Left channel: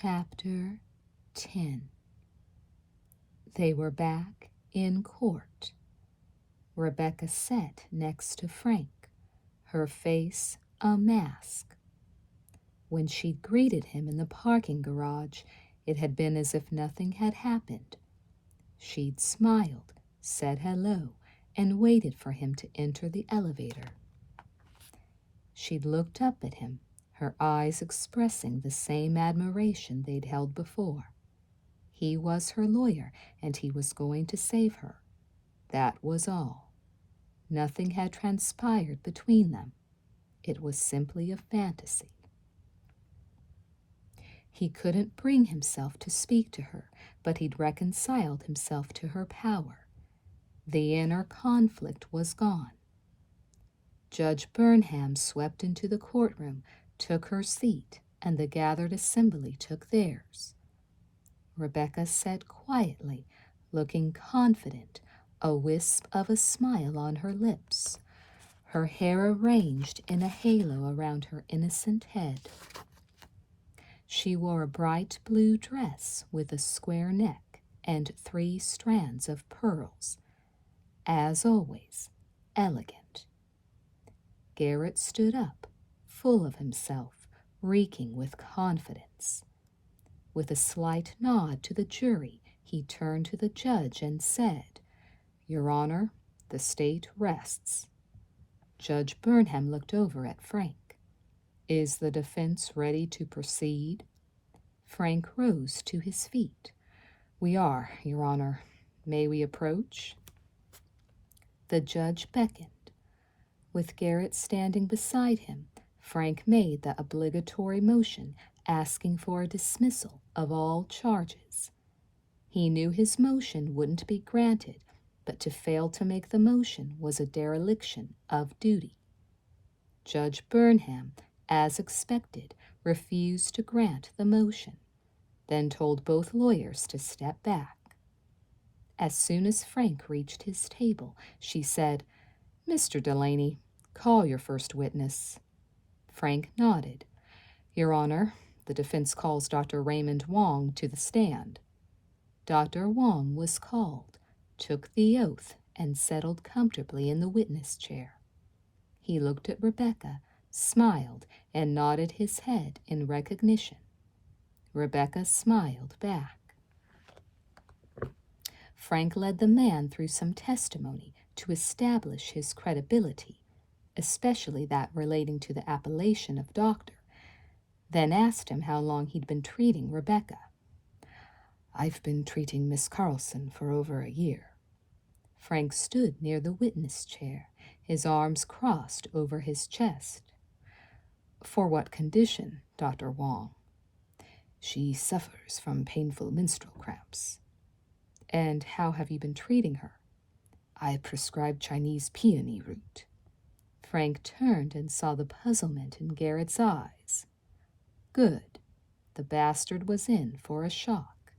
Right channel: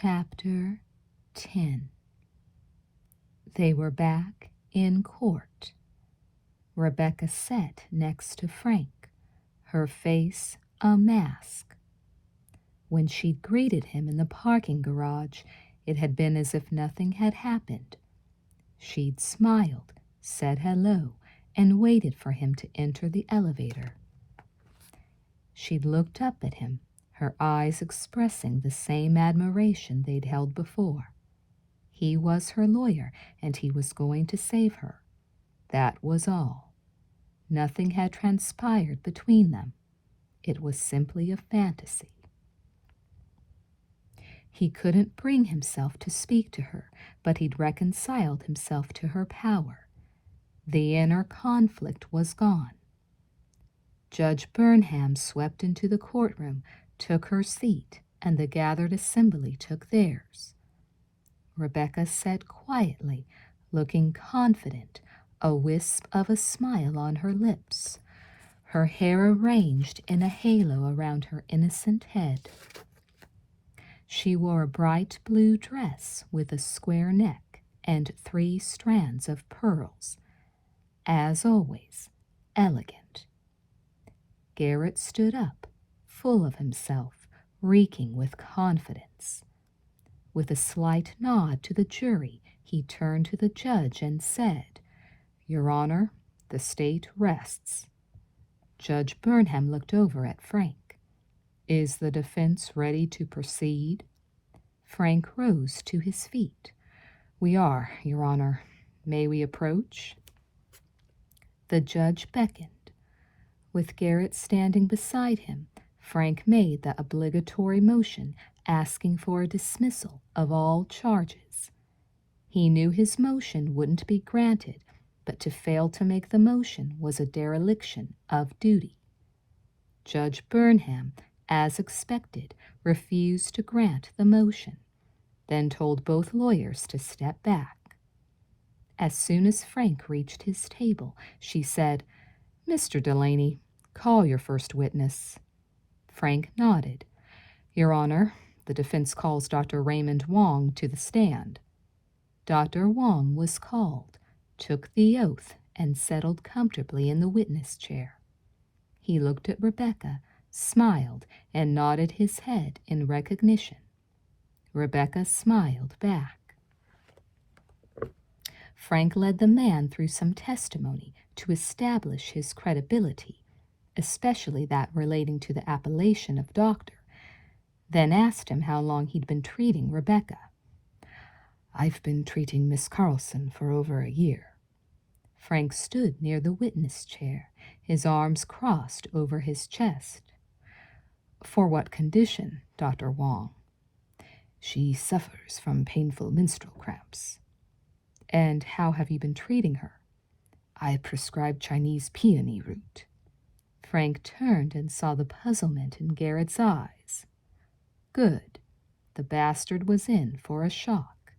Chapter 10. They were back in court. Rebecca sat next to Frank, her face a mask. When she'd greeted him in the parking garage, it had been as if nothing had happened. She'd smiled, said hello, and waited for him to enter the elevator. She'd looked up at him, her eyes expressing the same admiration they'd held before. He was her lawyer, and he was going to save her. That was all. Nothing had transpired between them. It was simply a fantasy. He couldn't bring himself to speak to her, but he'd reconciled himself to her power. The inner conflict was gone. Judge Burnham swept into the courtroom, took her seat, and the gathered assembly took theirs. Rebecca sat quietly, looking confident, a wisp of a smile on her lips, her hair arranged in a halo around her innocent head. She wore a bright blue dress with a square neck and 3 strands of pearls. As always, elegant. Garrett stood up, full of himself, reeking with confidence. With a slight nod to the jury, he turned to the judge and said, "Your Honor, the state rests." Judge Burnham looked over at Frank. "Is the defense ready to proceed?" Frank rose to his feet. "We are, Your Honor. May we approach?" The judge beckoned. With Garrett standing beside him, Frank made the obligatory motion asking for a dismissal of all charges. He knew his motion wouldn't be granted, but to fail to make the motion was a dereliction of duty. Judge Burnham, as expected, refused to grant the motion, then told both lawyers to step back. As soon as Frank reached his table, she said, "Mr. Delaney, call your first witness." Frank nodded. "Your Honor, the defense calls Dr. Raymond Wong to the stand." Dr. Wong was called, took the oath, and settled comfortably in the witness chair. He looked at Rebecca, smiled, and nodded his head in recognition. Rebecca smiled back. Frank led the man through some testimony to establish his credibility, especially that relating to the appellation of doctor, then asked him how long he'd been treating Rebecca. "I've been treating Miss Carlson for over a year." Frank stood near the witness chair, his arms crossed over his chest. "For what condition, Dr. Wong?" "She suffers from painful menstrual cramps." "And how have you been treating her?" "I prescribed Chinese peony root." Frank turned and saw the puzzlement in Garrett's eyes. Good. The bastard was in for a shock.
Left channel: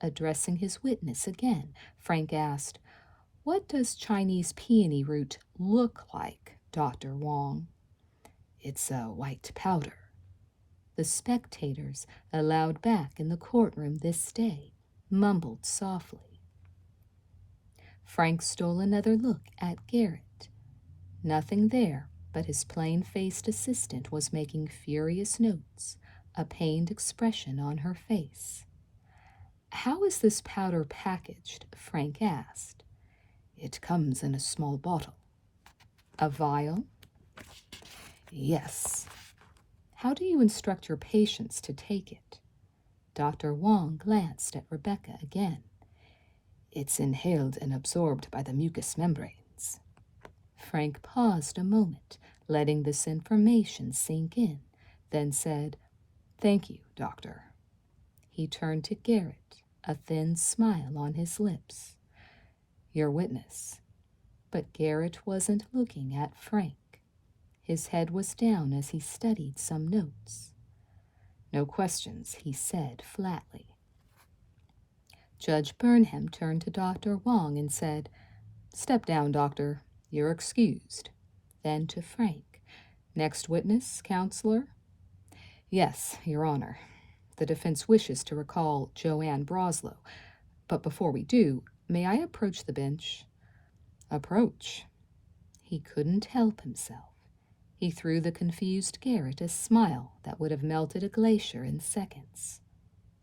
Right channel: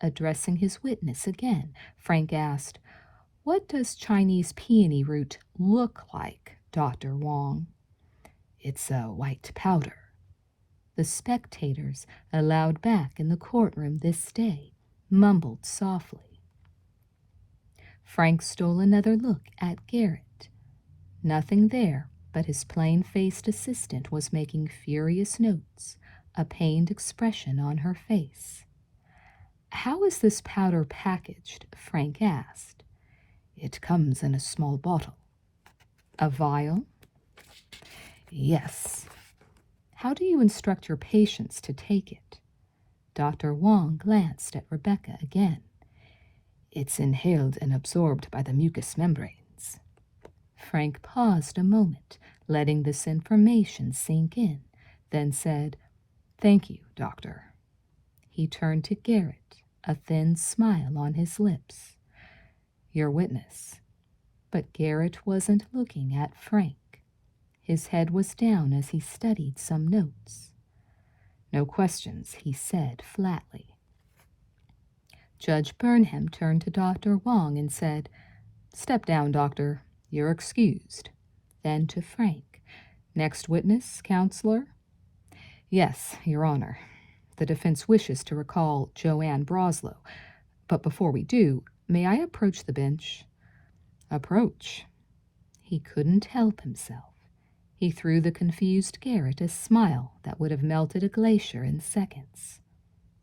Addressing his witness again, Frank asked, "What does Chinese peony root look like, Dr. Wong?" "It's a white powder." The spectators, allowed back in the courtroom this day, mumbled softly. Frank stole another look at Garrett. Nothing there, but his plain-faced assistant was making furious notes, a pained expression on her face. "How is this powder packaged?" Frank asked. "It comes in a small bottle." "A vial?" "Yes." "How do you instruct your patients to take it?" Dr. Wong glanced at Rebecca again. "It's inhaled and absorbed by the mucous membranes." Frank paused a moment, letting this information sink in, then said, "Thank you, doctor." He turned to Garrett, a thin smile on his lips. "Your witness." But Garrett wasn't looking at Frank. His head was down as he studied some notes. "No questions," he said flatly. Judge Burnham turned to Dr. Wong and said, "Step down, doctor. You're excused." Then to Frank, "Next witness, counselor?" "Yes, Your Honor. the defense wishes to recall Joanne Broslow. But before we do, may I approach the bench?" "Approach." He couldn't help himself. He threw the confused Garrett a smile that would have melted a glacier in seconds.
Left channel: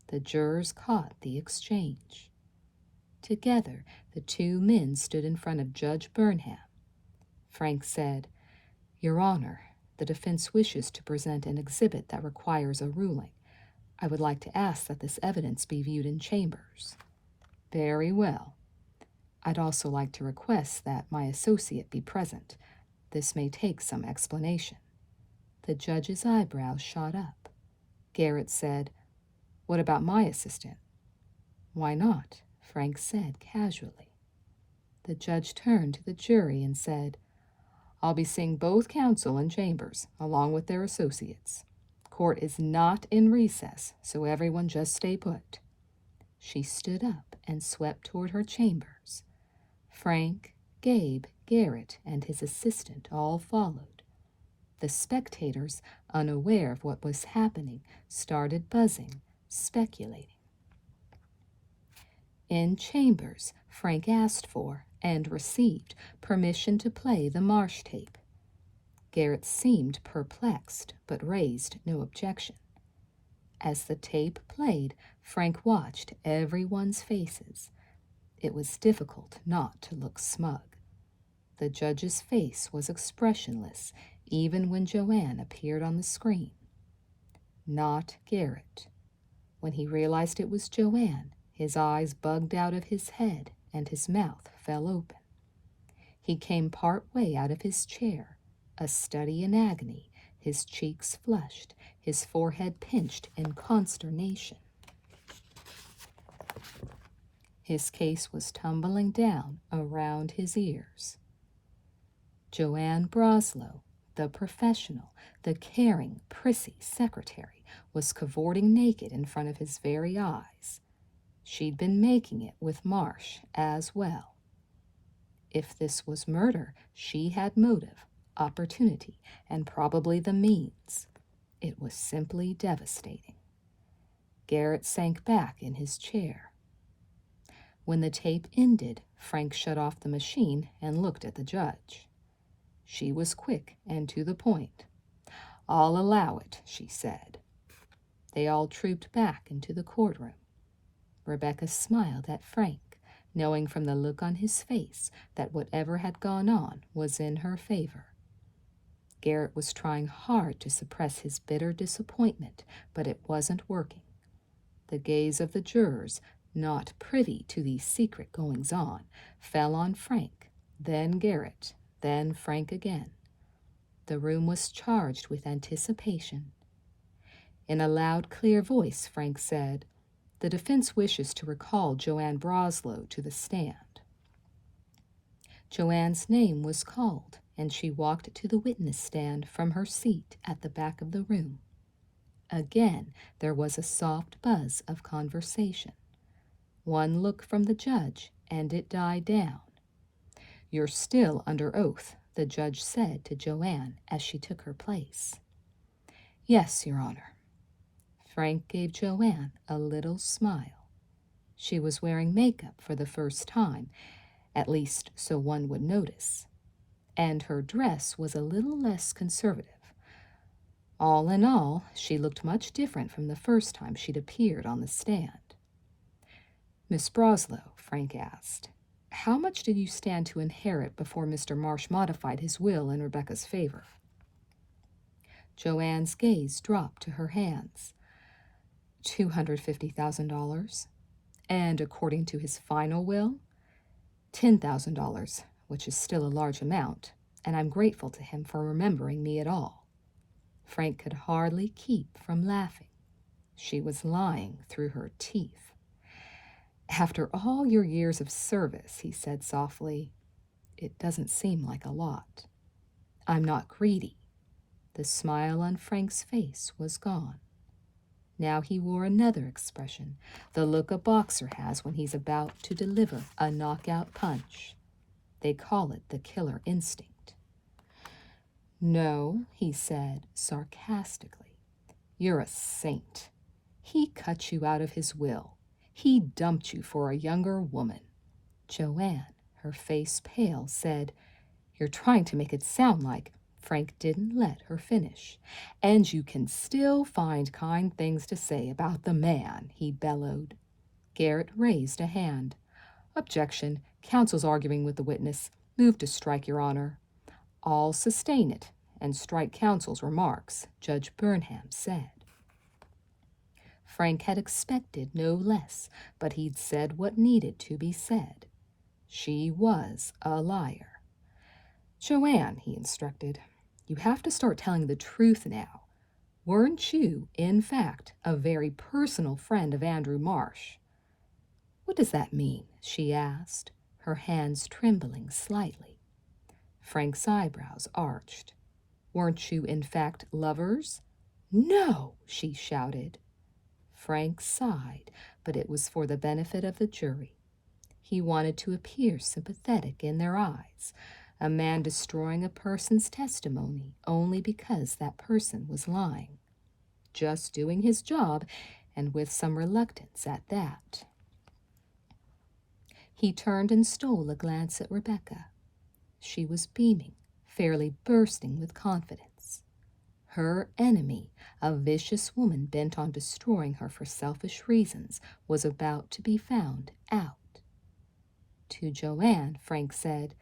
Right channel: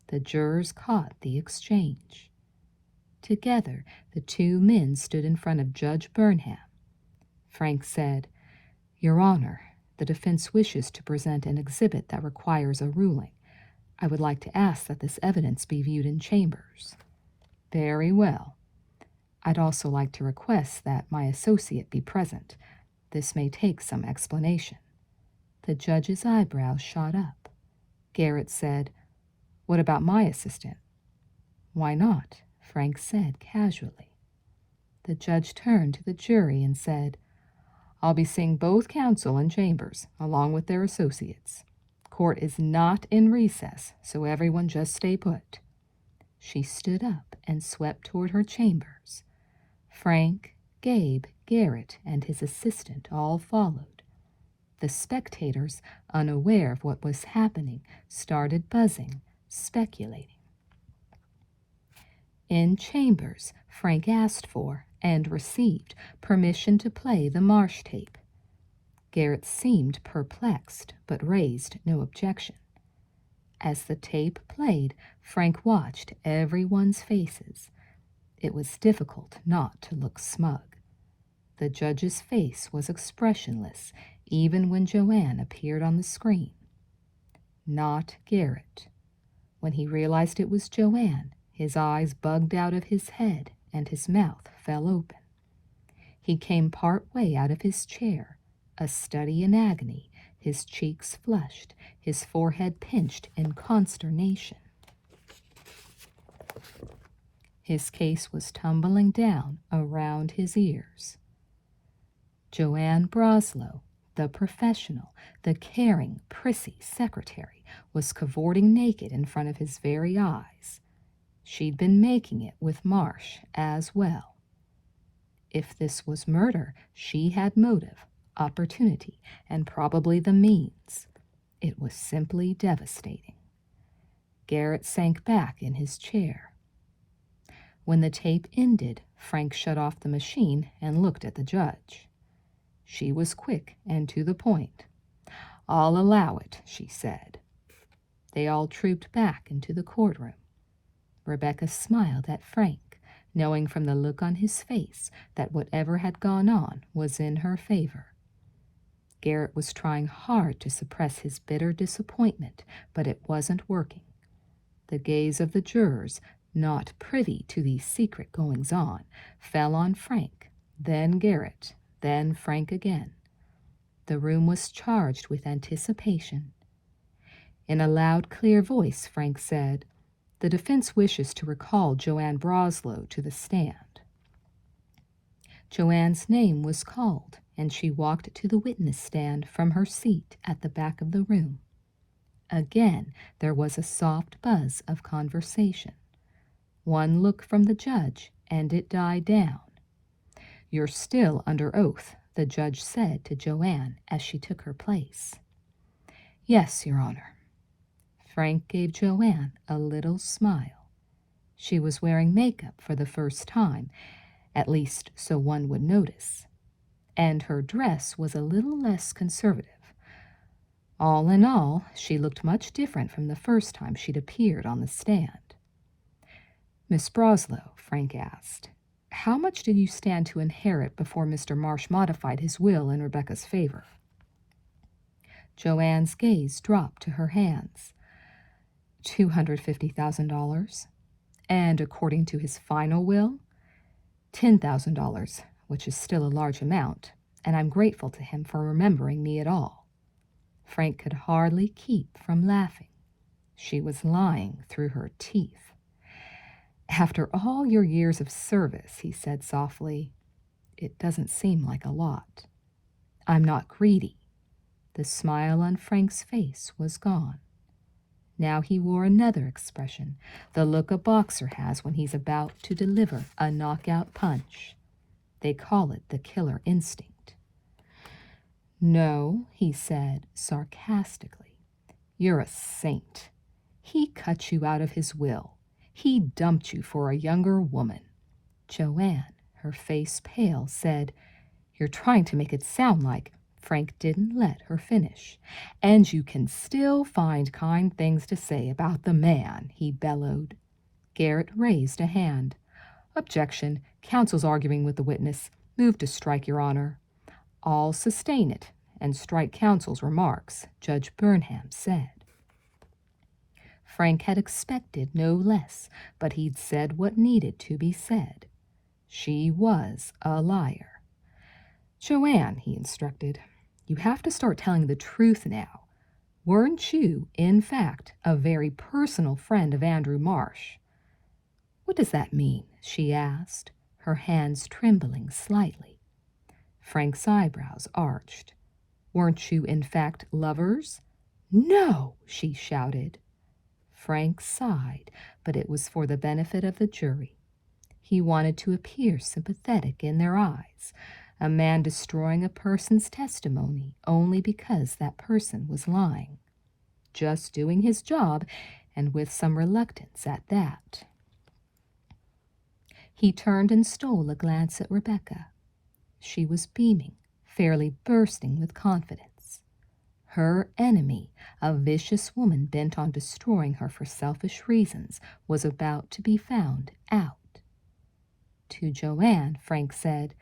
The jurors caught the exchange. Together, the two men stood in front of Judge Burnham. Frank said, "Your Honor, the defense wishes to present an exhibit that requires a ruling. I would like to ask that this evidence be viewed in chambers." "Very well. I'd also like to request that my associate be present. This may take some explanation." The judge's eyebrows shot up. Garrett said, "What about my assistant?" "Why not?" Frank said casually. The judge turned to the jury and said, "I'll be seeing both counsel in chambers, along with their associates. Court is not in recess, so everyone just stay put." She stood up and swept toward her chambers. Frank, Gabe, Garrett, and his assistant all followed. The spectators, unaware of what was happening, started buzzing, speculating. In chambers, Frank asked for and received permission to play the Marsh tape. Garrett seemed perplexed, but raised no objection. As the tape played, Frank watched everyone's faces. It was difficult not to look smug. The judge's face was expressionless, even when Joanne appeared on the screen. Not Garrett. When he realized it was Joanne, his eyes bugged out of his head and his mouth fell open. He came part way out of his chair, a study in agony, his cheeks flushed, his forehead pinched in consternation. His case was tumbling down around his ears. Joanne Broslow, the professional, the caring, prissy secretary, was cavorting naked in front of his very eyes. She'd been making it with Marsh as well. If this was murder, she had motive, opportunity, and probably the means. It was simply devastating. Garrett sank back in his chair. When the tape ended, Frank shut off the machine and looked at the judge. She was quick and to the point. "I'll allow it," she said. They all trooped back into the courtroom. Rebecca smiled at Frank, knowing from the look on his face that whatever had gone on was in her favor. Garrett was trying hard to suppress his bitter disappointment, but it wasn't working. The gaze of the jurors, not privy to these secret goings-on, fell on Frank, then Garrett, then Frank again. The room was charged with anticipation. In a loud, clear voice, Frank said, "The defense wishes to recall Joanne Broslow to the stand." Joanne's name was called, and she walked to the witness stand from her seat at the back of the room. Again, there was a soft buzz of conversation. One look from the judge, and it died down. "You're still under oath," the judge said to Joanne as she took her place. "Yes, Your Honor." Frank gave Joanne a little smile. She was wearing makeup for the first time, at least so one would notice, and her dress was a little less conservative. All in all, she looked much different from the first time she'd appeared on the stand. "Miss Broslow," Frank asked, "how much did you stand to inherit before Mr. Marsh modified his will in Rebecca's favor?" Joanne's gaze dropped to her hands. $250,000, and according to his final will, $10,000, which is still a large amount, and I'm grateful to him for remembering me at all. Frank could hardly keep from laughing. She was lying through her teeth. "After all your years of service," he said softly, "it doesn't seem like a lot. I'm not greedy." The smile on Frank's face was gone. Now he wore another expression, the look a boxer has when he's about to deliver a knockout punch. They call it the killer instinct. "No," he said sarcastically. "You're a saint." He cut you out of his will. He dumped you for a younger woman. Joanne, her face pale, said, "You're trying to make it sound like—" Frank didn't let her finish. "And you can still find kind things to say about the man," he bellowed. Garrett raised a hand. "Objection. Counsel's arguing with the witness. Move to strike, Your Honor." "I'll sustain it and strike counsel's remarks," Judge Burnham said. Frank had expected no less, but he'd said what needed to be said. She was a liar. "Joanne," he instructed, "you have to start telling the truth now. Weren't you, in fact, a very personal friend of Andrew Marsh?" "What does that mean?" she asked, her hands trembling slightly. Frank's eyebrows arched. "Weren't you, in fact, lovers?" "No!" she shouted. Frank sighed, but it was for the benefit of the jury. He wanted to appear sympathetic in their eyes, a man destroying a person's testimony only because that person was lying. Just doing his job, and with some reluctance at that. He turned and stole a glance at Rebecca. She was beaming, fairly bursting with confidence. Her enemy, a vicious woman bent on destroying her for selfish reasons, was about to be found out. To Joanne, Frank said,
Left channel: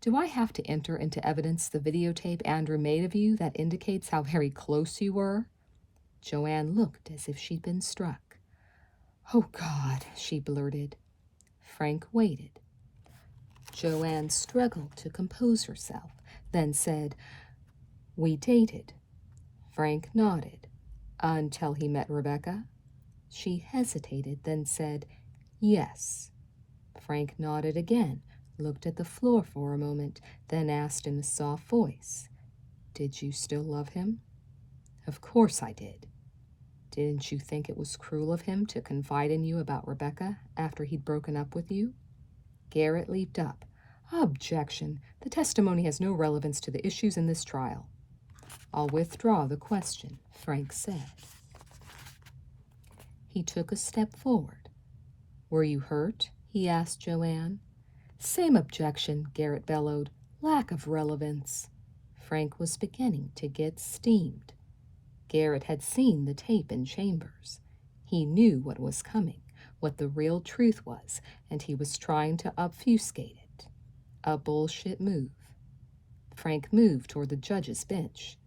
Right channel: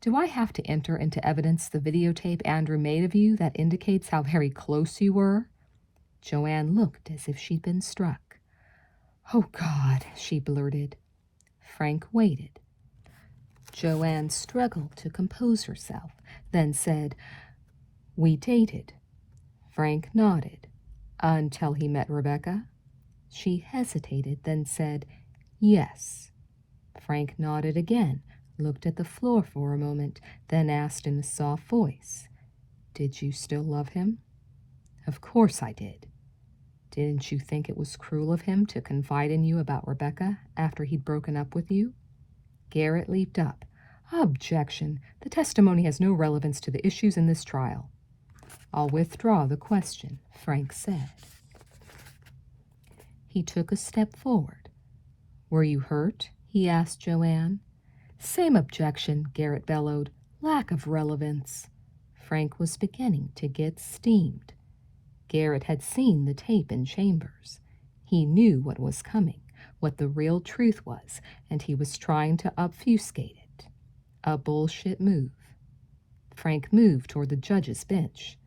"Do I have to enter into evidence the videotape Andrew made of you that indicates how very close you were?" Joanne looked as if she'd been struck. "Oh, God," she blurted. Frank waited. Joanne struggled to compose herself, then said, "We dated." Frank nodded. "Until he met Rebecca?" She hesitated, then said, "Yes." Frank nodded again, looked at the floor for a moment, then asked in a soft voice, "Did you still love him?" "Of course I did." "Didn't you think it was cruel of him to confide in you about Rebecca after he'd broken up with you?" Garrett leaped up. "Objection. The testimony has no relevance to the issues in this trial." "I'll withdraw the question," Frank said. He took a step forward. "Were you hurt?" he asked Joanne. "Same objection," Garrett bellowed. "Lack of relevance." Frank was beginning to get steamed. Garrett had seen the tape in chambers. He knew what was coming, what the real truth was, and he was trying to obfuscate it. A bullshit move. Frank moved toward the judge's bench.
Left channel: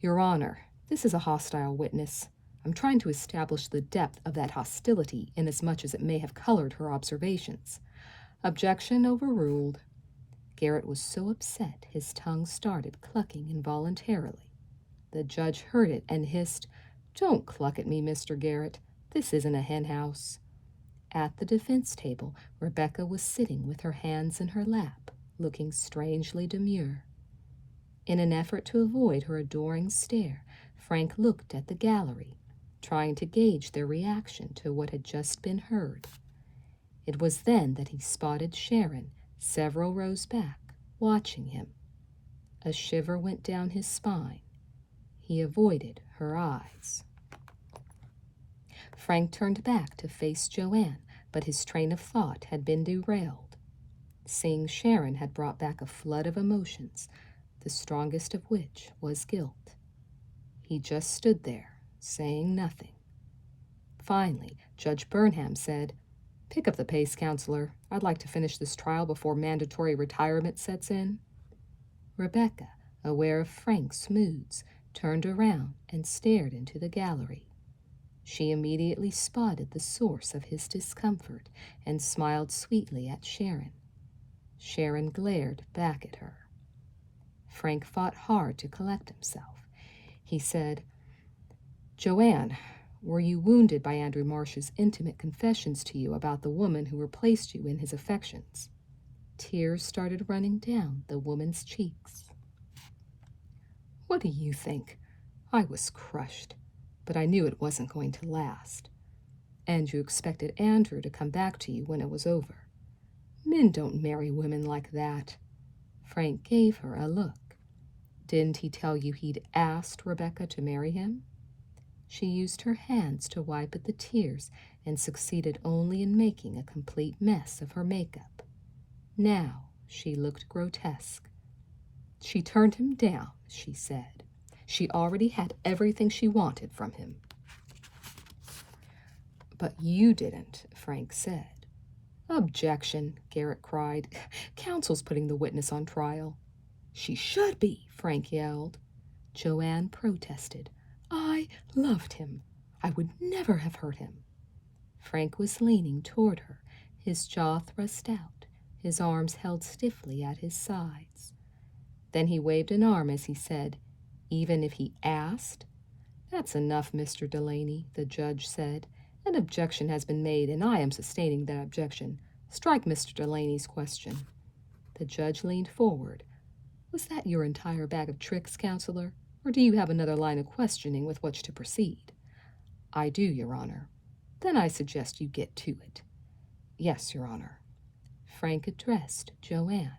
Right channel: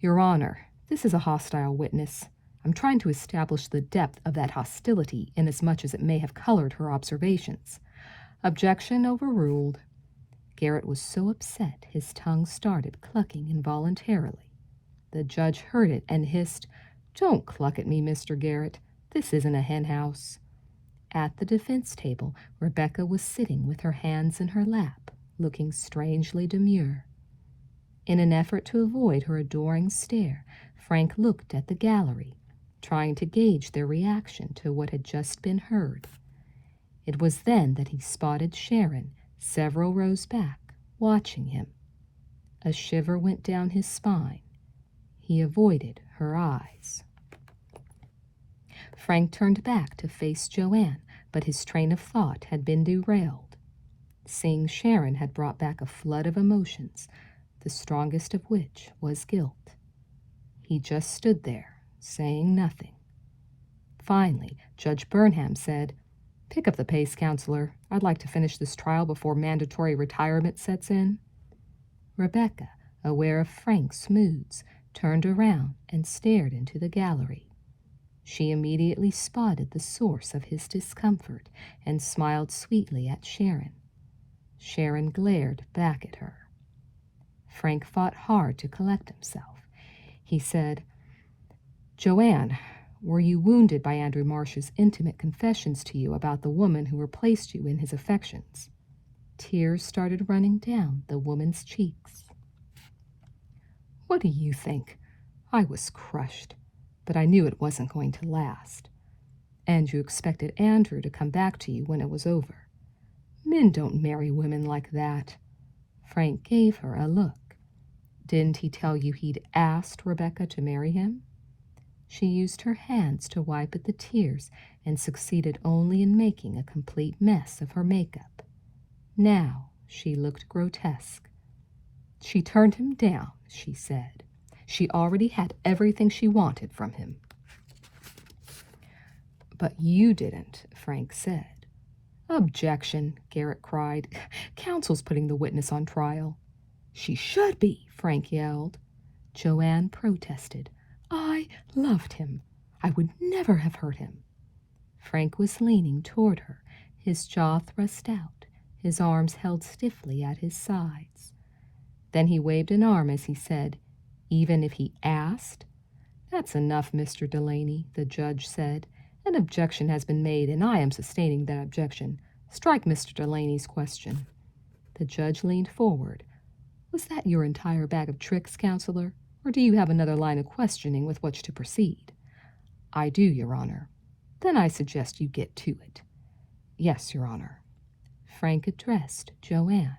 "Your Honor, this is a hostile witness. I'm trying to establish the depth of that hostility inasmuch as it may have colored her observations." Objection overruled. Garrett was so upset his tongue started clucking involuntarily. The judge heard it and hissed, "Don't cluck at me, Mr. Garrett. This isn't a henhouse." At the defense table, Rebecca was sitting with her hands in her lap, looking strangely demure. In an effort to avoid her adoring stare, Frank looked at the gallery, trying to gauge their reaction to what had just been heard. It was then that he spotted Sharon, several rows back, watching him. A shiver went down his spine. He avoided her eyes. Frank turned back to face Joanne, but his train of thought had been derailed. Seeing Sharon had brought back a flood of emotions, the strongest of which was guilt. He just stood there, saying nothing. Finally, Judge Burnham said, "Pick up the pace, counselor. I'd like to finish this trial before mandatory retirement sets in." Rebecca, aware of Frank's moods, turned around and stared into the gallery. She immediately spotted the source of his discomfort and smiled sweetly at Sharon. Sharon glared back at her. Frank fought hard to collect himself. He said, "Joanne, were you wounded by Andrew Marsh's intimate confessions to you about the woman who replaced you in his affections?" Tears started running down the woman's cheeks. "What do you think? I was crushed, but I knew it wasn't going to last. And you expected Andrew to come back to you when it was over. Men don't marry women like that." Frank gave her a look. "Didn't he tell you he'd asked Rebecca to marry him?" She used her hands to wipe at the tears and succeeded only in making a complete mess of her makeup. Now she looked grotesque. She turned him down, she said. She already had everything she wanted from him. But you didn't, Frank said. Objection, Garrett cried. Counsel's putting the witness on trial. She should be, Frank yelled. Joanne protested. I loved him. I would never have hurt him. Frank was leaning toward her, his jaw thrust out, his arms held stiffly at his sides. Then he waved an arm as he said, Even if he asked? That's enough, Mr. Delaney, the judge said. An objection has been made, and I am sustaining that objection. Strike Mr. Delaney's question. The judge leaned forward. Was that your entire bag of tricks, counselor, or do you have another line of questioning with which to proceed? I do, Your Honor. Then I suggest you get to it. Yes, Your Honor. Frank addressed Joanne.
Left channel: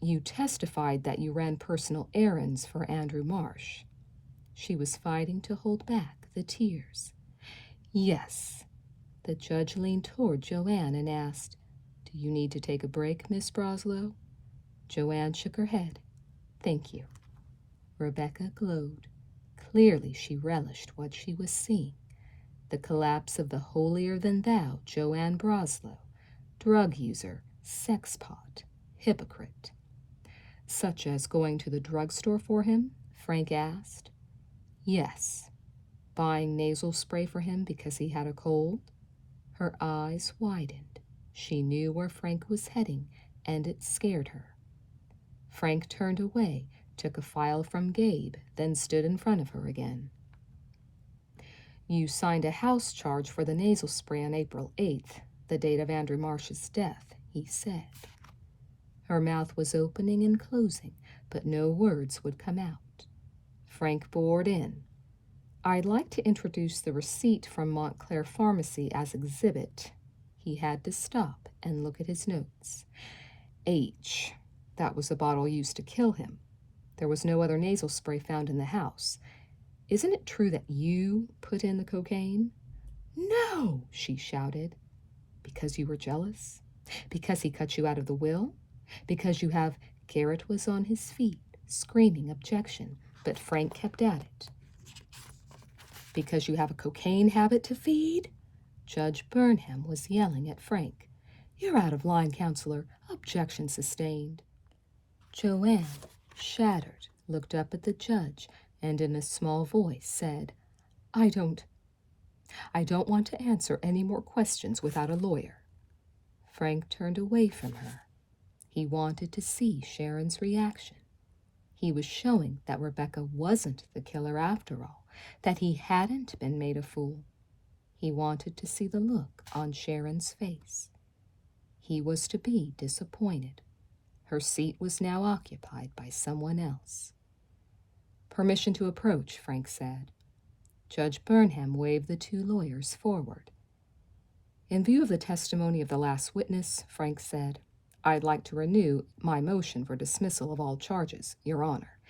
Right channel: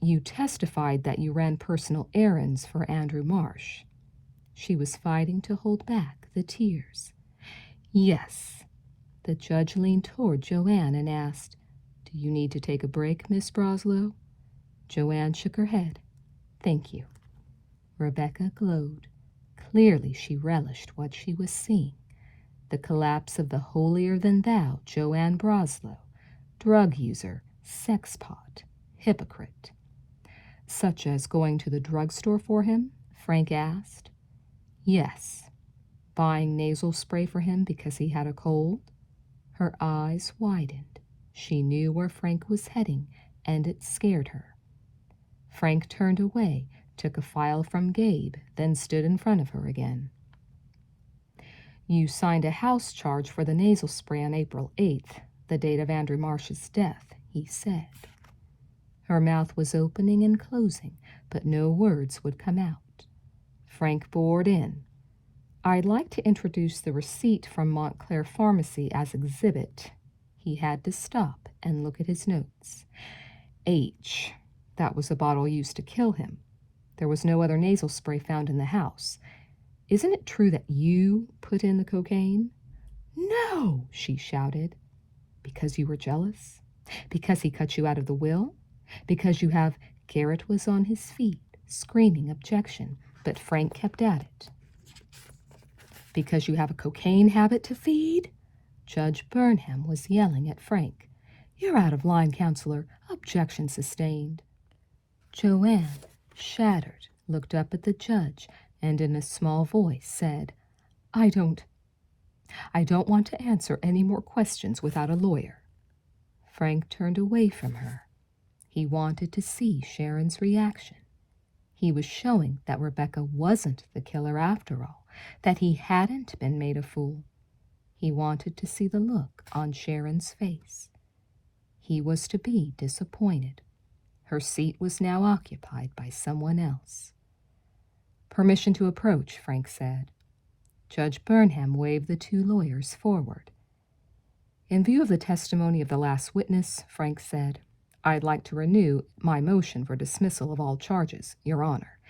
You testified that you ran personal errands for Andrew Marsh. She was fighting to hold back the tears. Yes. The judge leaned toward Joanne and asked, Do you need to take a break, Miss Broslow? Joanne shook her head. Thank you. Rebecca glowed. Clearly she relished what she was seeing. The collapse of the holier-than-thou Joanne Broslow, drug user, sexpot, hypocrite. Such as going to the drugstore for him? Frank asked. Yes. Buying nasal spray for him because he had a cold? Her eyes widened. She knew where Frank was heading, and it scared her. Frank turned away, took a file from Gabe, then stood in front of her again. You signed a house charge for the nasal spray on April 8th, the date of Andrew Marsh's death, he said. Her mouth was opening and closing, but no words would come out. Frank bored in. I'd like to introduce the receipt from Montclair Pharmacy as exhibit. He had to stop and look at his notes. H. That was the bottle used to kill him. There was no other nasal spray found in the house. Isn't it true that you put in the cocaine? No, she shouted. Because you were jealous? Because he cut you out of the will? Because you have... Garrett was on his feet, screaming objection, but Frank kept at it. Because you have a cocaine habit to feed? Judge Burnham was yelling at Frank. You're out of line, counselor. Objection sustained. Joanne, shattered, looked up at the judge and in a small voice said, I don't want to answer any more questions without a lawyer. Frank turned away from her. He wanted to see Sharon's reaction. He was showing that Rebecca wasn't the killer after all, that he hadn't been made a fool. He wanted to see the look on Sharon's face. He was to be disappointed. Her seat was now occupied by someone else. Permission to approach, Frank said. Judge Burnham waved the two lawyers forward. In view of the testimony of the last witness, Frank said, I'd like to renew my motion for dismissal of all charges, Your Honor.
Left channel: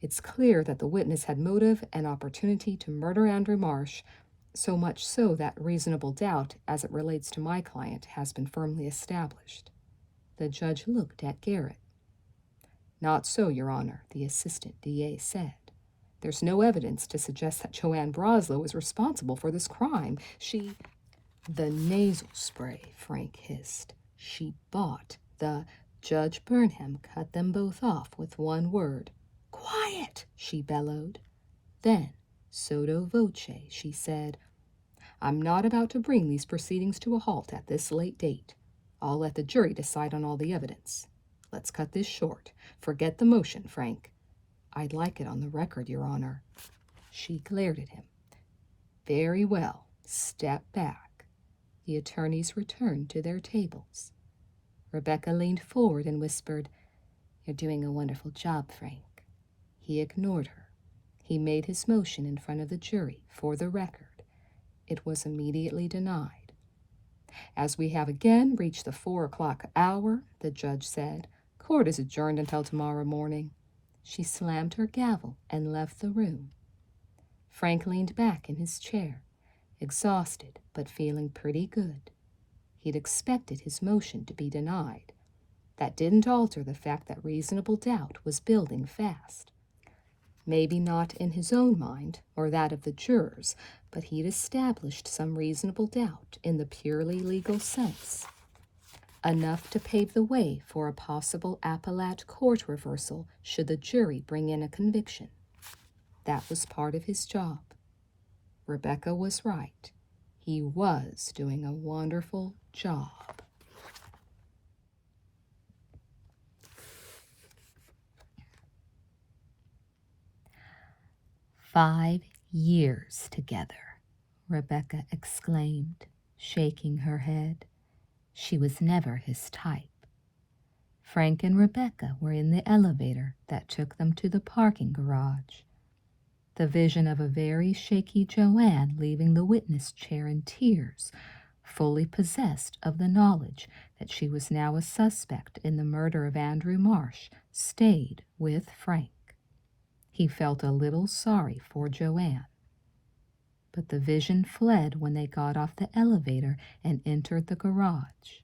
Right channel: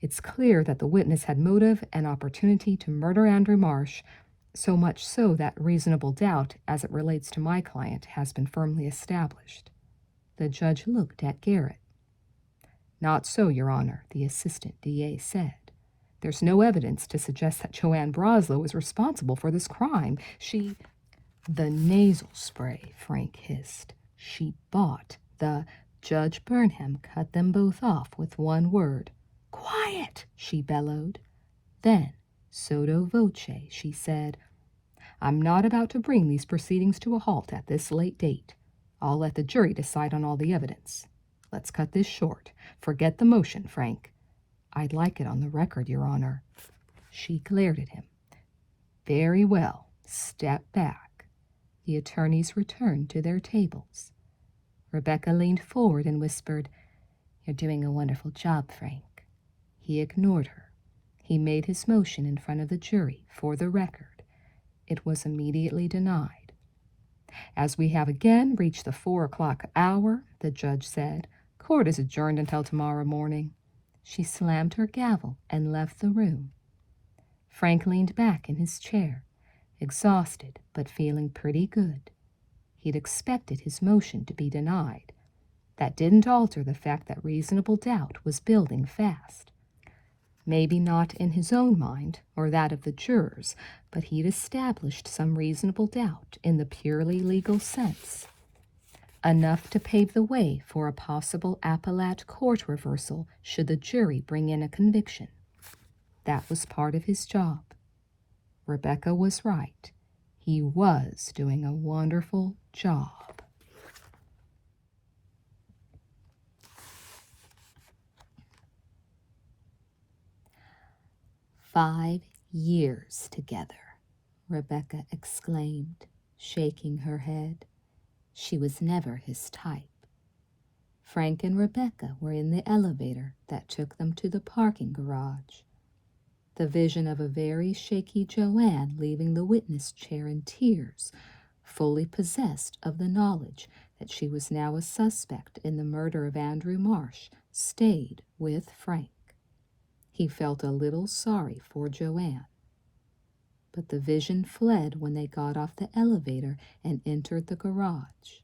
It's clear that the witness had motive and opportunity to murder Andrew Marsh, so much so that reasonable doubt as it relates to my client has been firmly established. The judge looked at Garrett. Not so, Your Honor, the assistant DA said. There's no evidence to suggest that Joanne Broslow is responsible for this crime. The nasal spray, Frank hissed. She bought the... Judge Burnham cut them both off with one word. Quiet, she bellowed. Then, sotto voce, she said, I'm not about to bring these proceedings to a halt at this late date. I'll let the jury decide on all the evidence. Let's cut this short. Forget the motion, Frank. I'd like it on the record, Your Honor. She glared at him. Very well. Step back. The attorneys returned to their tables. Rebecca leaned forward and whispered, You're doing a wonderful job, Frank. He ignored her. He made his motion in front of the jury for the record. It was immediately denied. As we have again reached the 4 o'clock hour, the judge said, court is adjourned until tomorrow morning. She slammed her gavel and left the room. Frank leaned back in his chair, exhausted but feeling pretty good. He'd expected his motion to be denied. That didn't alter the fact that reasonable doubt was building fast. Maybe not in his own mind or that of the jurors, but he'd established some reasonable doubt in the purely legal sense. Enough to pave the way for a possible appellate court reversal should the jury bring in a conviction. That was part of his job. Rebecca was right. He was doing a wonderful job. "5 years together," Rebecca exclaimed, shaking her head. She was never his type. Frank and Rebecca were in the elevator that took them to the parking garage. The vision of a very shaky Joanne leaving the witness chair in tears, fully possessed of the knowledge that she was now a suspect in the murder of Andrew Marsh, stayed with Frank. He felt a little sorry for Joanne. But the vision fled when they got off the elevator and entered the garage.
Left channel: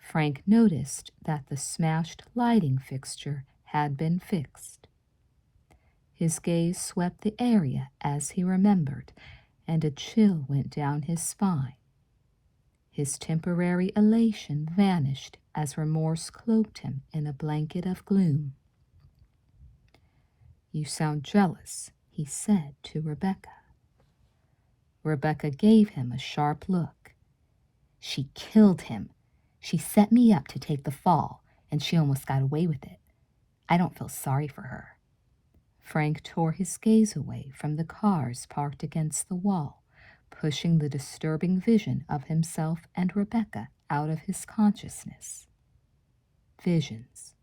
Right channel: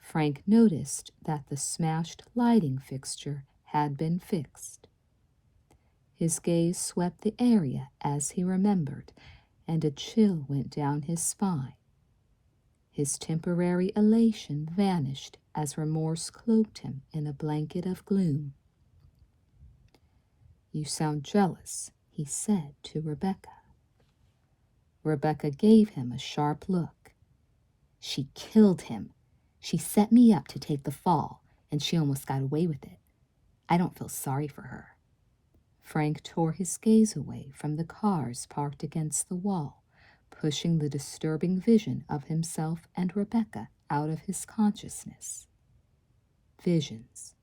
Frank noticed that the smashed lighting fixture had been fixed. His gaze swept the area as he remembered, and a chill went down his spine. His temporary elation vanished as remorse cloaked him in a blanket of gloom. "You sound jealous," he said to Rebecca. Rebecca gave him a sharp look. "She killed him. She set me up to take the fall, and she almost got away with it. I don't feel sorry for her." Frank tore his gaze away from the cars parked against the wall, pushing the disturbing vision of himself and Rebecca out of his consciousness. Visions.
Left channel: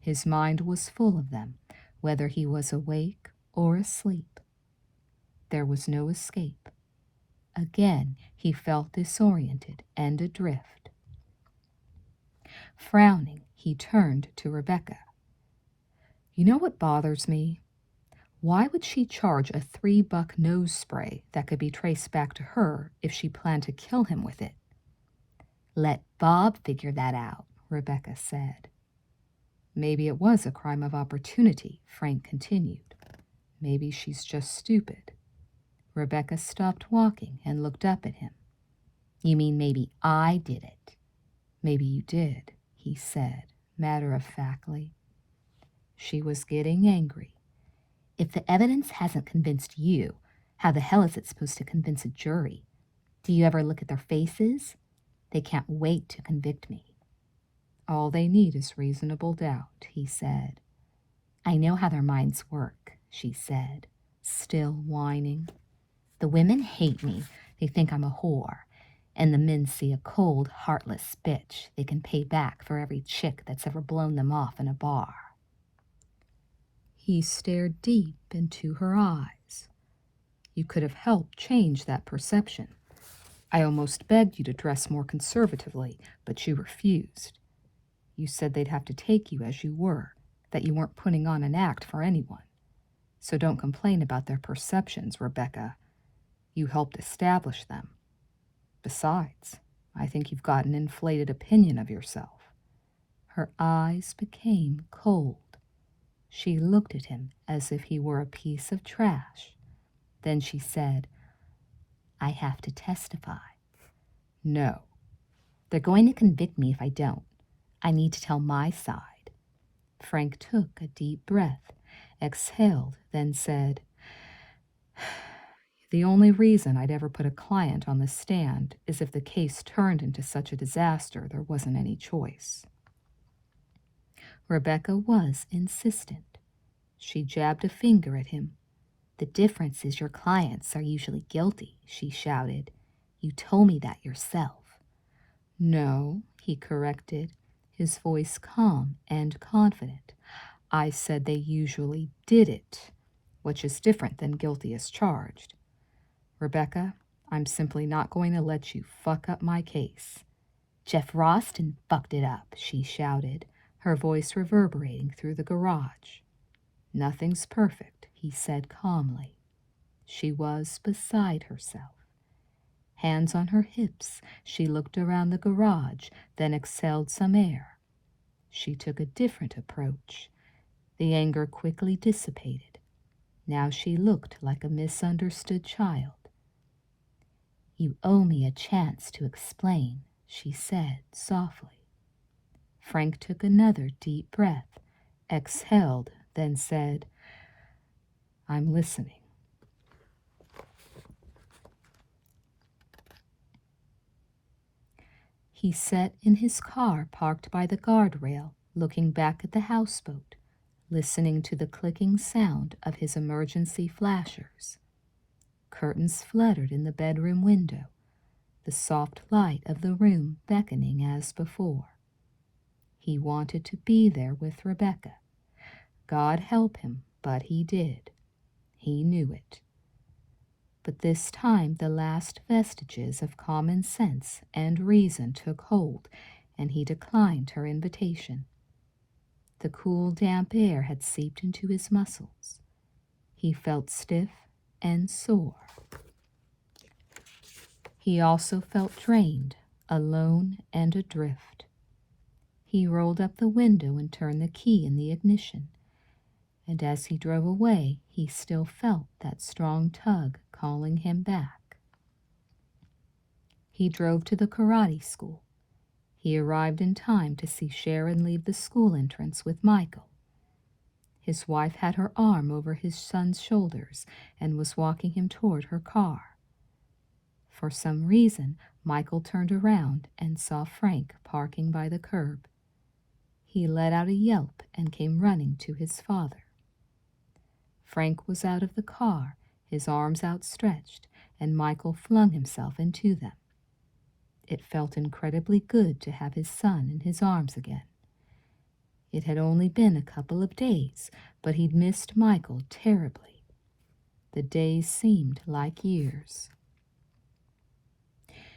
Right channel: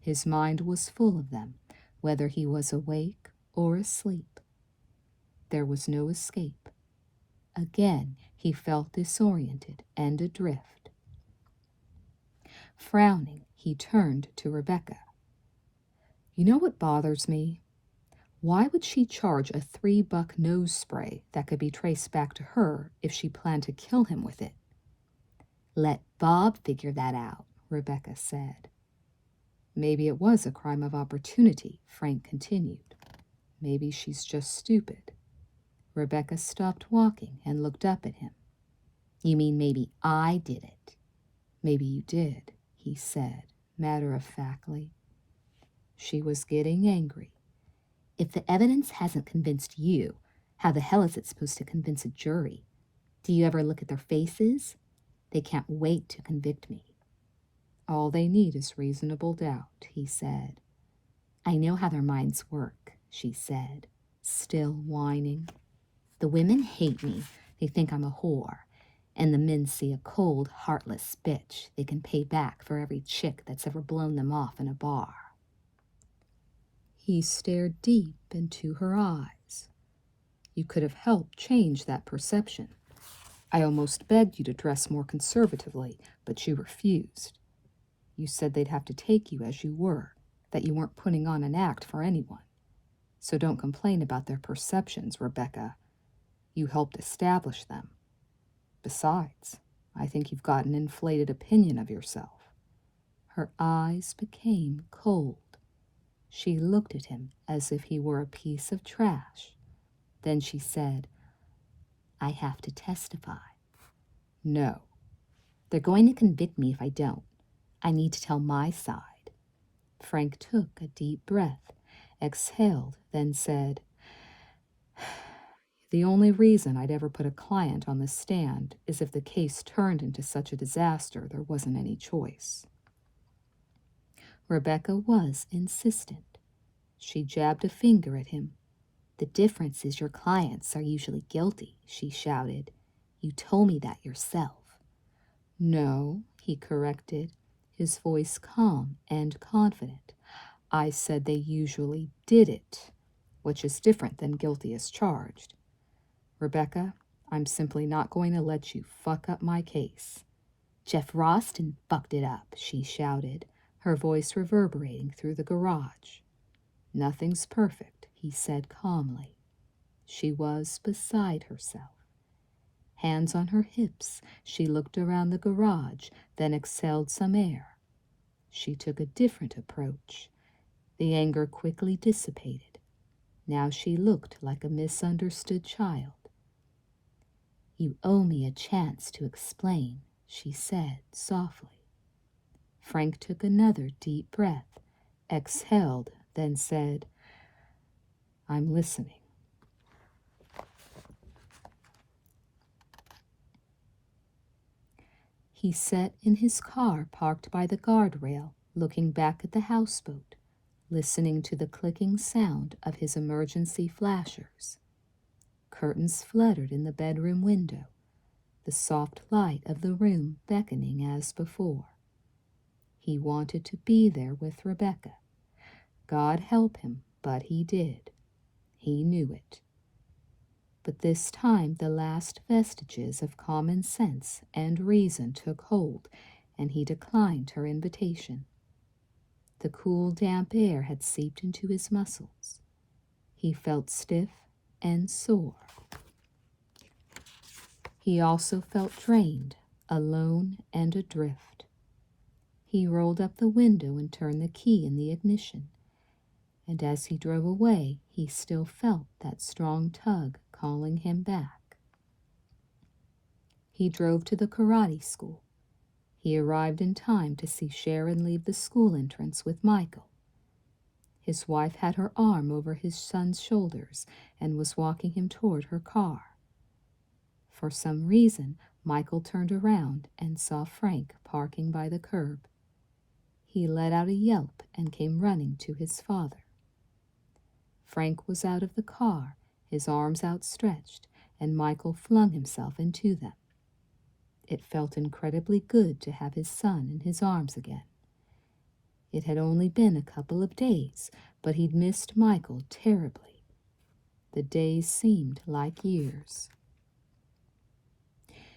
His mind was full of them, whether he was awake or asleep. There was no escape. Again, he felt disoriented and adrift. Frowning, he turned to Rebecca. "You know what bothers me? Why would she charge a $3 nose spray that could be traced back to her if she planned to kill him with it?" "Let Bob figure that out," Rebecca said. "Maybe it was a crime of opportunity," Frank continued. "Maybe she's just stupid." Rebecca stopped walking and looked up at him. "You mean maybe I did it?" "Maybe you did," he said, matter-of-factly. She was getting angry. "If the evidence hasn't convinced you, how the hell is it supposed to convince a jury? Do you ever look at their faces? They can't wait to convict me." "All they need is reasonable doubt," he said. "I know how their minds work," she said, still whining. "The women hate me. They think I'm a whore. And the men see a cold, heartless bitch they can pay back for every chick that's ever blown them off in a bar." He stared deep into her eyes. "You could have helped change that perception. I almost begged you to dress more conservatively, but you refused. You said they'd have to take you as you were, that you weren't putting on an act for anyone. So don't complain about their perceptions, Rebecca. You helped establish them. Besides, I think you've got an inflated opinion of yourself." Her eyes became cold. She looked at him as if he were a piece of trash. Then she said, "I have to testify." "No." "They're going to convict me if I don't. I need to tell my side." Frank took a deep breath, exhaled, then said, "The only reason I'd ever put a client on the stand is if the case turned into such a disaster there wasn't any choice." Rebecca was insistent. She jabbed a finger at him. "The difference is your clients are usually guilty," she shouted. "You told me that yourself." "No," he corrected, his voice calm and confident. "I said they usually did it, which is different than guilty as charged. Rebecca, I'm simply not going to let you fuck up my case." "Jeff Roston fucked it up," she shouted, her voice reverberating through the garage. "Nothing's perfect," he said calmly. She was beside herself. Hands on her hips, she looked around the garage, then exhaled some air. She took a different approach. The anger quickly dissipated. Now she looked like a misunderstood child. "You owe me a chance to explain," she said softly. Frank took another deep breath, exhaled, then said, "I'm listening." He sat in his car parked by the guardrail, looking back at the houseboat, listening to the clicking sound of his emergency flashers. Curtains fluttered in the bedroom window, the soft light of the room beckoning as before. He wanted to be there with Rebecca. God help him, but he did. He knew it. But this time the last vestiges of common sense and reason took hold, and he declined her invitation. The cool, damp air had seeped into his muscles. He felt stiff and sore. He also felt drained, alone, and adrift. He rolled up the window and turned the key in the ignition. And as he drove away, he still felt that strong tug calling him back. He drove to the karate school. He arrived in time to see Sharon leave the school entrance with Michael. His wife had her arm over his son's shoulders and was walking him toward her car. For some reason, Michael turned around and saw Frank parking by the curb. He let out a yelp and came running to his father. Frank was out of the car, his arms outstretched, and Michael flung himself into them. It felt incredibly good to have his son in his arms again. It had only been a couple of days, but he'd missed Michael terribly. The days seemed like years.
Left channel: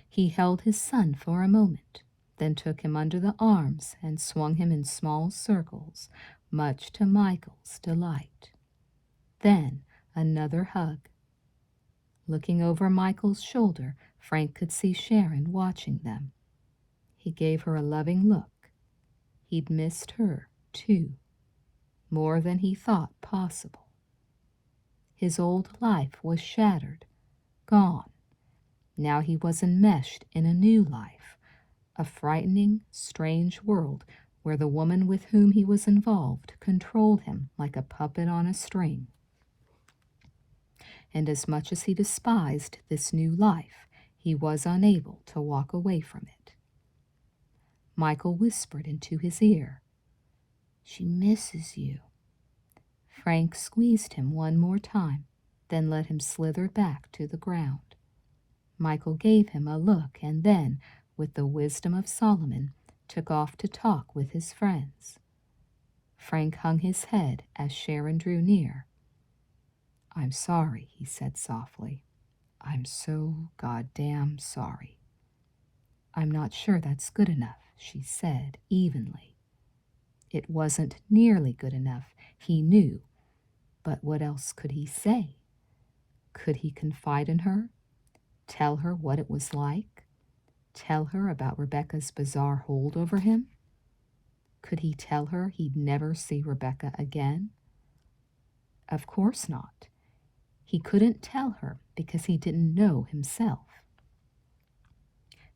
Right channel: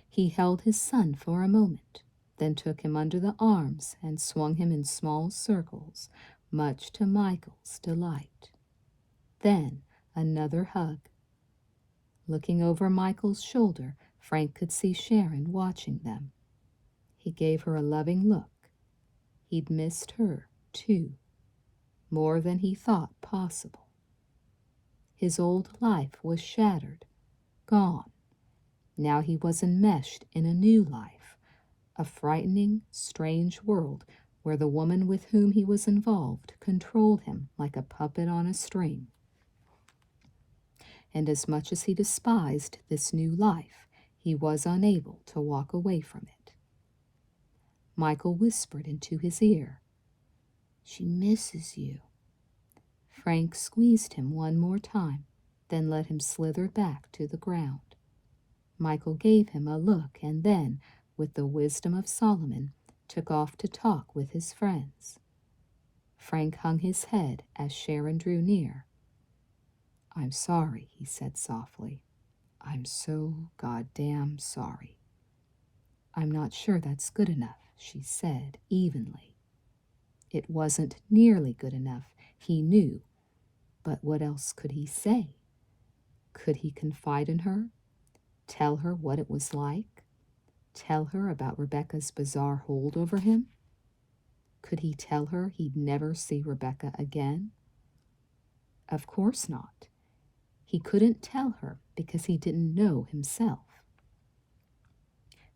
He held his son for a moment, then took him under the arms and swung him in small circles, much to Michael's delight. Then another hug. Looking over Michael's shoulder, Frank could see Sharon watching them. He gave her a loving look. He'd missed her, too, more than he thought possible. His old life was shattered, gone. Now he was enmeshed in a new life, a frightening, strange world where the woman with whom he was involved controlled him like a puppet on a string. And as much as he despised this new life, he was unable to walk away from it. Michael whispered into his ear, "She misses you." Frank squeezed him one more time, then let him slither back to the ground. Michael gave him a look and then, with the wisdom of Solomon, took off to talk with his friends. Frank hung his head as Sharon drew near. "I'm sorry," he said softly. "I'm so goddamn sorry." "I'm not sure that's good enough," she said evenly. It wasn't nearly good enough, he knew, but what else could he say? Could he confide in her? Tell her what it was like? Tell her about Rebecca's bizarre hold over him? Could he tell her he'd never see Rebecca again? Of course not. He couldn't tell her because he didn't know himself.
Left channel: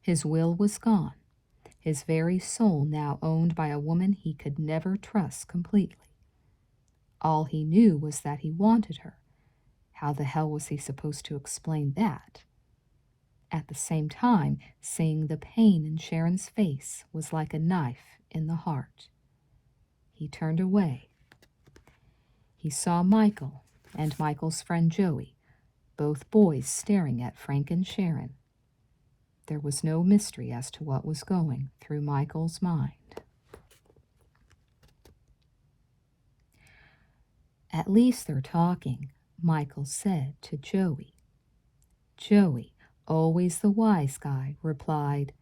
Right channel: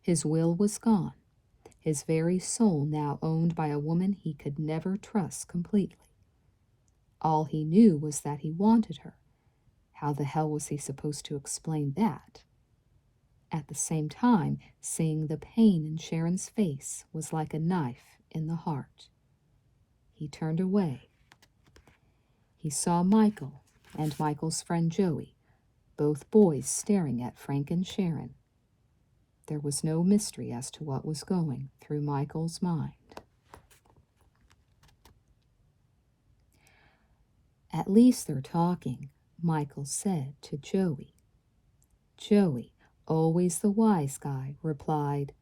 His will was gone, his very soul now owned by a woman he could never trust completely. All he knew was that he wanted her. How the hell was he supposed to explain that? At the same time, seeing the pain in Sharon's face was like a knife in the heart. He turned away. He saw Michael and Michael's friend Joey, both boys staring at Frank and Sharon. There was no mystery as to what was going through Michael's mind. "At least they're talking," Michael said to Joey. Joey, always the wise guy, replied,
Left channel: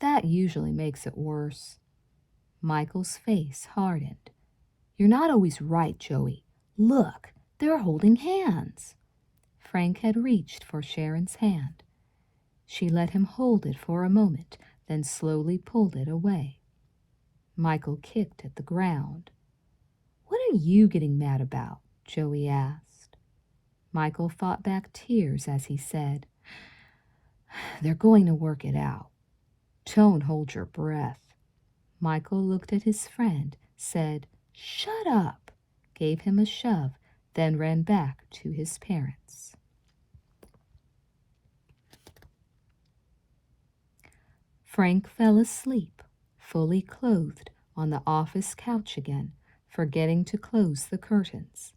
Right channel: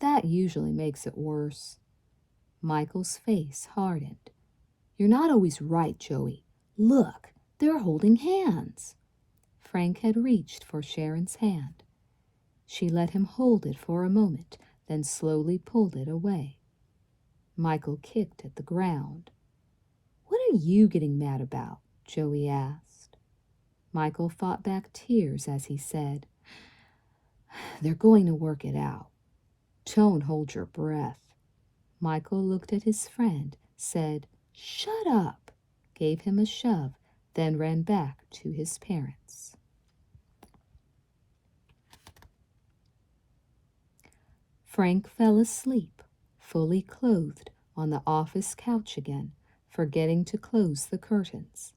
"That usually makes it worse." Michael's face hardened. "You're not always right, Joey. Look, they're holding hands." Frank had reached for Sharon's hand. She let him hold it for a moment, then slowly pulled it away. Michael kicked at the ground. "What are you getting mad about?" Joey asked. Michael fought back tears as he said, "They're going to work it out. Don't hold your breath." Michael looked at his friend, said, "Shut up," gave him a shove, then ran back to his parents. Frank fell asleep, fully clothed, on the office couch again, forgetting to close the curtains.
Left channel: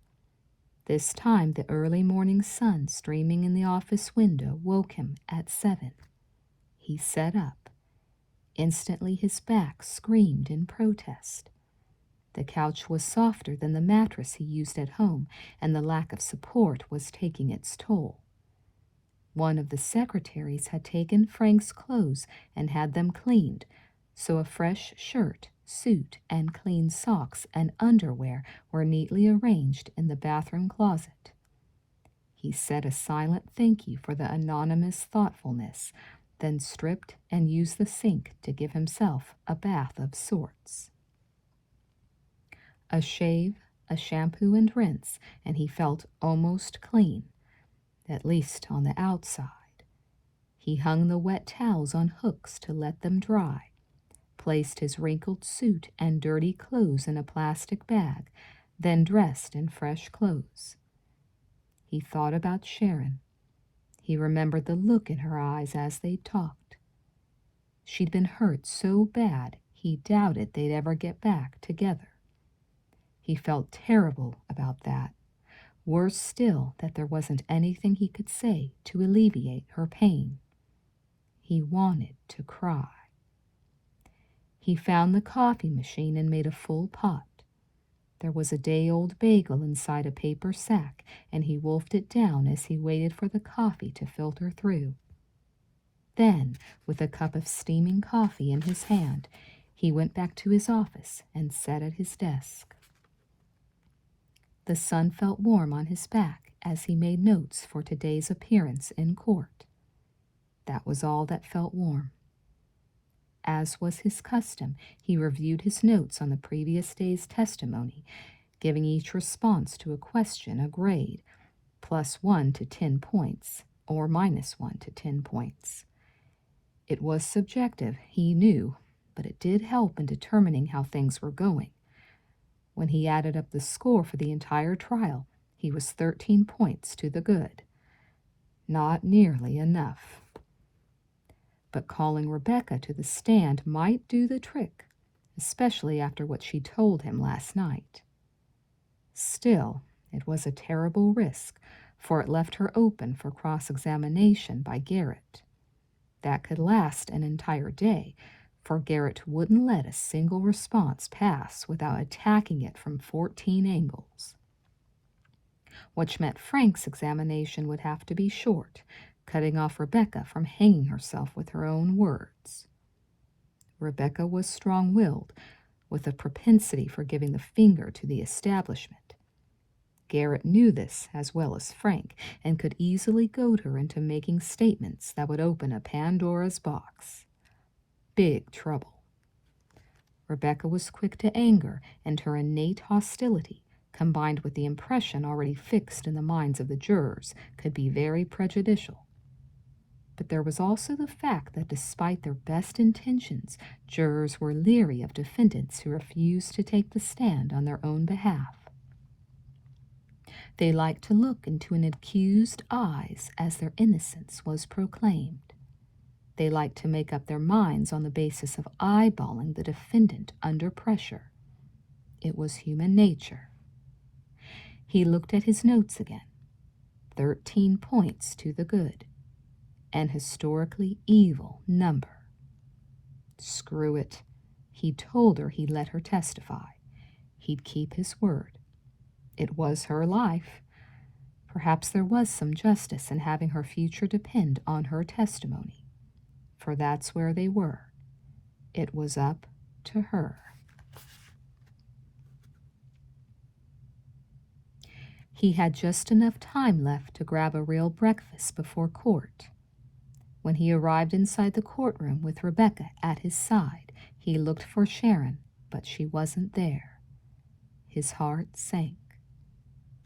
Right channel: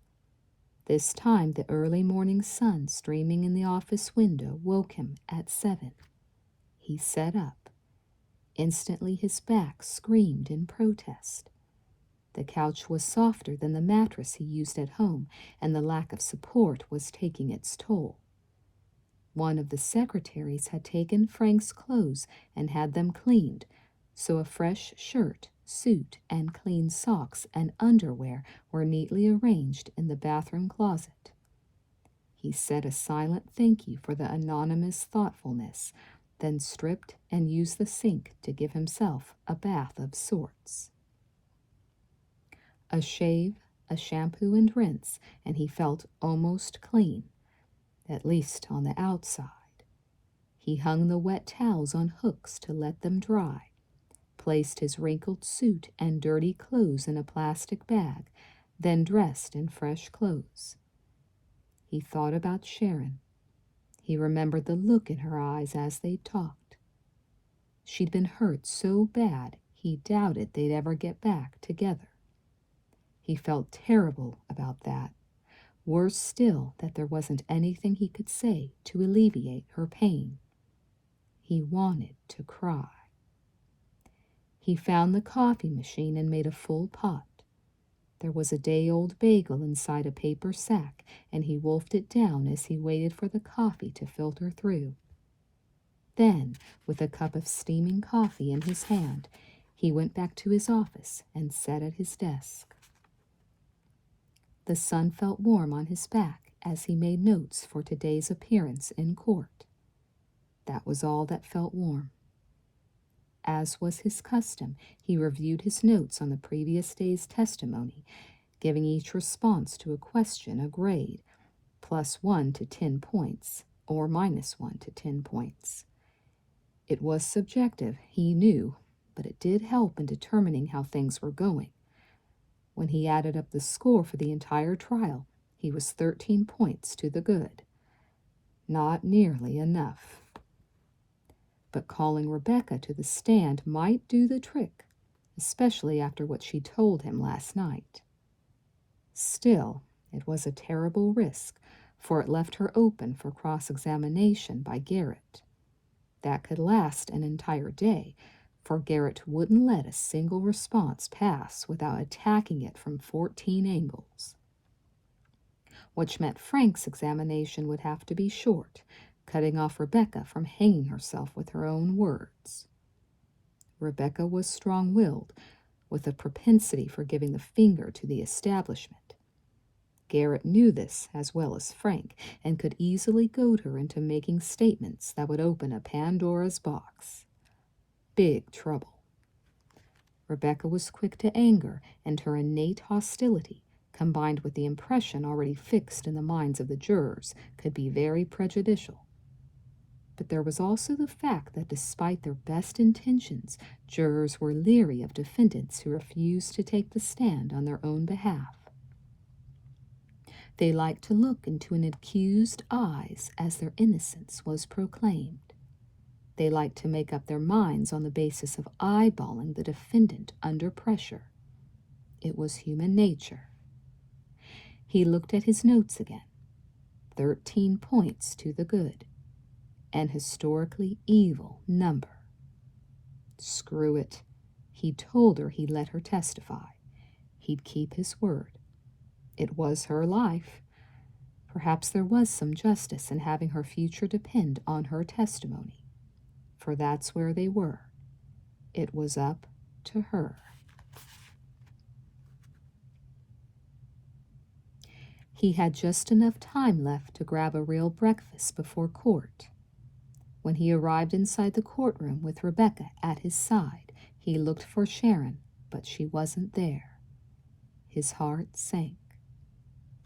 This time the early morning sun streaming in the office window woke him at 7. He sat up. Instantly his back screamed in protest. The couch was softer than the mattress he used at home, and the lack of support was taking its toll. One of the secretaries had taken Frank's clothes and had them cleaned, so a fresh shirt, suit, and clean socks and underwear were neatly arranged in the bathroom closet. He said a silent thank you for the anonymous thoughtfulness, then stripped and used the sink to give himself a bath of sorts. A shave, a shampoo and rinse, and he felt almost clean, at least on the outside. He hung the wet towels on hooks to let them dry, placed his wrinkled suit and dirty clothes in a plastic bag, then dressed in fresh clothes. He thought about Sharon. He remembered the look in her eyes as they talked. She'd been hurt so bad he doubted they'd ever get back together. He felt terrible about that. Worse still, that there wasn't anything he could say to alleviate her pain. He wanted to cry. He found the coffee machine and made a full pot. There was a day-old bagel inside a paper sack, and he wolfed it down as he waited for the coffee to filter through. Then, with a cup of steaming coffee in his hand, he went back to his office and sat at his desk. The sun felt warm on his back as he made notes for today's appearance in court. That was all that felt warm. As was his custom, he reviewed his notes on the previous day's testimony, giving each response to a question a grade, +1 to 10 points, or -1 to 10 points. It was subjective, he knew, but it did help in determining how things were going. When he added up the score for the entire trial, he was 13 points to the good. Not nearly enough. But calling Rebecca to the stand might do the trick, especially after what she told him last night. Still, it was a terrible risk, for it left her open for cross-examination by Garrett. That could last an entire day, for Garrett wouldn't let a single response pass without attacking it from 14 angles. Which meant Frank's examination would have to be short, cutting off Rebecca from hanging herself with her own words. Rebecca was strong-willed, with a propensity for giving the finger to the establishment. Garrett knew this as well as Frank, and could easily goad her into making statements that would open a Pandora's box. Big trouble. Rebecca was quick to anger, and her innate hostility, combined with the impression already fixed in the minds of the jurors, could be very prejudicial. But there was also the fact that despite their best intentions, jurors were leery of defendants who refused to take the stand on their own behalf. They liked to look into an accused's eyes as their innocence was proclaimed. They liked to make up their minds on the basis of eyeballing the defendant under pressure. It was human nature. He looked at his notes again. 13 points to the good. An historically evil number. Screw it. He told her he'd let her testify. He'd keep his word. It was her life. Perhaps there was some justice in having her future depend on her testimony. For that's where they were. It was up to her. He had just enough time left to grab a real breakfast before court. When he arrived inside the courtroom with Rebecca at his side, he looked for Sharon, but she wasn't there. His heart sank.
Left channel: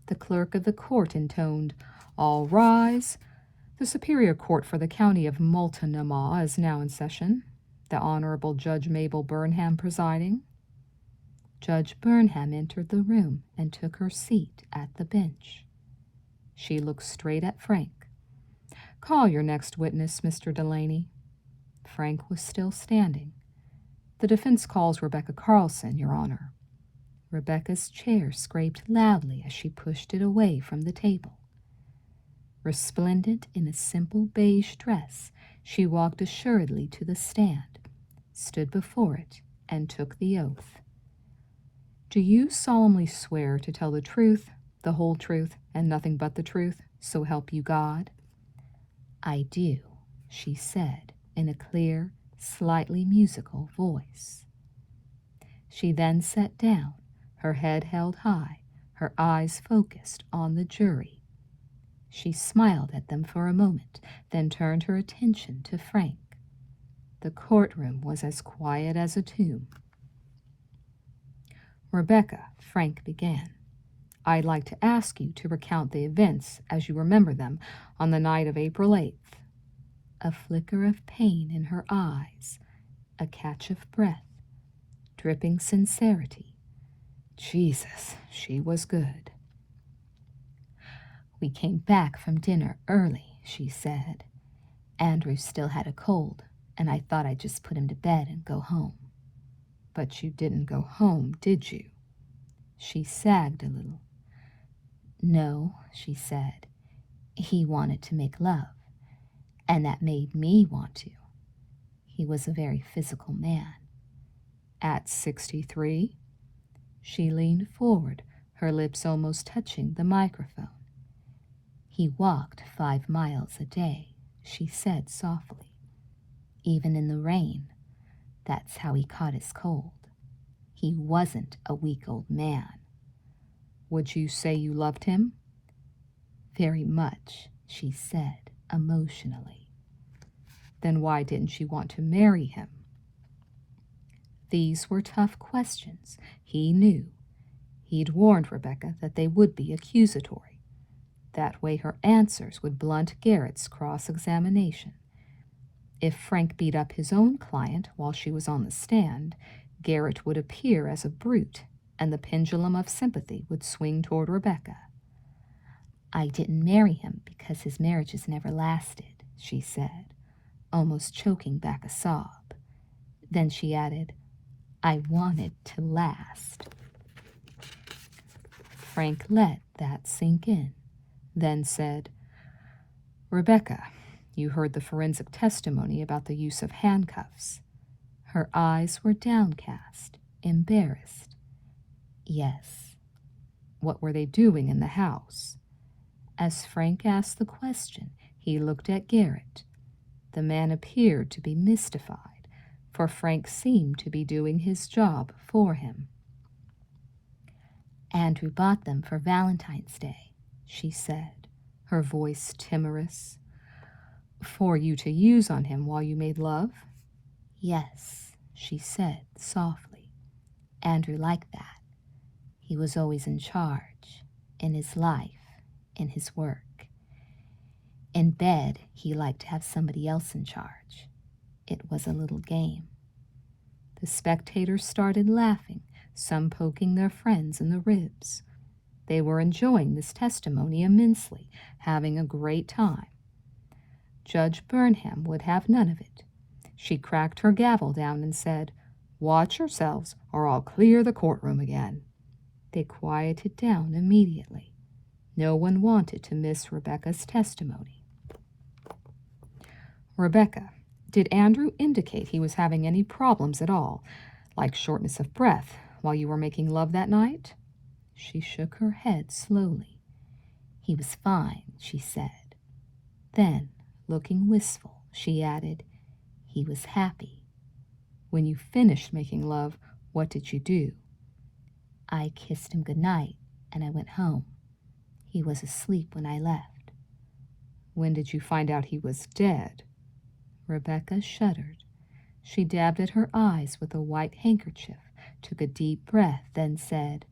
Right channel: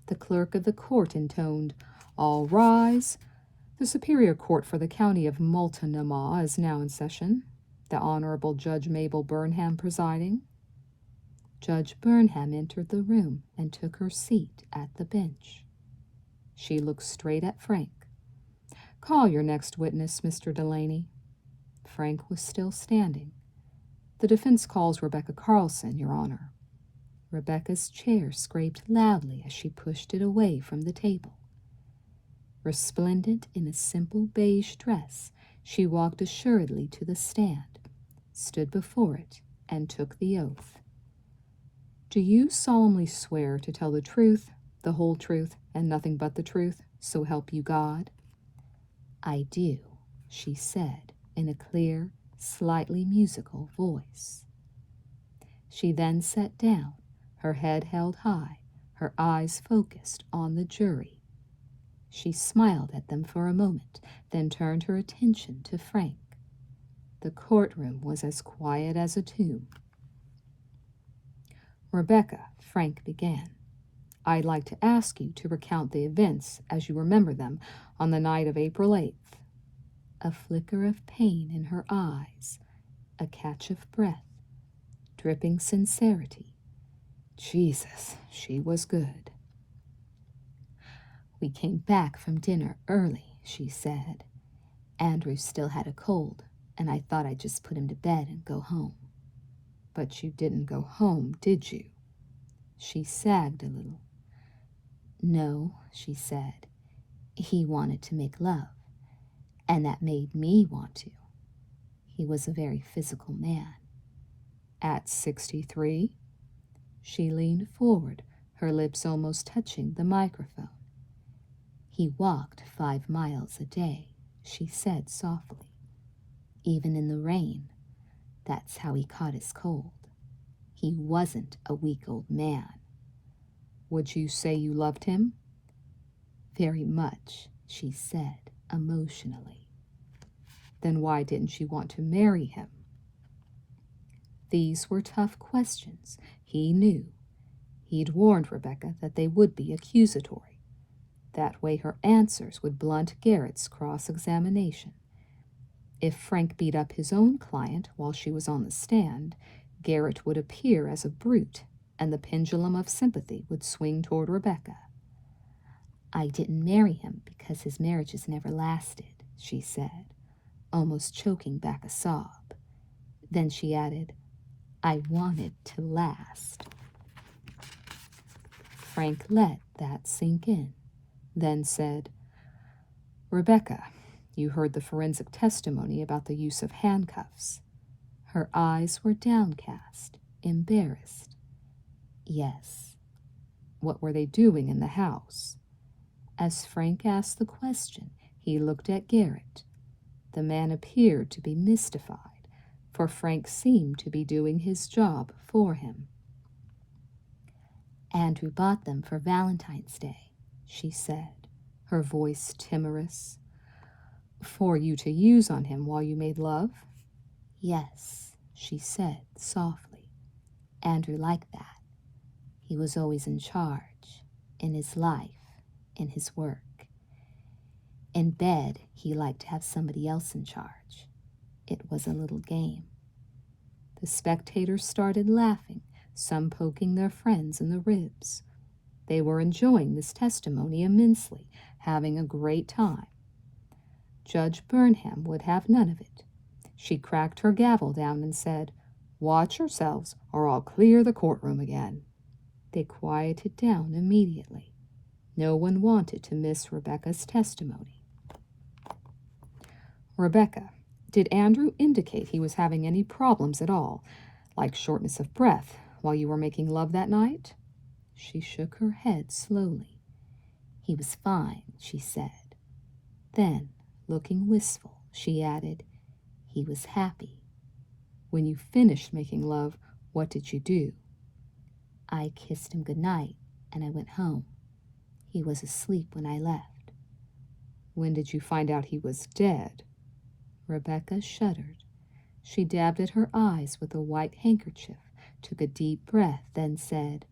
The clerk of the court intoned, "All rise. The Superior Court for the County of Multnomah is now in session. The Honorable Judge Mabel Burnham presiding." Judge Burnham entered the room and took her seat at the bench. She looked straight at Frank. "Call your next witness, Mr. Delaney." Frank was still standing. "The defense calls Rebecca Carlson, Your Honor." Rebecca's chair scraped loudly as she pushed it away from the table. Resplendent in a simple beige dress, she walked assuredly to the stand, stood before it, and took the oath. "Do you solemnly swear to tell the truth, the whole truth, and nothing but the truth, so help you God?" "I do," she said in a clear, slightly musical voice. She then sat down, her head held high, her eyes focused on the jury. She smiled at them for a moment, then turned her attention to Frank. The courtroom was as quiet as a tomb. "Rebecca," Frank began, "I'd like to ask you to recount the events as you remember them on the night of April 8th. A flicker of pain in her eyes, a catch of breath, dripping sincerity. Jesus, she was good. "We came back from dinner early," she said. "Andrew still had a cold, and I thought I'd just put him to bed and go home." "But you didn't go home, did you?" She sagged a little. "No," she said. "He wanted to make love, and that made me want to. He was a very physical man." "At 63? She leaned forward, her lips almost touching the microphone. "He walked 5 miles a day," she said softly. "Even in the rain. That's how he caught his cold. He wasn't a weak old man." "Would you say you loved him?" "Very much," she said emotionally. "Then why didn't you want to marry him?" These were tough questions, he knew. He'd warned Rebecca that they would be accusatory. That way her answers would blunt Garrett's cross-examination. If Frank beat up his own client while she was on the stand, Garrett would appear as a brute, and the pendulum of sympathy would swing toward Rebecca. "I didn't marry him because his marriages never lasted," she said, almost choking back a sob. Then she added, "I wanted to last." Frank let that sink in, then said, "Rebecca, you heard the forensic testimony about the use of handcuffs." Her eyes were downcast, embarrassed. "Yes." "What were they doing in the house?" As Frank asked the question, he looked at Garrett. The man appeared to be mystified, for Frank seemed to be doing his job for him. "Andrew bought them for Valentine's Day," she said, her voice timorous. "For you to use on him while you made love?" "Yes," she said softly. "Andrew liked that. He was always in charge, in his life, in his work. In bed, he liked to have somebody else in charge. It was a little game." The spectators started laughing, some poking their friends in the ribs. They were enjoying this testimony immensely, having a great time. Judge Burnham would have none of it. She cracked her gavel down and said, "Watch yourselves, or I'll clear the courtroom again." They quieted down immediately. No one wanted to miss Rebecca's testimony. "Rebecca, did Andrew indicate he was having any problems at all, like shortness of breath, while you were making love that night?" She shook her head slowly. "He was fine," she said. Then, looking wistful, she added, "He was happy." "When you finished making love, what did you do?" "I kissed him good night, and I went home. He was asleep when I left. When did you find out he was dead? Rebecca shuddered. She dabbed at her eyes with a white handkerchief, took a deep breath, then said,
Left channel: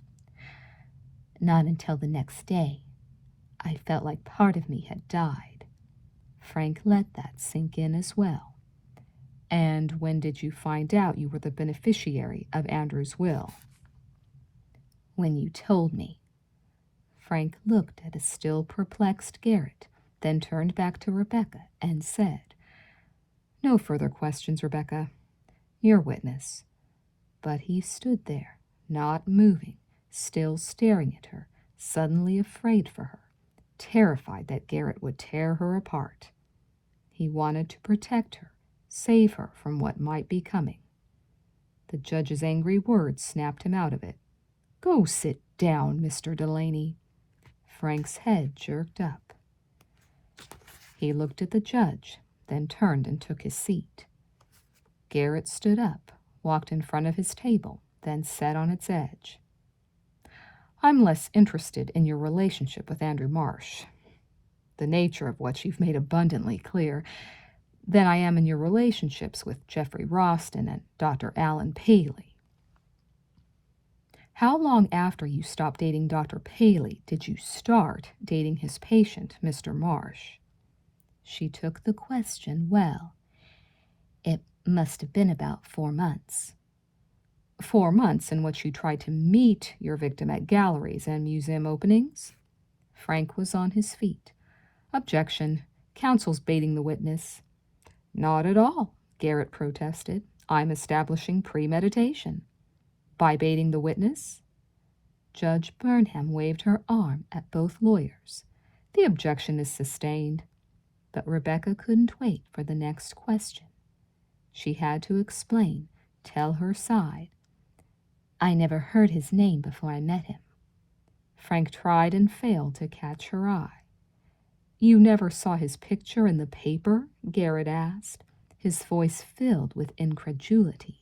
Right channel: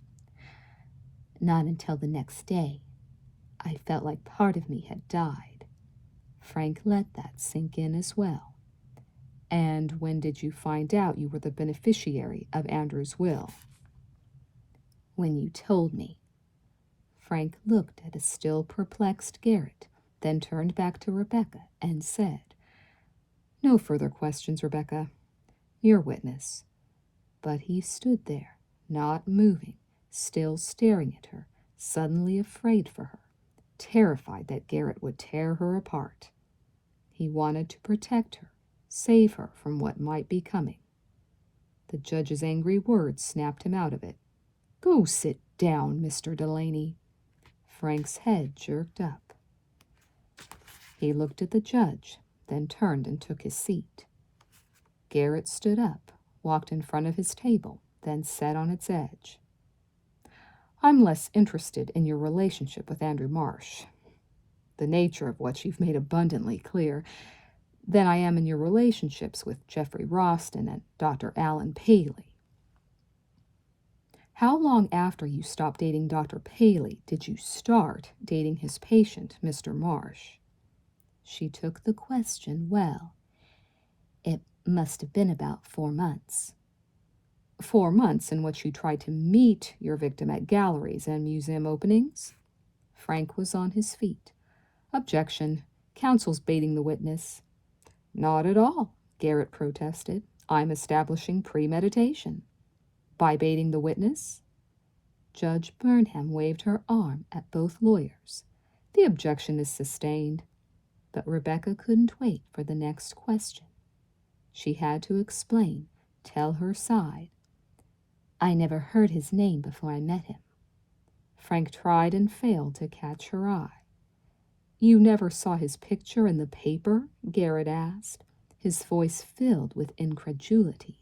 Not until the next day. I felt like part of me had died. Frank let that sink in as well. And when did you find out you were the beneficiary of Andrew's will? When you told me. Frank looked at a still perplexed Garrett, then turned back to Rebecca and said, No further questions, Rebecca. Your witness. But he stood there, not moving, still staring at her, suddenly afraid for her, terrified that Garrett would tear her apart. He wanted to protect her, save her from what might be coming. The judge's angry words snapped him out of it. Go sit down, Mr. Delaney. Frank's head jerked up. He looked at the judge, then turned and took his seat. Garrett stood up, walked in front of his table, then sat on its edge. I'm less interested in your relationship with Andrew Marsh, the nature of which you've made abundantly clear, than I am in your relationships with Jeffrey Roston and Dr. Alan Paley. How long after you stopped dating Dr. Paley did you start dating his patient, Mr. Marsh? She took the question well. It must have been about 4 months. 4 months in which you tried to meet your victim at galleries and museum openings? Frank was on his feet. Objection. Counsel's baiting the witness. Not at all, Garrett protested. I'm establishing premeditation. By baiting the witness? Judge Burnham waved her arm at both lawyers. The objection is sustained. But Rebecca couldn't wait for the next question. She had to explain, tell her side. I never heard his name before I met him. Frank tried and failed to catch her eye. You never saw his picture in the paper? Garrett asked, his voice filled with incredulity.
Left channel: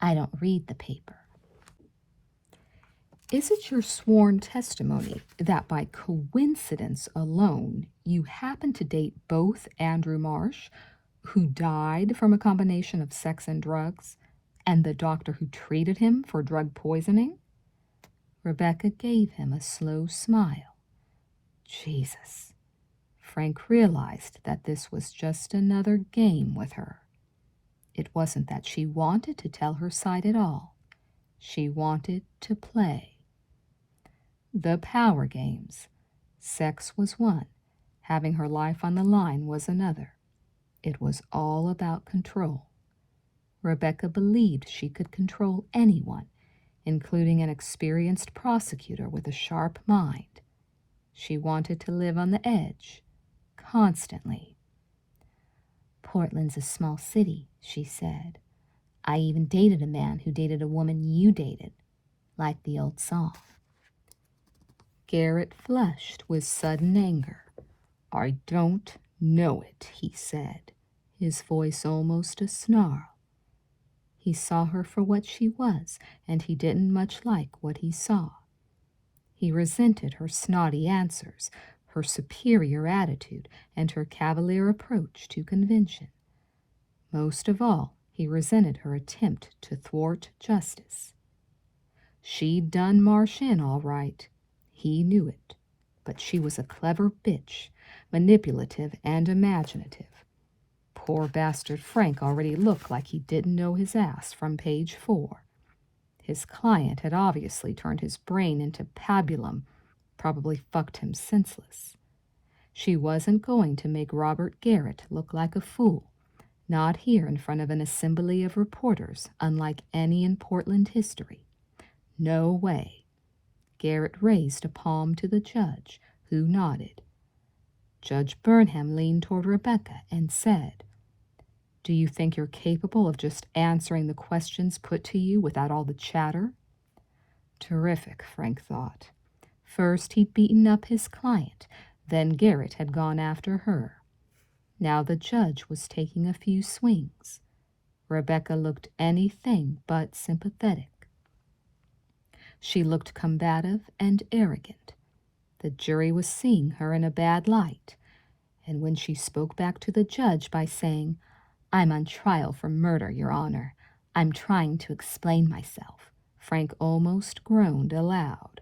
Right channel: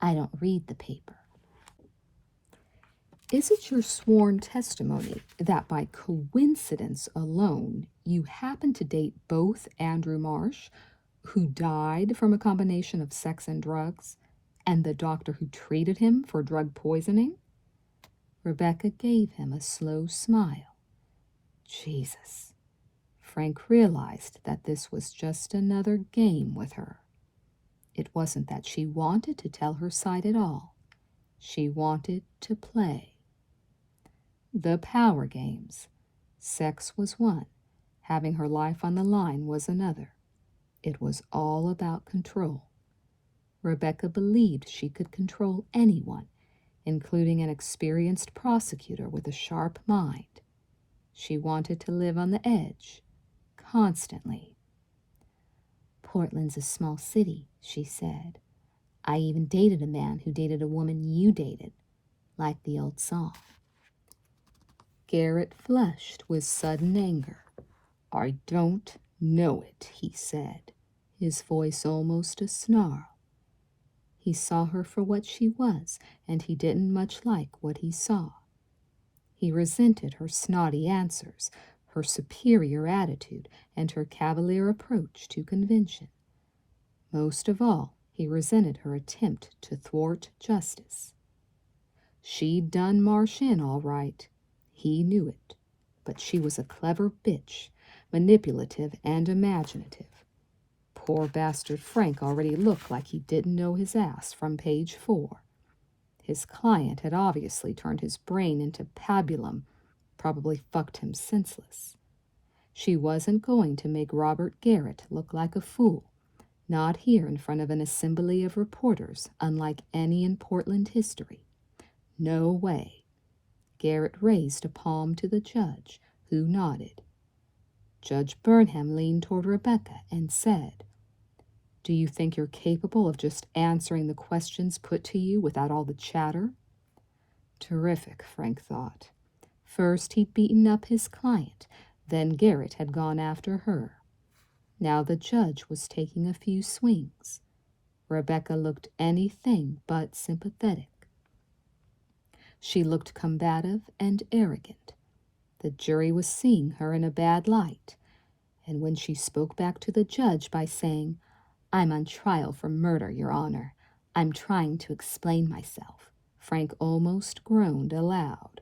I don't read the paper. Is it your sworn testimony that by coincidence alone you happened to date both Andrew Marsh, who died from a combination of sex and drugs, and the doctor who treated him for drug poisoning? Rebecca gave him a slow smile. Jesus. Frank realized that this was just another game with her. It wasn't that she wanted to tell her side at all. She wanted to play. The power games. Sex was one. Having her life on the line was another. It was all about control. Rebecca believed she could control anyone, including an experienced prosecutor with a sharp mind. She wanted to live on the edge, constantly. Portland's a small city, she said. I even dated a man who dated a woman you dated, like the old song. Garrett flushed with sudden anger. I don't know it, he said, his voice almost a snarl. He saw her for what she was, and he didn't much like what he saw. He resented her snotty answers, her superior attitude, and her cavalier approach to convention. Most of all, he resented her attempt to thwart justice. She'd done Marsh in all right. He knew it. But she was a clever bitch, manipulative and imaginative. Poor bastard Frank already looked like he didn't know his ass from page 4. His client had obviously turned his brain into pabulum, probably fucked him senseless. She wasn't going to make Robert Garrett look like a fool, not here in front of an assembly of reporters unlike any in Portland history. No way. Garrett raised a palm to the judge, who nodded. Judge Burnham leaned toward Rebecca and said, Do you think you're capable of just answering the questions put to you without all the chatter? Terrific, Frank thought. First he'd beaten up his client, then Garrett had gone after her. Now the judge was taking a few swings. Rebecca looked anything but sympathetic. She looked combative and arrogant. The jury was seeing her in a bad light, and when she spoke back to the judge by saying, "I'm on trial for murder, Your Honor. I'm trying to explain myself," Frank almost groaned aloud.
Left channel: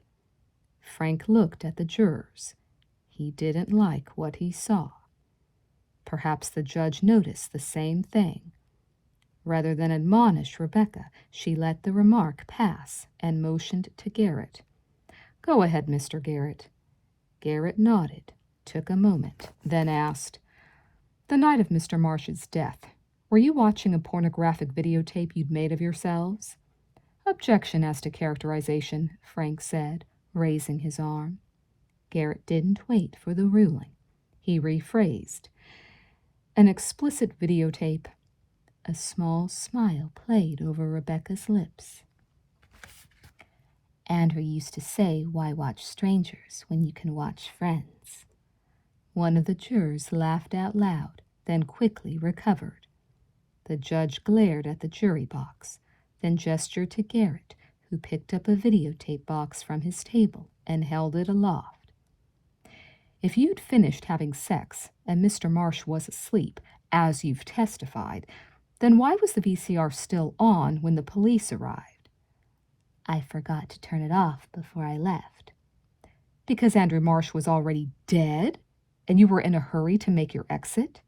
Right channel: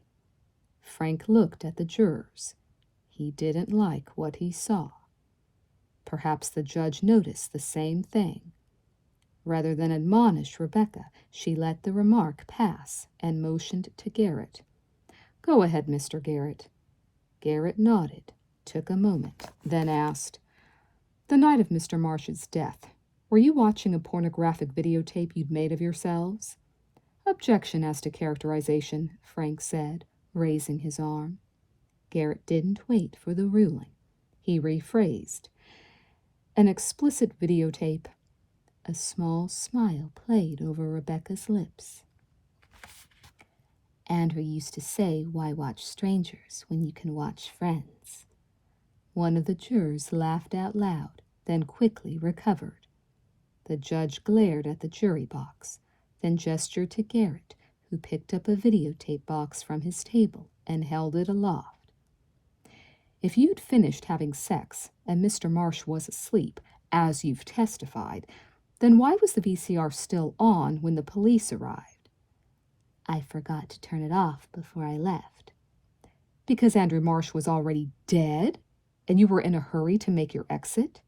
Frank looked at the jurors. He didn't like what he saw. Perhaps the judge noticed the same thing. Rather than admonish Rebecca, she let the remark pass and motioned to Garrett. "Go ahead, Mr. Garrett." Garrett nodded, took a moment, then asked, "The night of Mr. Marsh's death, were you watching a pornographic videotape you'd made of yourselves?" "Objection as to characterization," Frank said, raising his arm. Garrett didn't wait for the ruling. He rephrased, "An explicit videotape." A small smile played over Rebecca's lips. "Andrew used to say, 'Why watch strangers when you can watch friends?'" One of the jurors laughed out loud, then quickly recovered. The judge glared at the jury box, then gestured to Garrett, who picked up a videotape box from his table and held it aloft. "If you'd finished having sex and Mr. Marsh was asleep, as you've testified, then why was the VCR still on when the police arrived?" "I forgot to turn it off before I left." "Because Andrew Marsh was already dead, and you were in a hurry to make your exit?"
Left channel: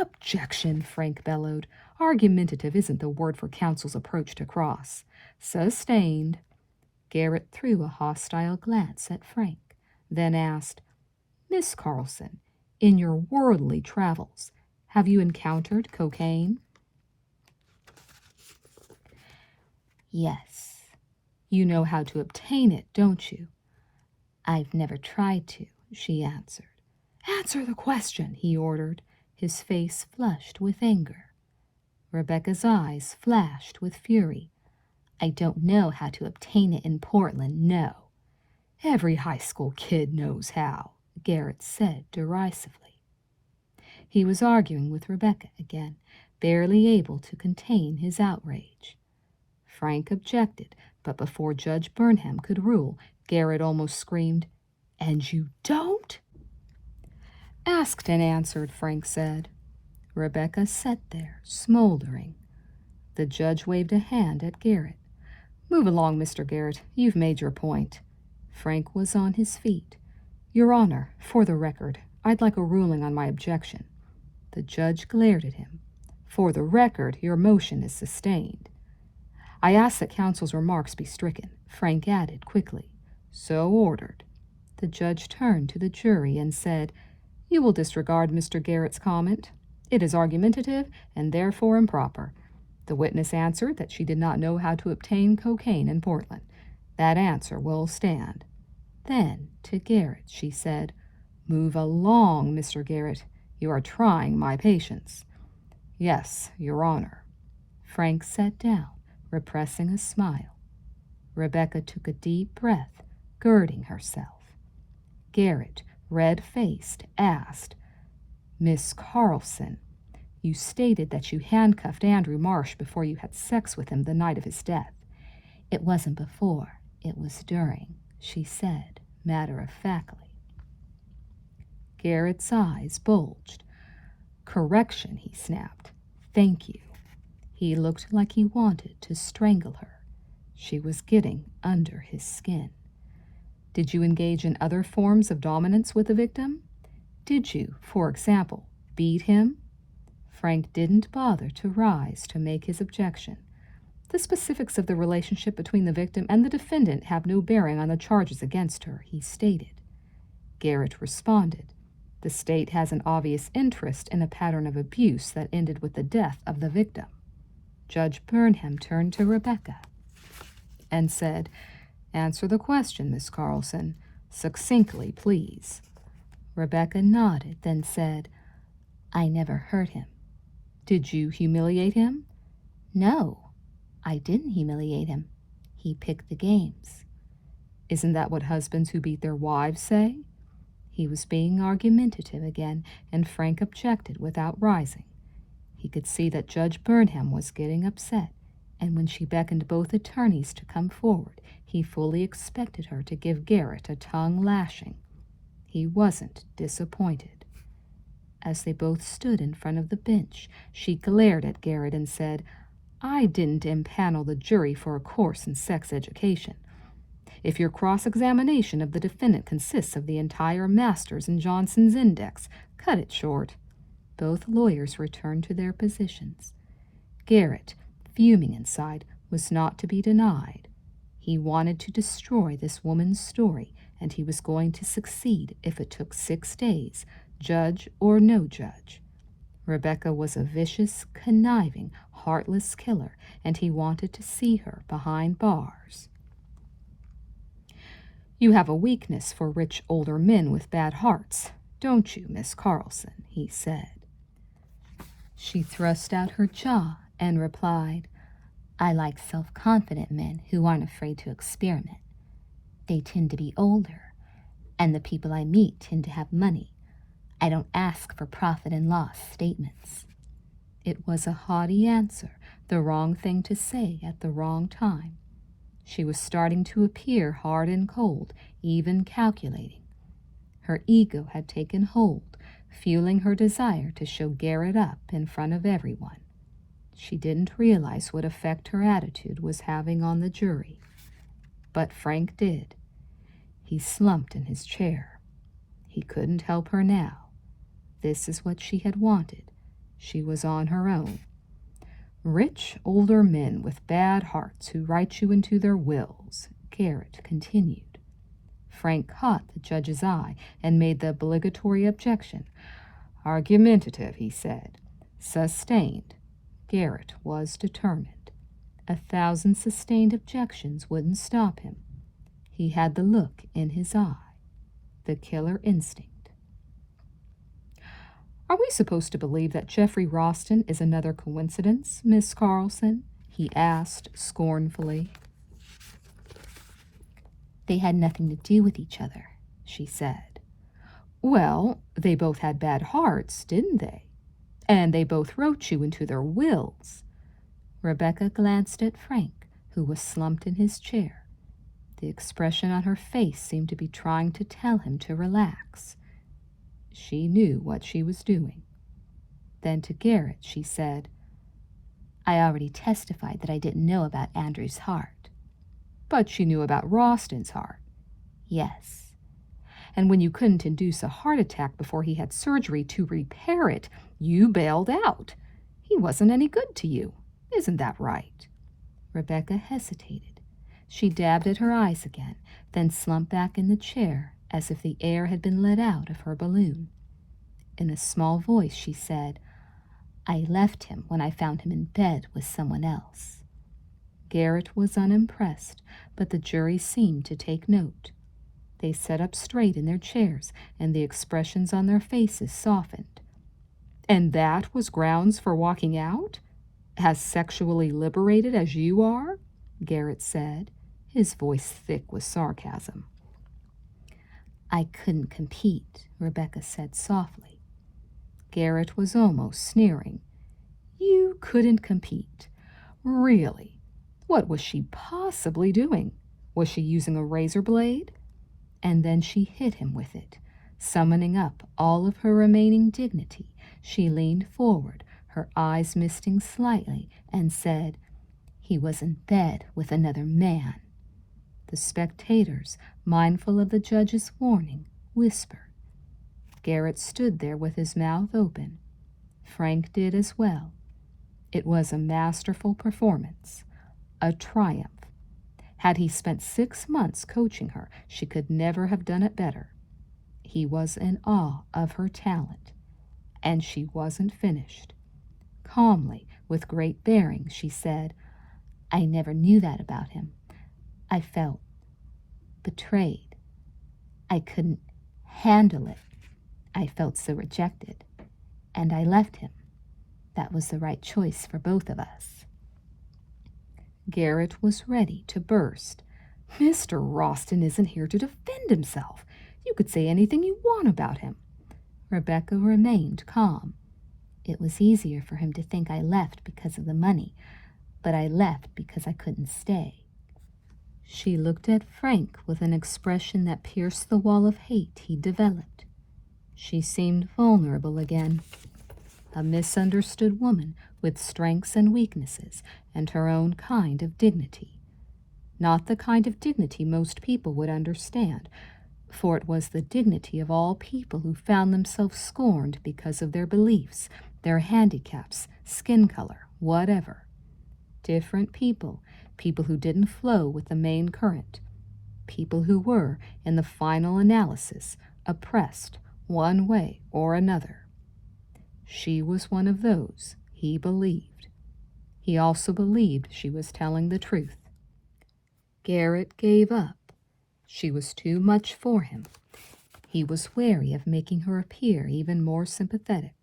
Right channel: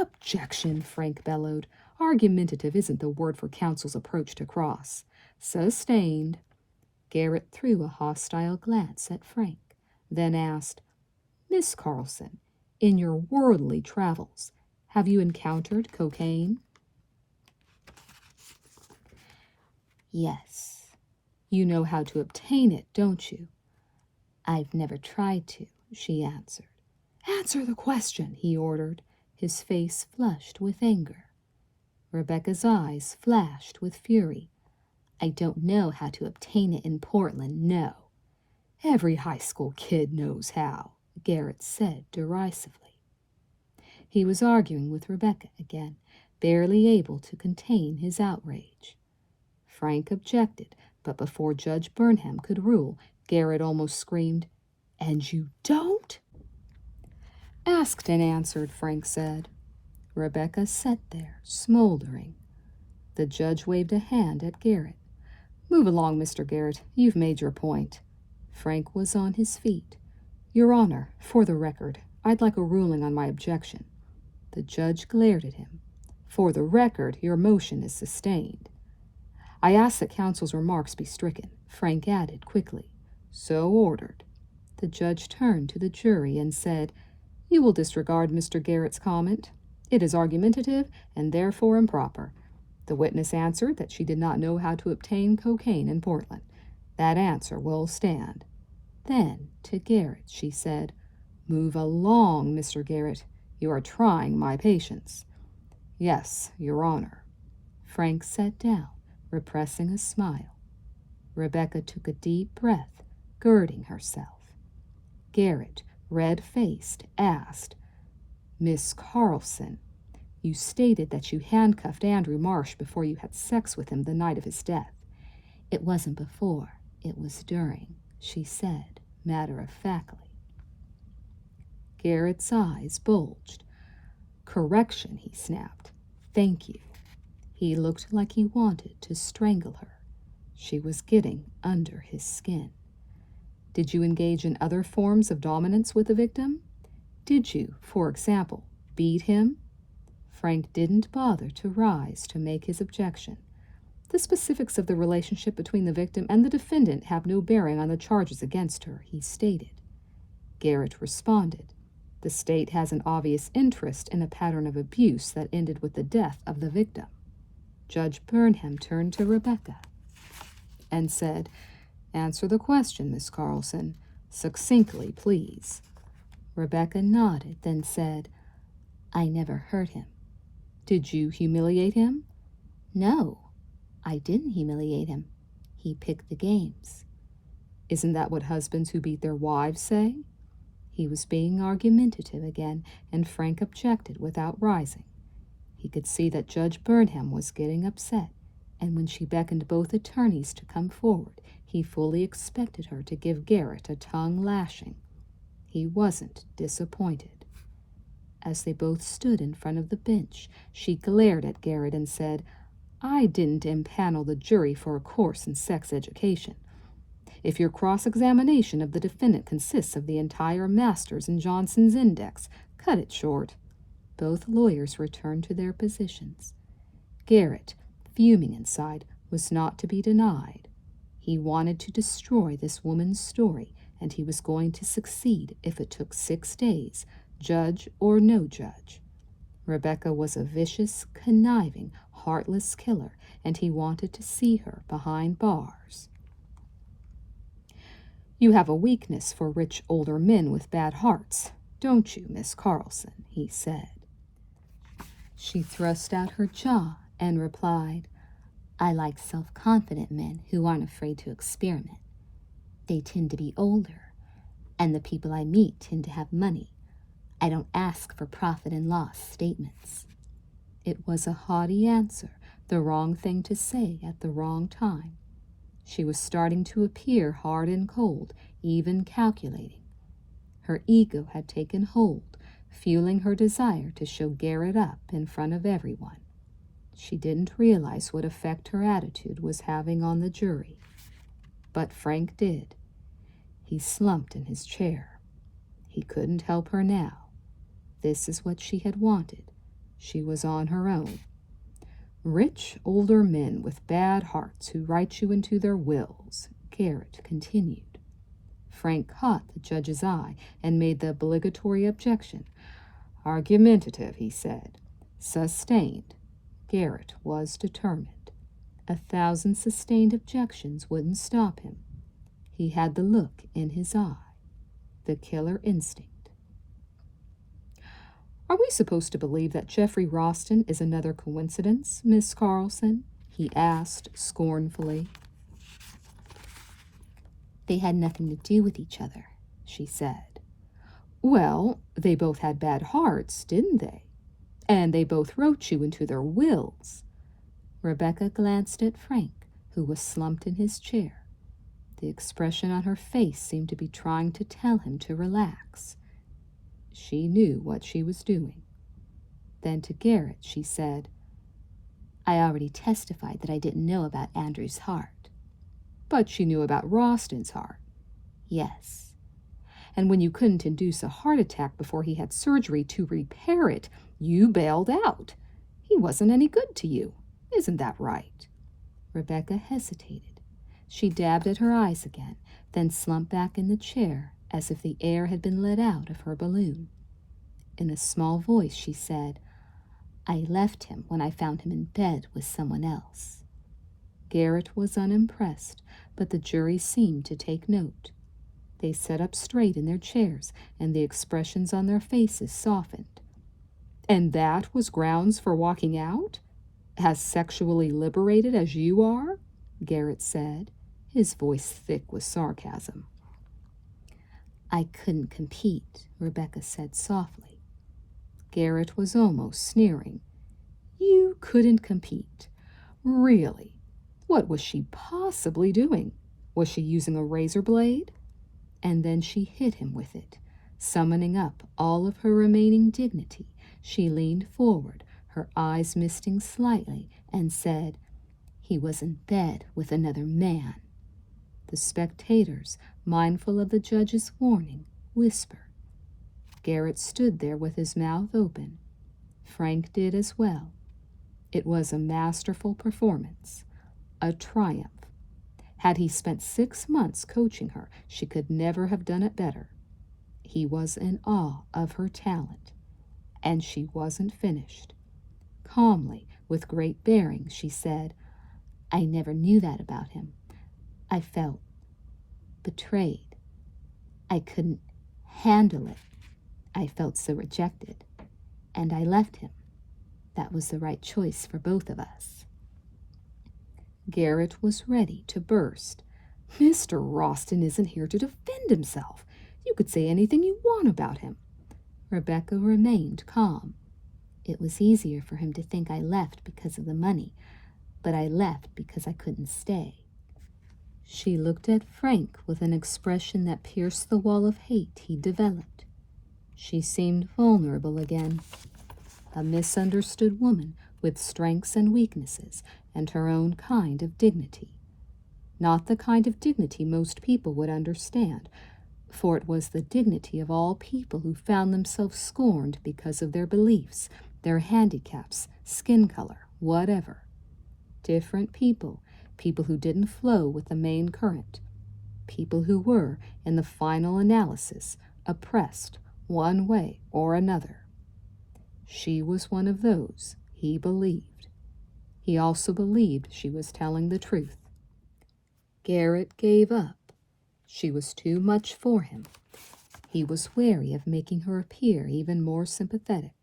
"Objection," Frank bellowed. "Argumentative isn't the word for counsel's approach to cross." "Sustained." Garrett threw a hostile glance at Frank, then asked, "Miss Carlson, in your worldly travels, have you encountered cocaine?" "Yes." "You know how to obtain it, don't you?" "I've never tried to," she answered. "Answer the question," he ordered, his face flushed with anger. Rebecca's eyes flashed with fury. "I don't know how to obtain it in Portland, no." "Every high school kid knows how," Garrett said derisively. He was arguing with Rebecca again, barely able to contain his outrage. Frank objected, but before Judge Burnham could rule, Garrett almost screamed, "And you don't?" "Asked and answered," Frank said. Rebecca sat there, smoldering. The judge waved a hand at Garrett. "Move along, Mr. Garrett. You've made your point." Frank was on his feet. "Your Honor, for the record, I'd like a ruling on my objection." The judge glared at him. "For the record, your motion is sustained." "I ask that counsel's remarks be stricken," Frank added quickly. "So ordered." The judge turned to the jury and said, "You will disregard Mr. Garrett's comment. It is argumentative and therefore improper." The witness answered that she did not know how to obtain cocaine in Portland. That answer will stand. Then, to Garrett, she said, "Move along, Mr. Garrett. You are trying my patience." "Yes, Your Honor." Frank sat down, repressing a smile. Rebecca took a deep breath, girding herself. Garrett, red-faced, asked, "Miss Carlson, you stated that you handcuffed Andrew Marsh before you had sex with him the night of his death." "It wasn't before, it was during," she said, matter-of-factly. Garrett's eyes bulged. "Correction," he snapped. "Thank you." He looked like he wanted to strangle her. She was getting under his skin. "Did you engage in other forms of dominance with the victim? Did you, for example, beat him?" Frank didn't bother to rise to make his objection. "The specifics of the relationship between the victim and the defendant have no bearing on the charges against her," he stated. Garrett responded, "The state has an obvious interest in a pattern of abuse that ended with the death of the victim." Judge Burnham turned to Rebecca and said, "Answer the question, Miss Carlson. Succinctly, please." Rebecca nodded, then said, "I never hurt him." "Did you humiliate him?" "No, I didn't humiliate him. He picked the games." "Isn't that what husbands who beat their wives say?" He was being argumentative again, and Frank objected without rising. He could see that Judge Burnham was getting upset, and when she beckoned both attorneys to come forward, he fully expected her to give Garrett a tongue lashing. He wasn't disappointed. As they both stood in front of the bench, she glared at Garrett and said, "I didn't impanel the jury for a course in sex education. If your cross-examination of the defendant consists of the entire Masters and Johnson's Index, cut it short." Both lawyers returned to their positions. Garrett, fuming inside, was not to be denied. He wanted to destroy this woman's story, and he was going to succeed if it took 6 days, judge or no judge. Rebecca was a vicious, conniving, heartless killer, and he wanted to see her behind bars. "You have a weakness for rich older men with bad hearts, don't you, Miss Carlson?" he said. She thrust out her jaw and replied, "I like self-confident men who aren't afraid to experiment. They tend to be older, and the people I meet tend to have money. I don't ask for profit and loss statements." It was a haughty answer, the wrong thing to say at the wrong time. She was starting to appear hard and cold, even calculating. Her ego had taken hold, fueling her desire to show Garrett up in front of everyone. She didn't realize what effect her attitude was having on the jury. But Frank did. He slumped in his chair. He couldn't help her now. This is what she had wanted. She was on her own. "Rich older men with bad hearts who write you into their wills," Garrett continued. Frank caught the judge's eye and made the obligatory objection. "Argumentative," he said. "Sustained." Garrett was determined. 1,000 sustained objections wouldn't stop him. He had the look in his eye, the killer instinct. "Are we supposed to believe that Jeffrey Ralston is another coincidence, Miss Carlson?" he asked scornfully. "They had nothing to do with each other," she said. "Well, they both had bad hearts, didn't they? And they both wrote you into their wills." Rebecca glanced at Frank, who was slumped in his chair. The expression on her face seemed to be trying to tell him to relax. She knew what she was doing. Then to Garrett she said, "I already testified that I didn't know about Andrew's heart." "But she knew about Ralston's heart." "Yes." "And when you couldn't induce a heart attack before he had surgery to repair it, you bailed out. He wasn't any good to you. Isn't that right?" Rebecca hesitated. She dabbed at her eyes again, then slumped back in the chair as if the air had been let out of her balloon. In a small voice she said, "I left him when I found him in bed with someone else." Garrett was unimpressed, but the jury seemed to take note. They sat up straight in their chairs, and the expressions on their faces softened. "And that was grounds for walking out? As sexually liberated as you are?" Garrett said, his voice thick with sarcasm. "I couldn't compete," Rebecca said softly. Garrett was almost sneering. "You couldn't compete? Really? What was she possibly doing? Was she using a razor blade?" And then she hit him with it. Summoning up all of her remaining dignity, she leaned forward, her eyes misting slightly, and said, "He was in bed with another man." The spectators, mindful of the judge's warning, whispered. Garrett stood there with his mouth open. Frank did as well. It was a masterful performance, a triumph. Had he spent 6 months coaching her, she could never have done it better. He was in awe of her talent, and she wasn't finished. Calmly, with great bearing, she said, "I never knew that about him. I felt betrayed. I couldn't handle it. I felt so rejected, and I left him. That was the right choice for both of us." Garrett was ready to burst. "Mr. Ralston isn't here to defend himself. You could say anything you want about him." Rebecca remained calm. "It was easier for him to think I left because of the money, but I left because I couldn't stay." She looked at Frank with an expression that pierced the wall of hate he'd developed. She seemed vulnerable again. A misunderstood woman with strengths and weaknesses and her own kind of dignity. Not the kind of dignity most people would understand, for it was the dignity of all people who found themselves scorned because of their beliefs, their handicaps, skin color, whatever. Different people, people who didn't flow with the main current, people who were, in the final analysis, oppressed one way or another. She was one of those, he believed. He also believed she was telling the truth. Garrett gave up. She was too much for him. He was wary of making her appear even more sympathetic.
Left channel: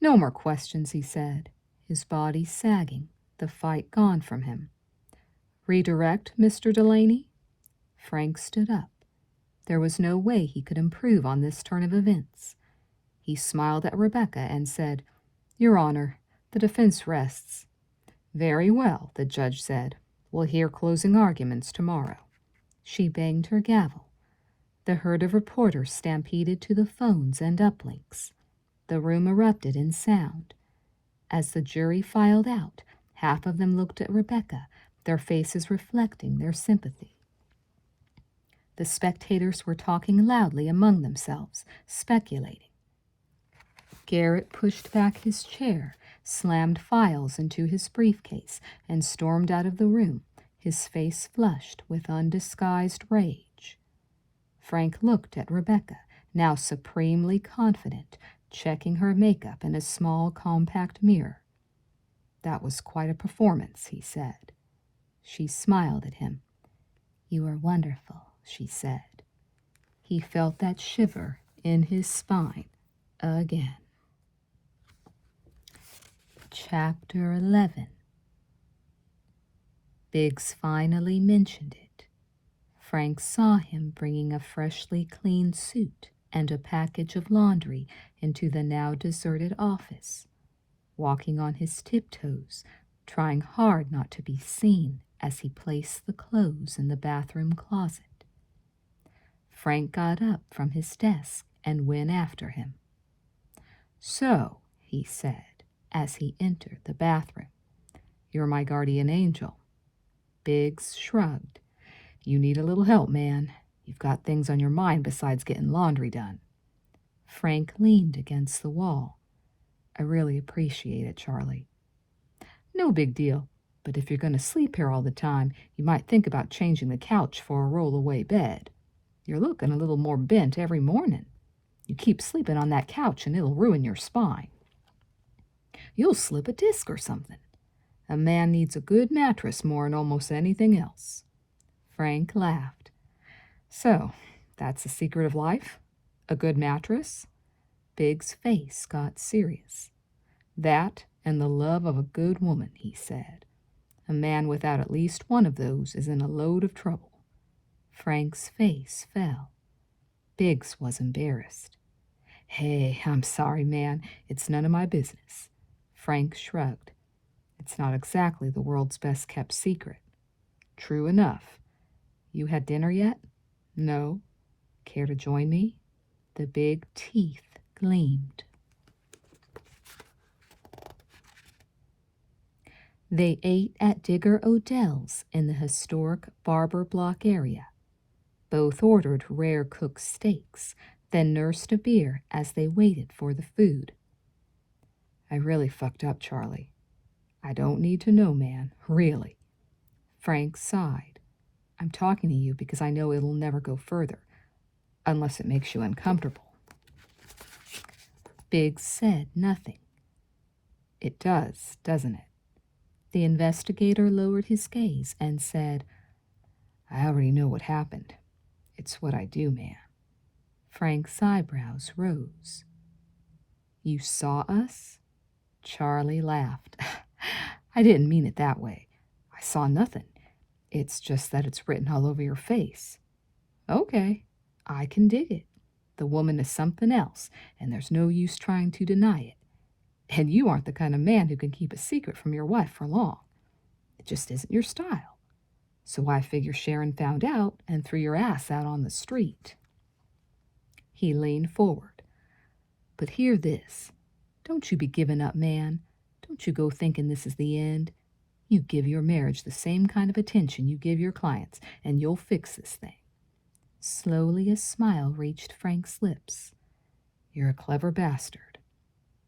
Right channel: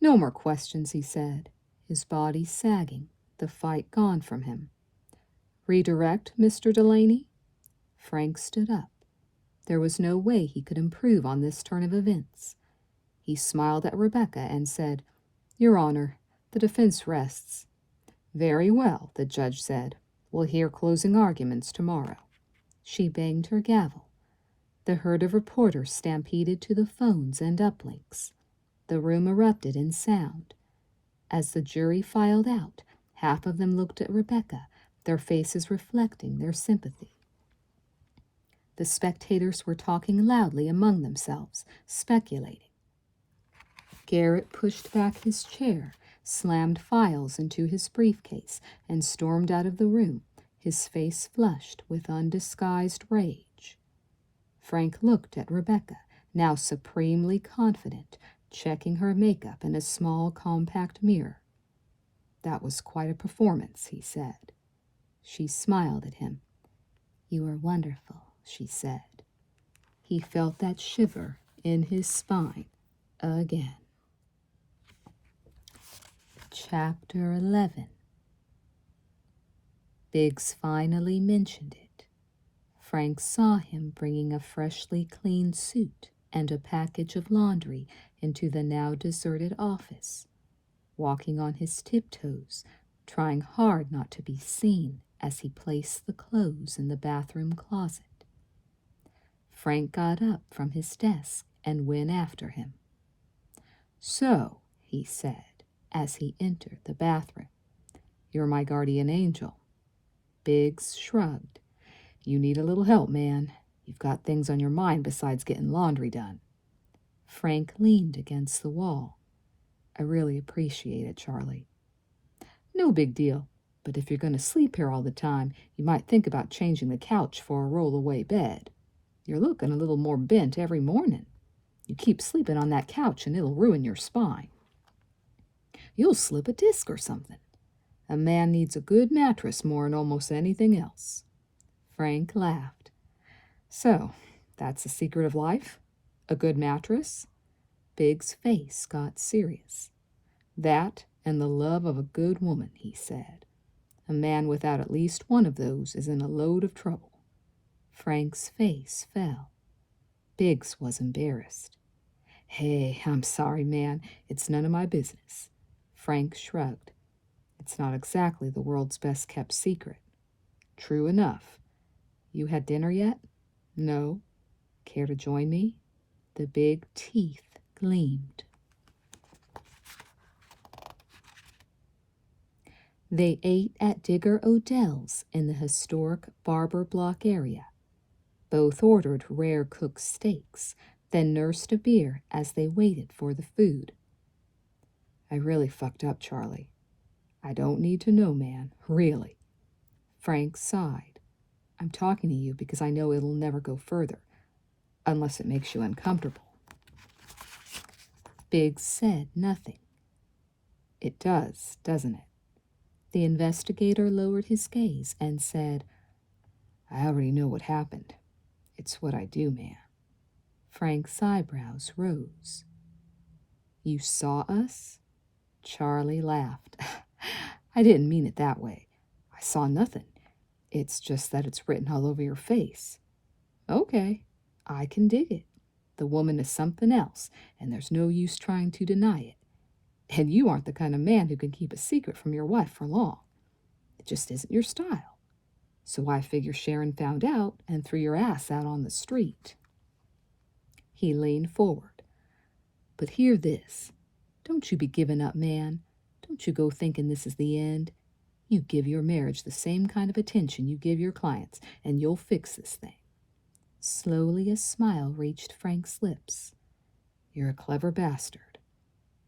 No more questions, he said, his body sagging, the fight gone from him. Redirect, Mr. Delaney? Frank stood up. There was no way he could improve on this turn of events. He smiled at Rebecca and said, Your Honor, the defense rests. Very well, the judge said. We'll hear closing arguments tomorrow. She banged her gavel. The herd of reporters stampeded to the phones and uplinks. The room erupted in sound. As the jury filed out, half of them looked at Rebecca, their faces reflecting their sympathy. The spectators were talking loudly among themselves, speculating. Garrett pushed back his chair, slammed files into his briefcase, and stormed out of the room, his face flushed with undisguised rage. Frank looked at Rebecca, now supremely confident, checking her makeup in a small, compact mirror. That was quite a performance, he said. She smiled at him. You are wonderful, she said. He felt that shiver in his spine again. Chapter 11. Biggs finally mentioned it. Frank saw him bringing a freshly cleaned suit and a package of laundry into the now deserted office, walking on his tiptoes, trying hard not to be seen as he placed the clothes in the bathroom closet. Frank got up from his desk and went after him. So, he said, as he entered the bathroom, you're my guardian angel. Biggs shrugged. You need a little help, man. You've got things on your mind besides getting laundry done. Frank leaned against the wall. I really appreciate it, Charlie. No big deal, but if you're going to sleep here all the time, you might think about changing the couch for a roll-away bed. You're looking a little more bent every morning. You keep sleeping on that couch and it'll ruin your spine. You'll slip a disc or something. A man needs a good mattress more than almost anything else. Frank laughed. So, that's the secret of life? A good mattress? Biggs' face got serious. That and the love of a good woman, he said. A man without at least one of those is in a load of trouble. Frank's face fell. Biggs was embarrassed. Hey, I'm sorry, man. It's none of my business. Frank shrugged. It's not exactly the world's best-kept secret. True enough. You had dinner yet? No. Care to join me? The big teeth gleamed. They ate at Digger Odell's in the historic Barber Block area. Both ordered rare-cooked steaks, then nursed a beer as they waited for the food. I really fucked up, Charlie. I don't need to know, man, really. Frank sighed. I'm talking to you because I know it'll never go further, unless it makes you uncomfortable. Biggs said nothing. It does, doesn't it? The investigator lowered his gaze and said, I already know what happened. It's what I do, man. Frank's eyebrows rose. You saw us? Charlie laughed. I didn't mean it that way. I saw nothing. It's just that it's written all over your face. Okay, I can dig it. The woman is something else, and there's no use trying to deny it. And you aren't the kind of man who can keep a secret from your wife for long. It just isn't your style. So I figure Sharon found out and threw your ass out on the street." He leaned forward. "But hear this. Don't you be giving up, man. Don't you go thinking this is the end. You give your marriage the same kind of attention you give your clients, and you'll fix this thing." Slowly a smile reached Frank's lips. "You're a clever bastard."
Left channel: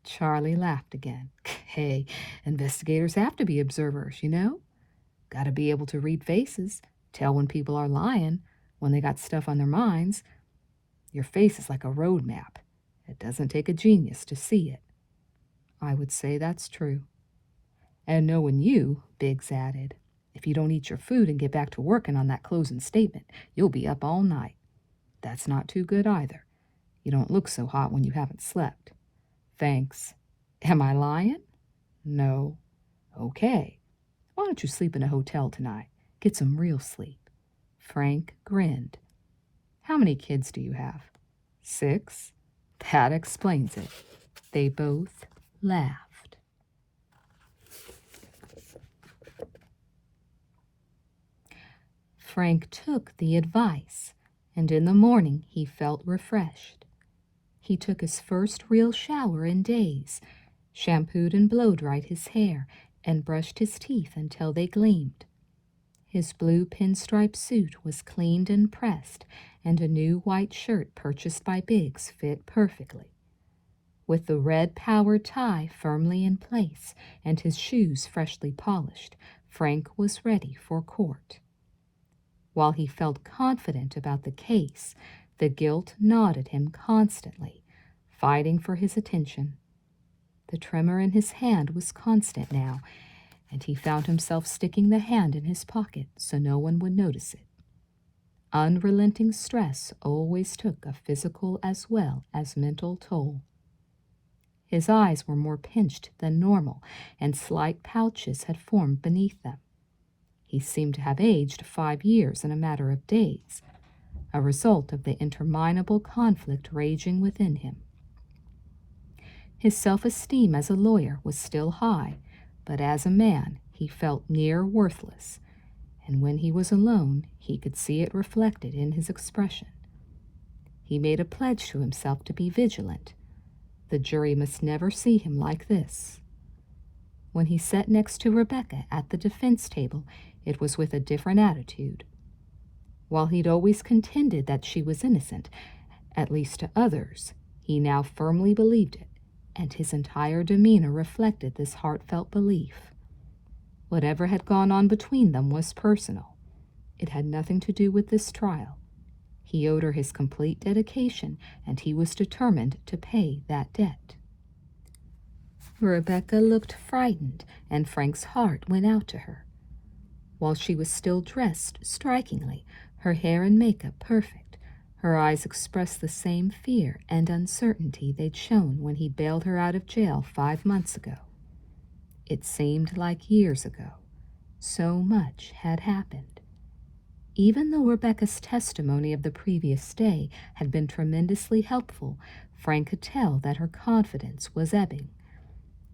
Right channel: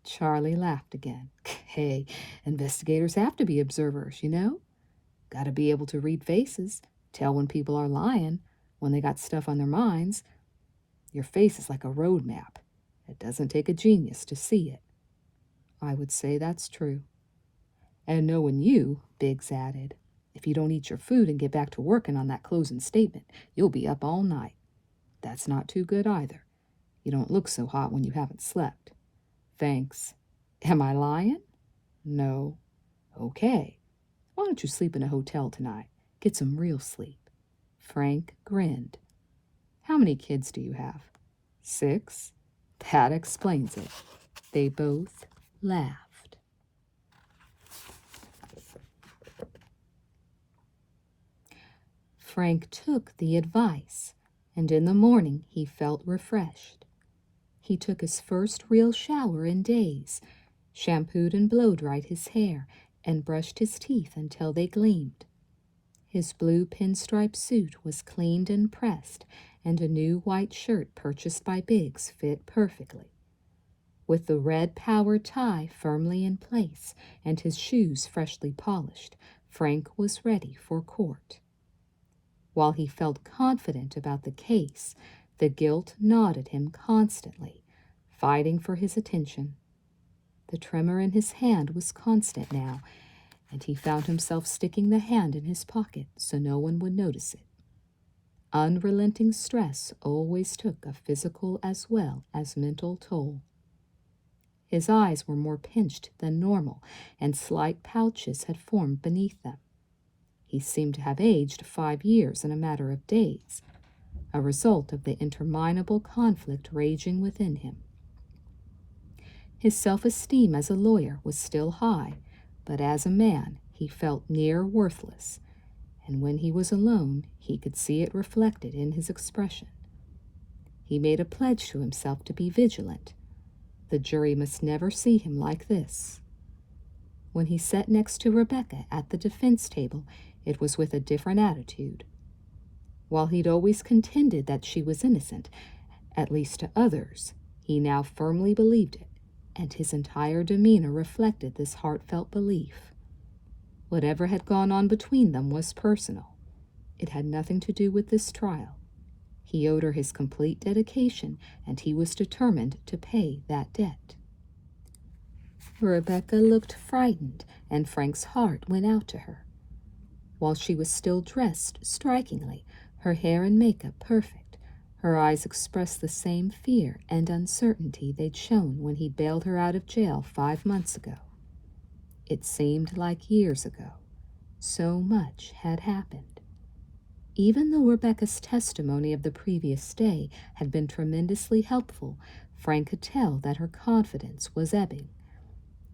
Charlie laughed again. "Hey, investigators have to be observers, you know? Gotta be able to read faces, tell when people are lying, when they got stuff on their minds. Your face is like a road map. It doesn't take a genius to see it." "I would say that's true." "And knowing you," Biggs added, "if you don't eat your food and get back to working on that closing statement, you'll be up all night. That's not too good either. You don't look so hot when you haven't slept." "Thanks. Am I lying?" "No." "Okay. Why don't you sleep in a hotel tonight? Get some real sleep." Frank grinned. "How many kids do you have?" "6. That explains it." They both laughed. Frank took the advice, and in the morning he felt refreshed. He took his first real shower in days, shampooed and blow-dried his hair, and brushed his teeth until they gleamed. His blue pinstripe suit was cleaned and pressed, and a new white shirt purchased by Biggs fit perfectly. With the red power tie firmly in place and his shoes freshly polished, Frank was ready for court. While he felt confident about the case, the guilt gnawed at him constantly, fighting for his attention. The tremor in his hand was constant now, and he found himself sticking the hand in his pocket so no one would notice it. Unrelenting stress always took a physical as well as mental toll. His eyes were more pinched than normal, and slight pouches had formed beneath them. He seemed to have aged 5 years in a matter of days, a result of the interminable conflict raging within him. His self-esteem as a lawyer was still high, but as a man he felt near worthless, and when he was alone he could see it reflected in his expression. He made a pledge to himself to be vigilant. The jury must never see him like this. When he sat next to Rebecca at the defense table, it was with a different attitude. While he'd always contended that she was innocent, at least to others, he now firmly believed it, and his entire demeanor reflected this heartfelt belief. Whatever had gone on between them was personal. It had nothing to do with this trial. He owed her his complete dedication, and he was determined to pay that debt. Rebecca looked frightened, and Frank's heart went out to her. While she was still dressed strikingly, her hair and makeup perfect, her eyes expressed the same fear and uncertainty they'd shown when he bailed her out of jail 5 months ago. It seemed like years ago. So much had happened. Even though Rebecca's testimony of the previous day had been tremendously helpful, Frank could tell that her confidence was ebbing.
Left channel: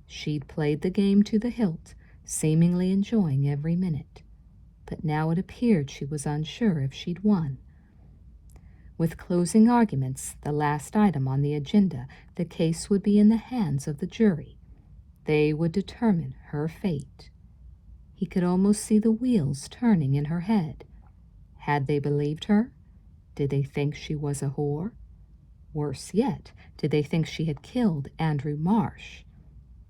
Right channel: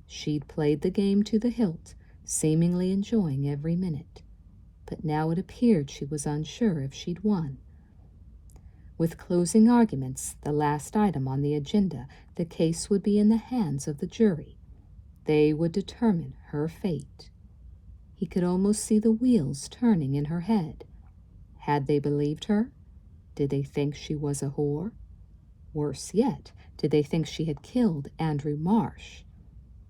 She'd played the game to the hilt, seemingly enjoying every minute. But now it appeared she was unsure if she'd won. With closing arguments, the last item on the agenda, the case would be in the hands of the jury. They would determine her fate. He could almost see the wheels turning in her head. Had they believed her? Did they think she was a whore? Worse yet, did they think she had killed Andrew Marsh?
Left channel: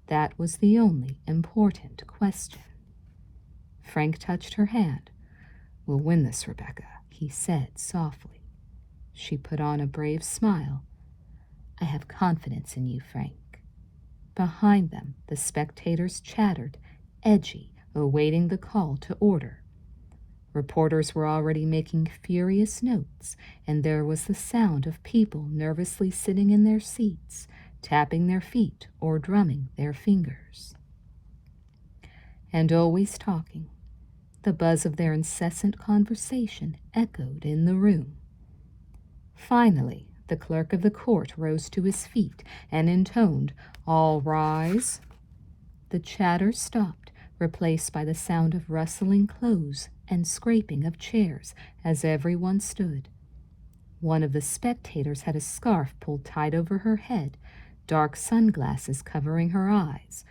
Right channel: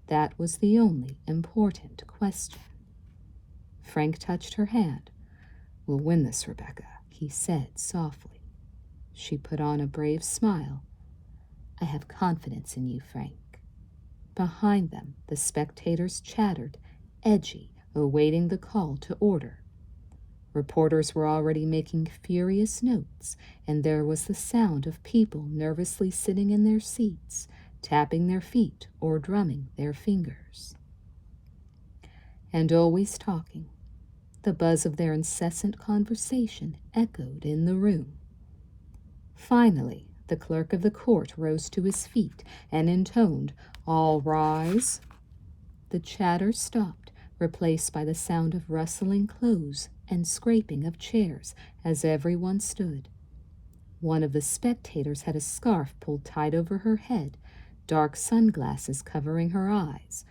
That was the only important question. Frank touched her hand. "We'll win this, Rebecca," he said softly. She put on a brave smile. "I have confidence in you, Frank." Behind them, the spectators chattered, edgy, awaiting the call to order. Reporters were already making furious notes, and there was the sound of people nervously sitting in their seats, tapping their feet or drumming their fingers. And always talking. The buzz of their incessant conversation echoed in the room. Finally, the clerk of the court rose to his feet and intoned, "All rise." The chatter stopped, replaced by the sound of rustling clothes and scraping of chairs as everyone stood. One of the spectators had a scarf pulled tight over her head, dark sunglasses covering her eyes,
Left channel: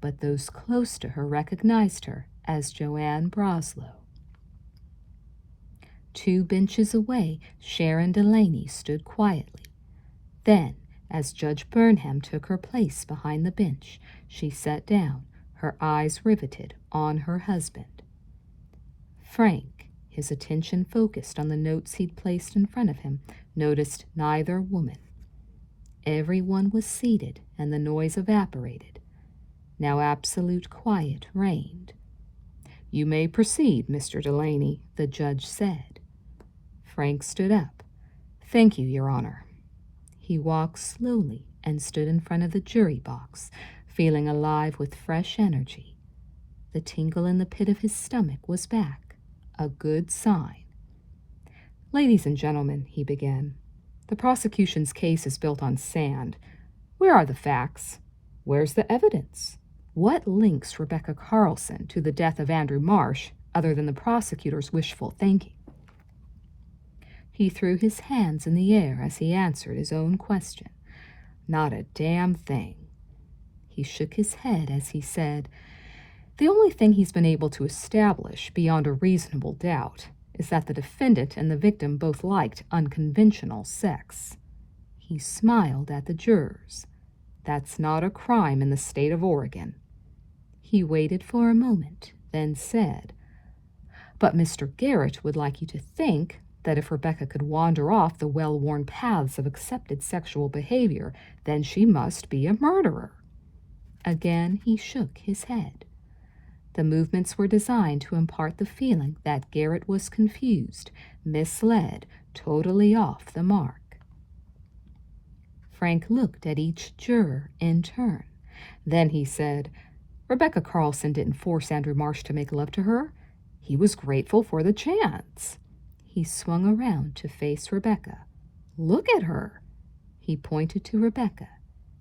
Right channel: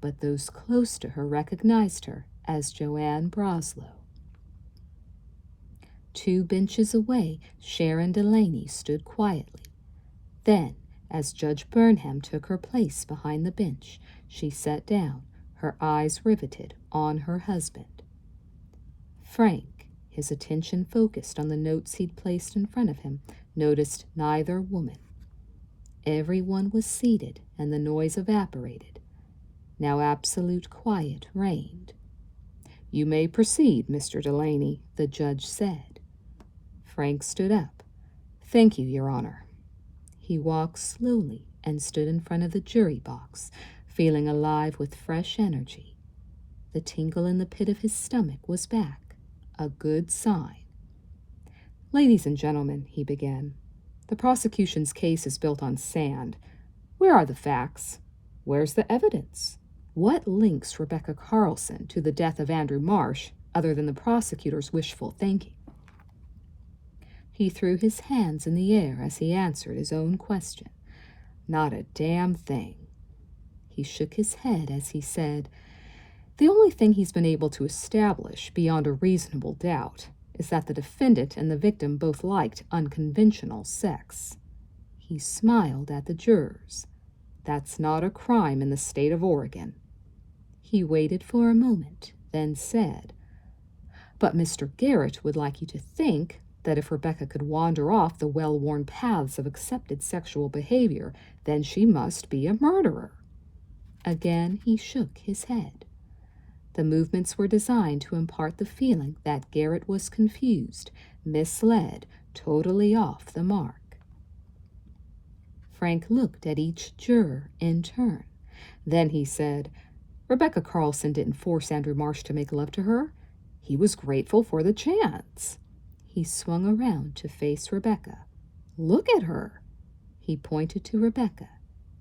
but those close to her recognized her as Joanne Broslow. 2 benches away, Sharon Delaney stood quietly. Then, as Judge Burnham took her place behind the bench, she sat down, her eyes riveted on her husband. Frank, his attention focused on the notes he'd placed in front of him, noticed neither woman. Everyone was seated, and the noise evaporated. Now absolute quiet reigned. "You may proceed, Mr. Delaney," the judge said. Frank stood up. "Thank you, Your Honor." He walked slowly and stood in front of the jury box, feeling alive with fresh energy. The tingle in the pit of his stomach was back, a good sign. "Ladies and gentlemen," he began, "the prosecution's case is built on sand. Where are the facts? Where's the evidence? What links Rebecca Carlson to the death of Andrew Marsh other than the prosecutor's wishful thinking?" He threw his hands in the air as he answered his own question. "Not a damn thing." He shook his head as he said, "The only thing he's been able to establish beyond a reasonable doubt is that the defendant and the victim both liked unconventional sex." He smiled at the jurors. "That's not a crime in the state of Oregon." He waited for a moment, then said, "But Mr. Garrett would like you to think that if Rebecca could wander off the well-worn paths of accepted sexual behavior, then she must be a murderer." Again he shook his head. The movements were designed to impart the feeling that Garrett was confused, misled, totally off the mark. Frank looked at each juror in turn. Then he said, "Rebecca Carlson didn't force Andrew Marsh to make love to her. He was grateful for the chance." He swung around to face Rebecca. "Look at her." He pointed to Rebecca.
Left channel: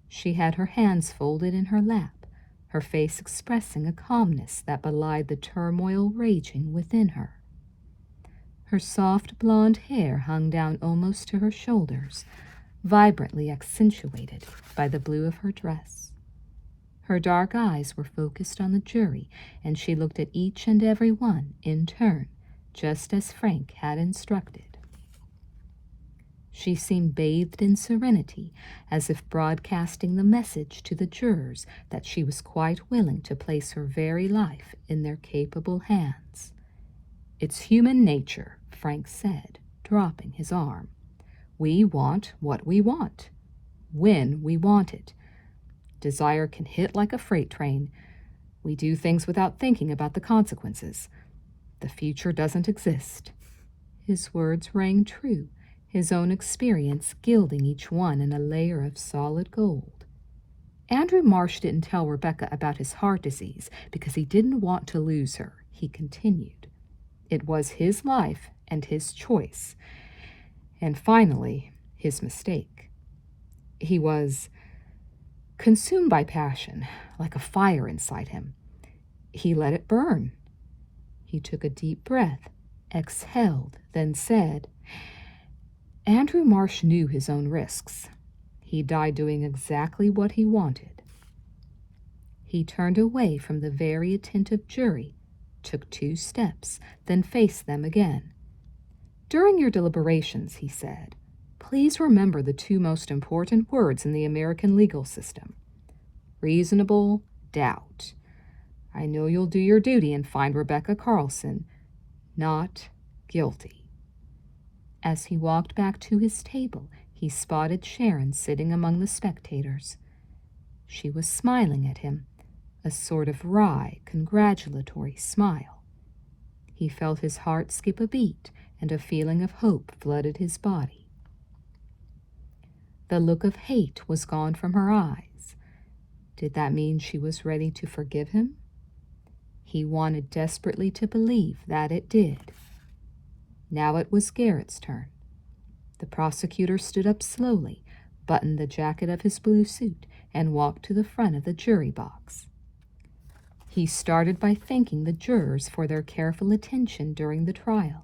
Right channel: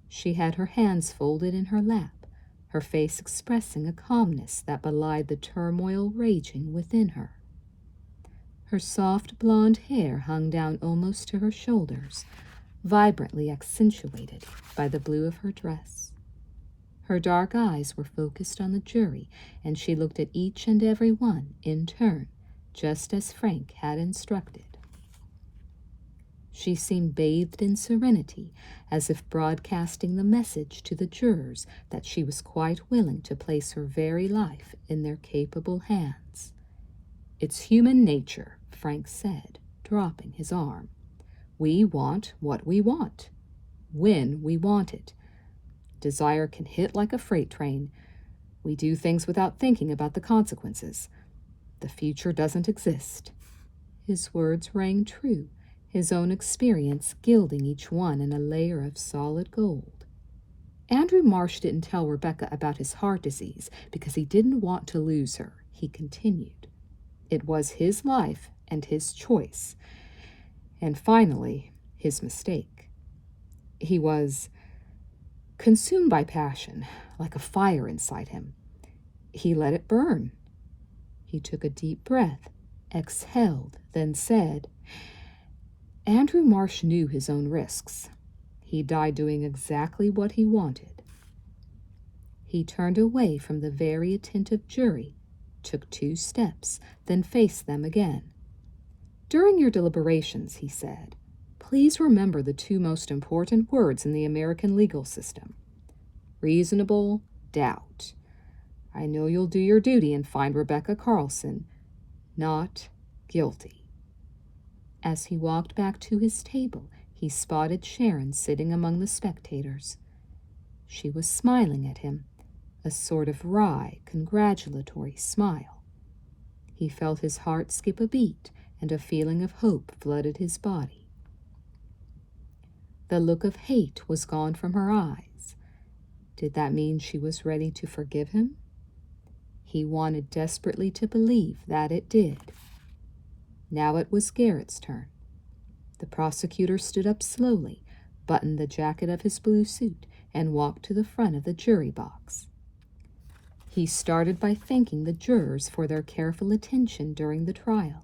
She had her hands folded in her lap, her face expressing a calmness that belied the turmoil raging within her. Her soft blonde hair hung down almost to her shoulders, vibrantly accentuated by the blue of her dress. Her dark eyes were focused on the jury, and she looked at each and every one in turn, just as Frank had instructed. She seemed bathed in serenity, as if broadcasting the message to the jurors that she was quite willing to place her very life in their capable hands. "It's human nature," Frank said, dropping his arm. "We want what we want, when we want it. Desire can hit like a freight train. We do things without thinking about the consequences. The future doesn't exist." His words rang true, his own experience gilding each one in a layer of solid gold. "Andrew Marsh didn't tell Rebecca about his heart disease because he didn't want to lose her," he continued. "It was his life and his choice. And finally, his mistake. He was consumed by passion, like a fire inside him. He let it burn." He took a deep breath, exhaled, then said, "Andrew Marsh knew his own risks. He died doing exactly what he wanted." He turned away from the very attentive jury, took 2 steps, then faced them again. "During your deliberations," he said, "please remember the 2 most important words in the American legal system. Reasonable doubt. I know you'll do your duty and find Rebecca Carlson not guilty." As he walked back to his table, he spotted Sharon sitting among the spectators. She was smiling at him, a sort of wry, congratulatory smile. He felt his heart skip a beat, and a feeling of hope flooded his body. The look of hate was gone from her eyes. Did that mean she was ready to forgive him? He wanted desperately to believe that it did. Now it was Garrett's turn. The prosecutor stood up slowly, buttoned the jacket of his blue suit, and walked to the front of the jury box. He started by thanking the jurors for their careful attention during the trial.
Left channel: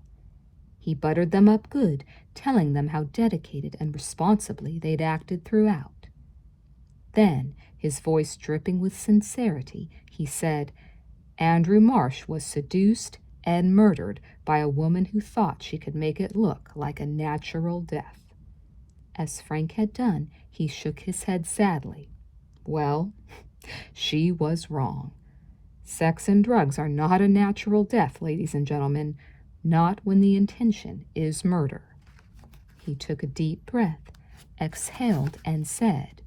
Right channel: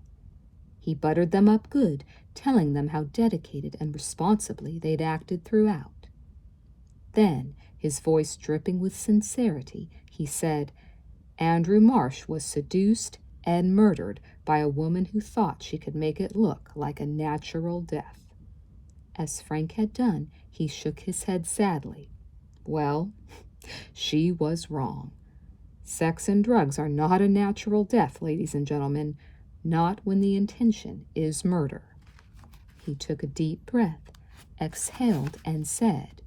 He buttered them up good, telling them how dedicated and responsibly they'd acted throughout. Then, his voice dripping with sincerity, he said, Andrew Marsh was seduced and murdered by a woman who thought she could make it look like a natural death. As Frank had done, he shook his head sadly. Well, she was wrong. Sex and drugs are not a natural death, ladies and gentlemen, not when the intention is murder. He took a deep breath, exhaled, and said,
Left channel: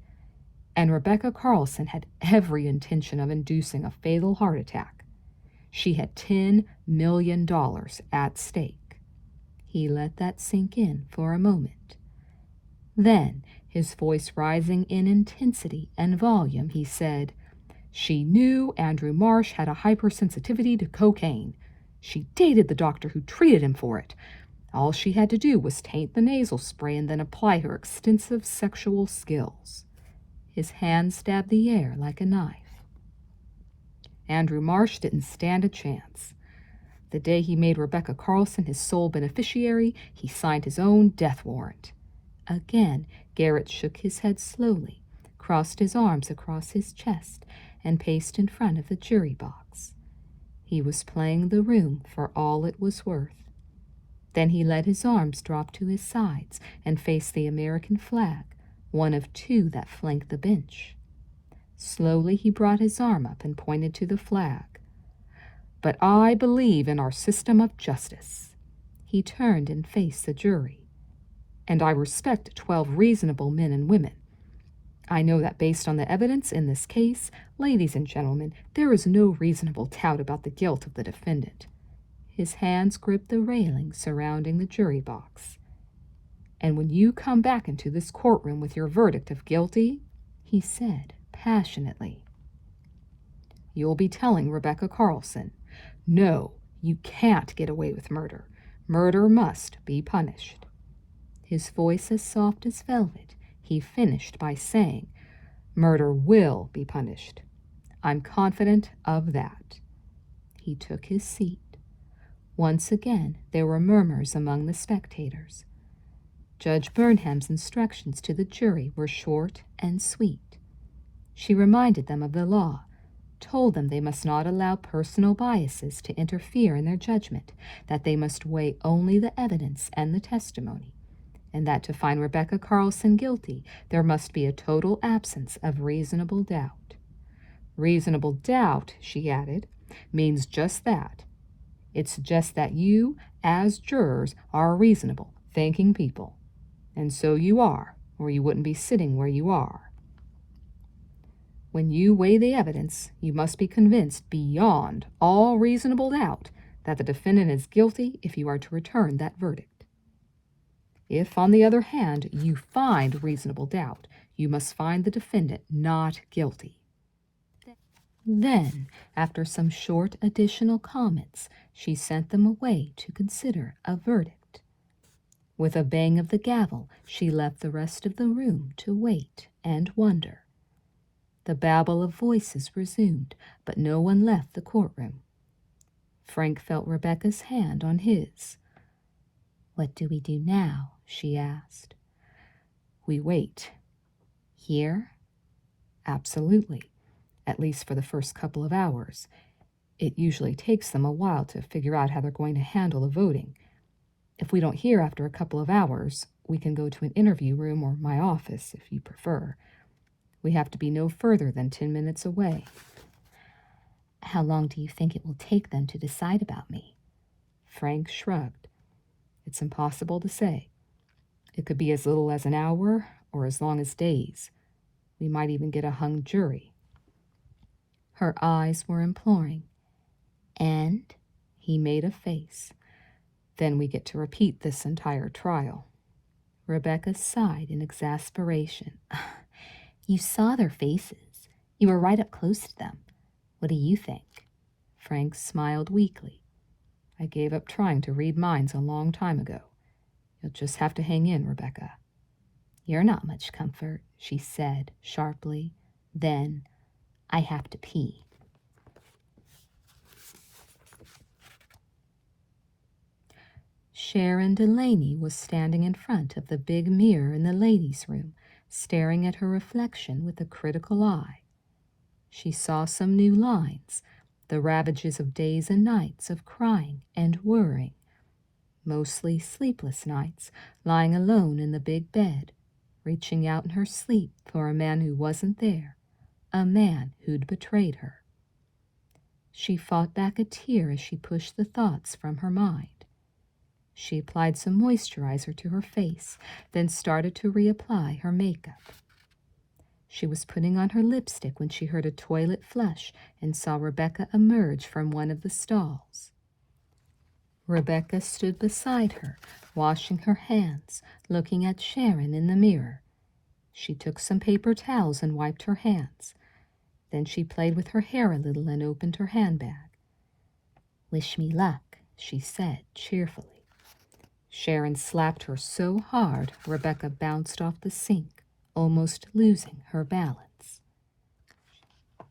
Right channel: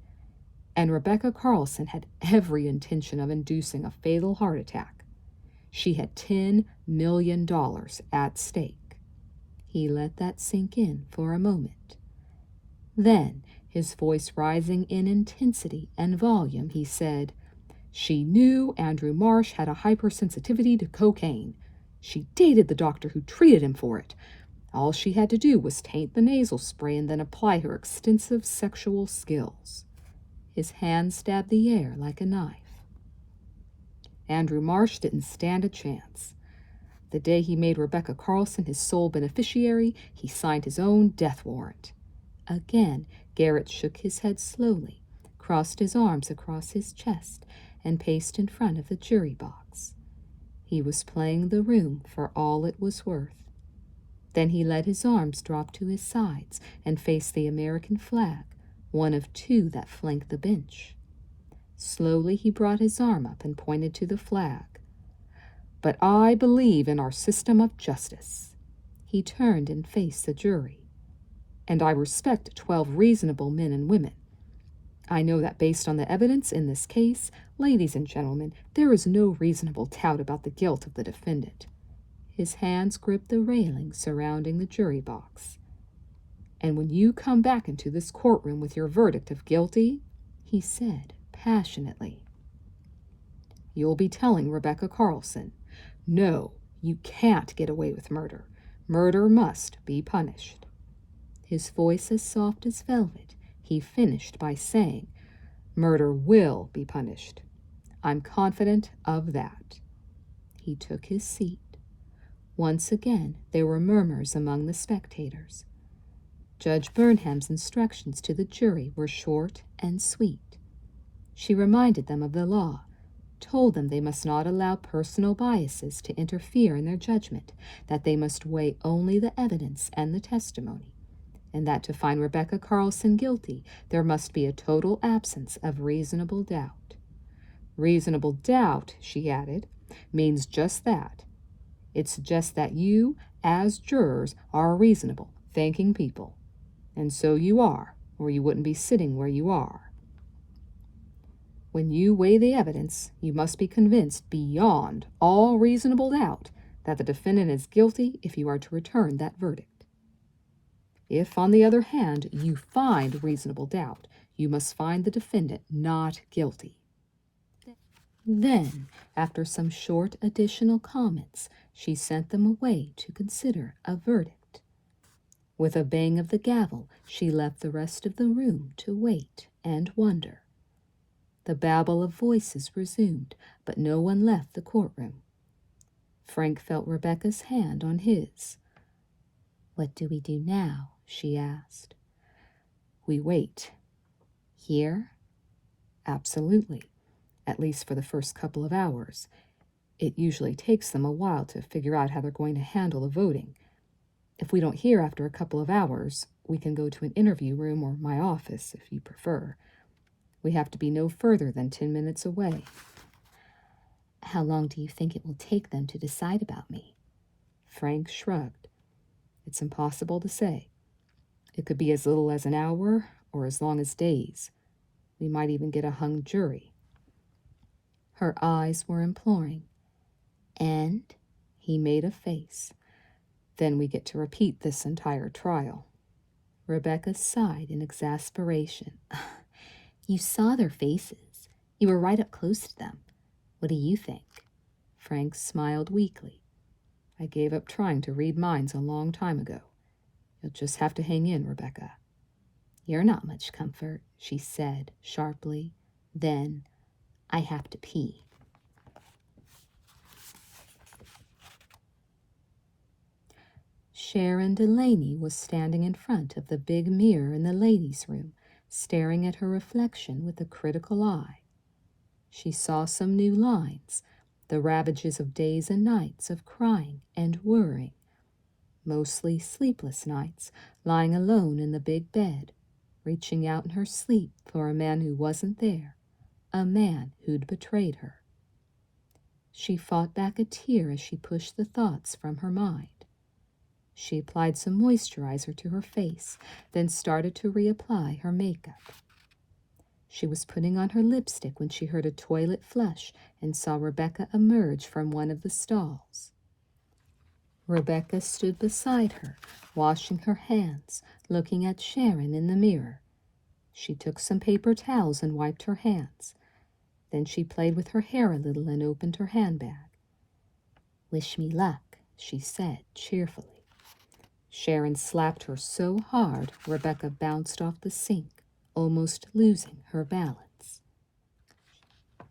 and Rebecca Carlson had every intention of inducing a fatal heart attack. She had $10 million at stake. He let that sink in for a moment. Then, his voice rising in intensity and volume, he said, she knew Andrew Marsh had a hypersensitivity to cocaine. She dated the doctor who treated him for it. All she had to do was taint the nasal spray and then apply her extensive sexual skills. His hand stabbed the air like a knife. Andrew Marsh didn't stand a chance. The day he made Rebecca Carlson his sole beneficiary, he signed his own death warrant. Again, Garrett shook his head slowly, crossed his arms across his chest, and paced in front of the jury box. He was playing the room for all it was worth. Then he let his arms drop to his sides and faced the American flag, one of two that flanked the bench. Slowly he brought his arm up and pointed to the flag. But I believe in our system of justice. He turned and faced the jury. And I respect 12 reasonable men and women. I know that based on the evidence in this case, ladies and gentlemen, there is no reasonable doubt about the guilt of the defendant. His hands gripped the railing surrounding the jury box. And when you come back into this courtroom with your verdict of guilty, he said passionately, you'll be telling Rebecca Carlson, no, you can't get away with murder. Murder must be punished. His voice as soft as velvet, he finished by saying, murder will be punished. I'm confident of that. He took his seat. Once again, there were murmurs among the spectators. Judge Burnham's instructions to the jury were short and sweet. She reminded them of the law, told them they must not allow personal biases to interfere in their judgment, that they must weigh only the evidence and the testimony, and that to find Rebecca Carlson guilty, there must be a total absence of reasonable doubt. Reasonable doubt, she added, means just that. It's just that you, as jurors, are reasonable, thinking people. And so you are, or you wouldn't be sitting where you are. When you weigh the evidence, you must be convinced beyond all reasonable doubt that the defendant is guilty if you are to return that verdict. If, on the other hand, you find reasonable doubt, you must find the defendant not guilty. Then, after some short additional comments, she sent them away to consider a verdict. With a bang of the gavel, she left the rest of the room to wait and wonder. The babble of voices resumed, but no one left the courtroom. Frank felt Rebecca's hand on his. What do we do now? She asked. We wait. Here? Absolutely. At least for the first couple of hours. It usually takes them a while to figure out how they're going to handle the voting. If we don't hear after a couple of hours, we can go to an interview room or my office, if you prefer. We have to be no further than 10 minutes away. How long do you think it will take them to decide about me? Frank shrugged. It's impossible to say. It could be as little as an hour or as long as days. We might even get a hung jury. Her eyes were imploring. And he made a face. Then we get to repeat this entire trial. Rebecca sighed in exasperation. You saw their faces. You were right up close to them. What do you think? Frank smiled weakly. I gave up trying to read minds a long time ago. You'll just have to hang in, Rebecca. You're not much comfort, she said sharply. Then, I have to pee. Sharon Delaney was standing in front of the big mirror in the ladies' room, staring at her reflection with a critical eye. She saw some new lines, the ravages of days and nights of crying and worrying, mostly sleepless nights, lying alone in the big bed, reaching out in her sleep for a man who wasn't there, a man who'd betrayed her. She fought back a tear as she pushed the thoughts from her mind. She applied some moisturizer to her face, then started to reapply her makeup. She was putting on her lipstick when she heard a toilet flush and saw Rebecca emerge from one of the stalls. Rebecca stood beside her, washing her hands, looking at Sharon in the mirror. She took some paper towels and wiped her hands. Then she played with her hair a little and opened her handbag. "Wish me luck," she said cheerfully. Sharon slapped her so hard Rebecca bounced off the sink, almost losing her balance.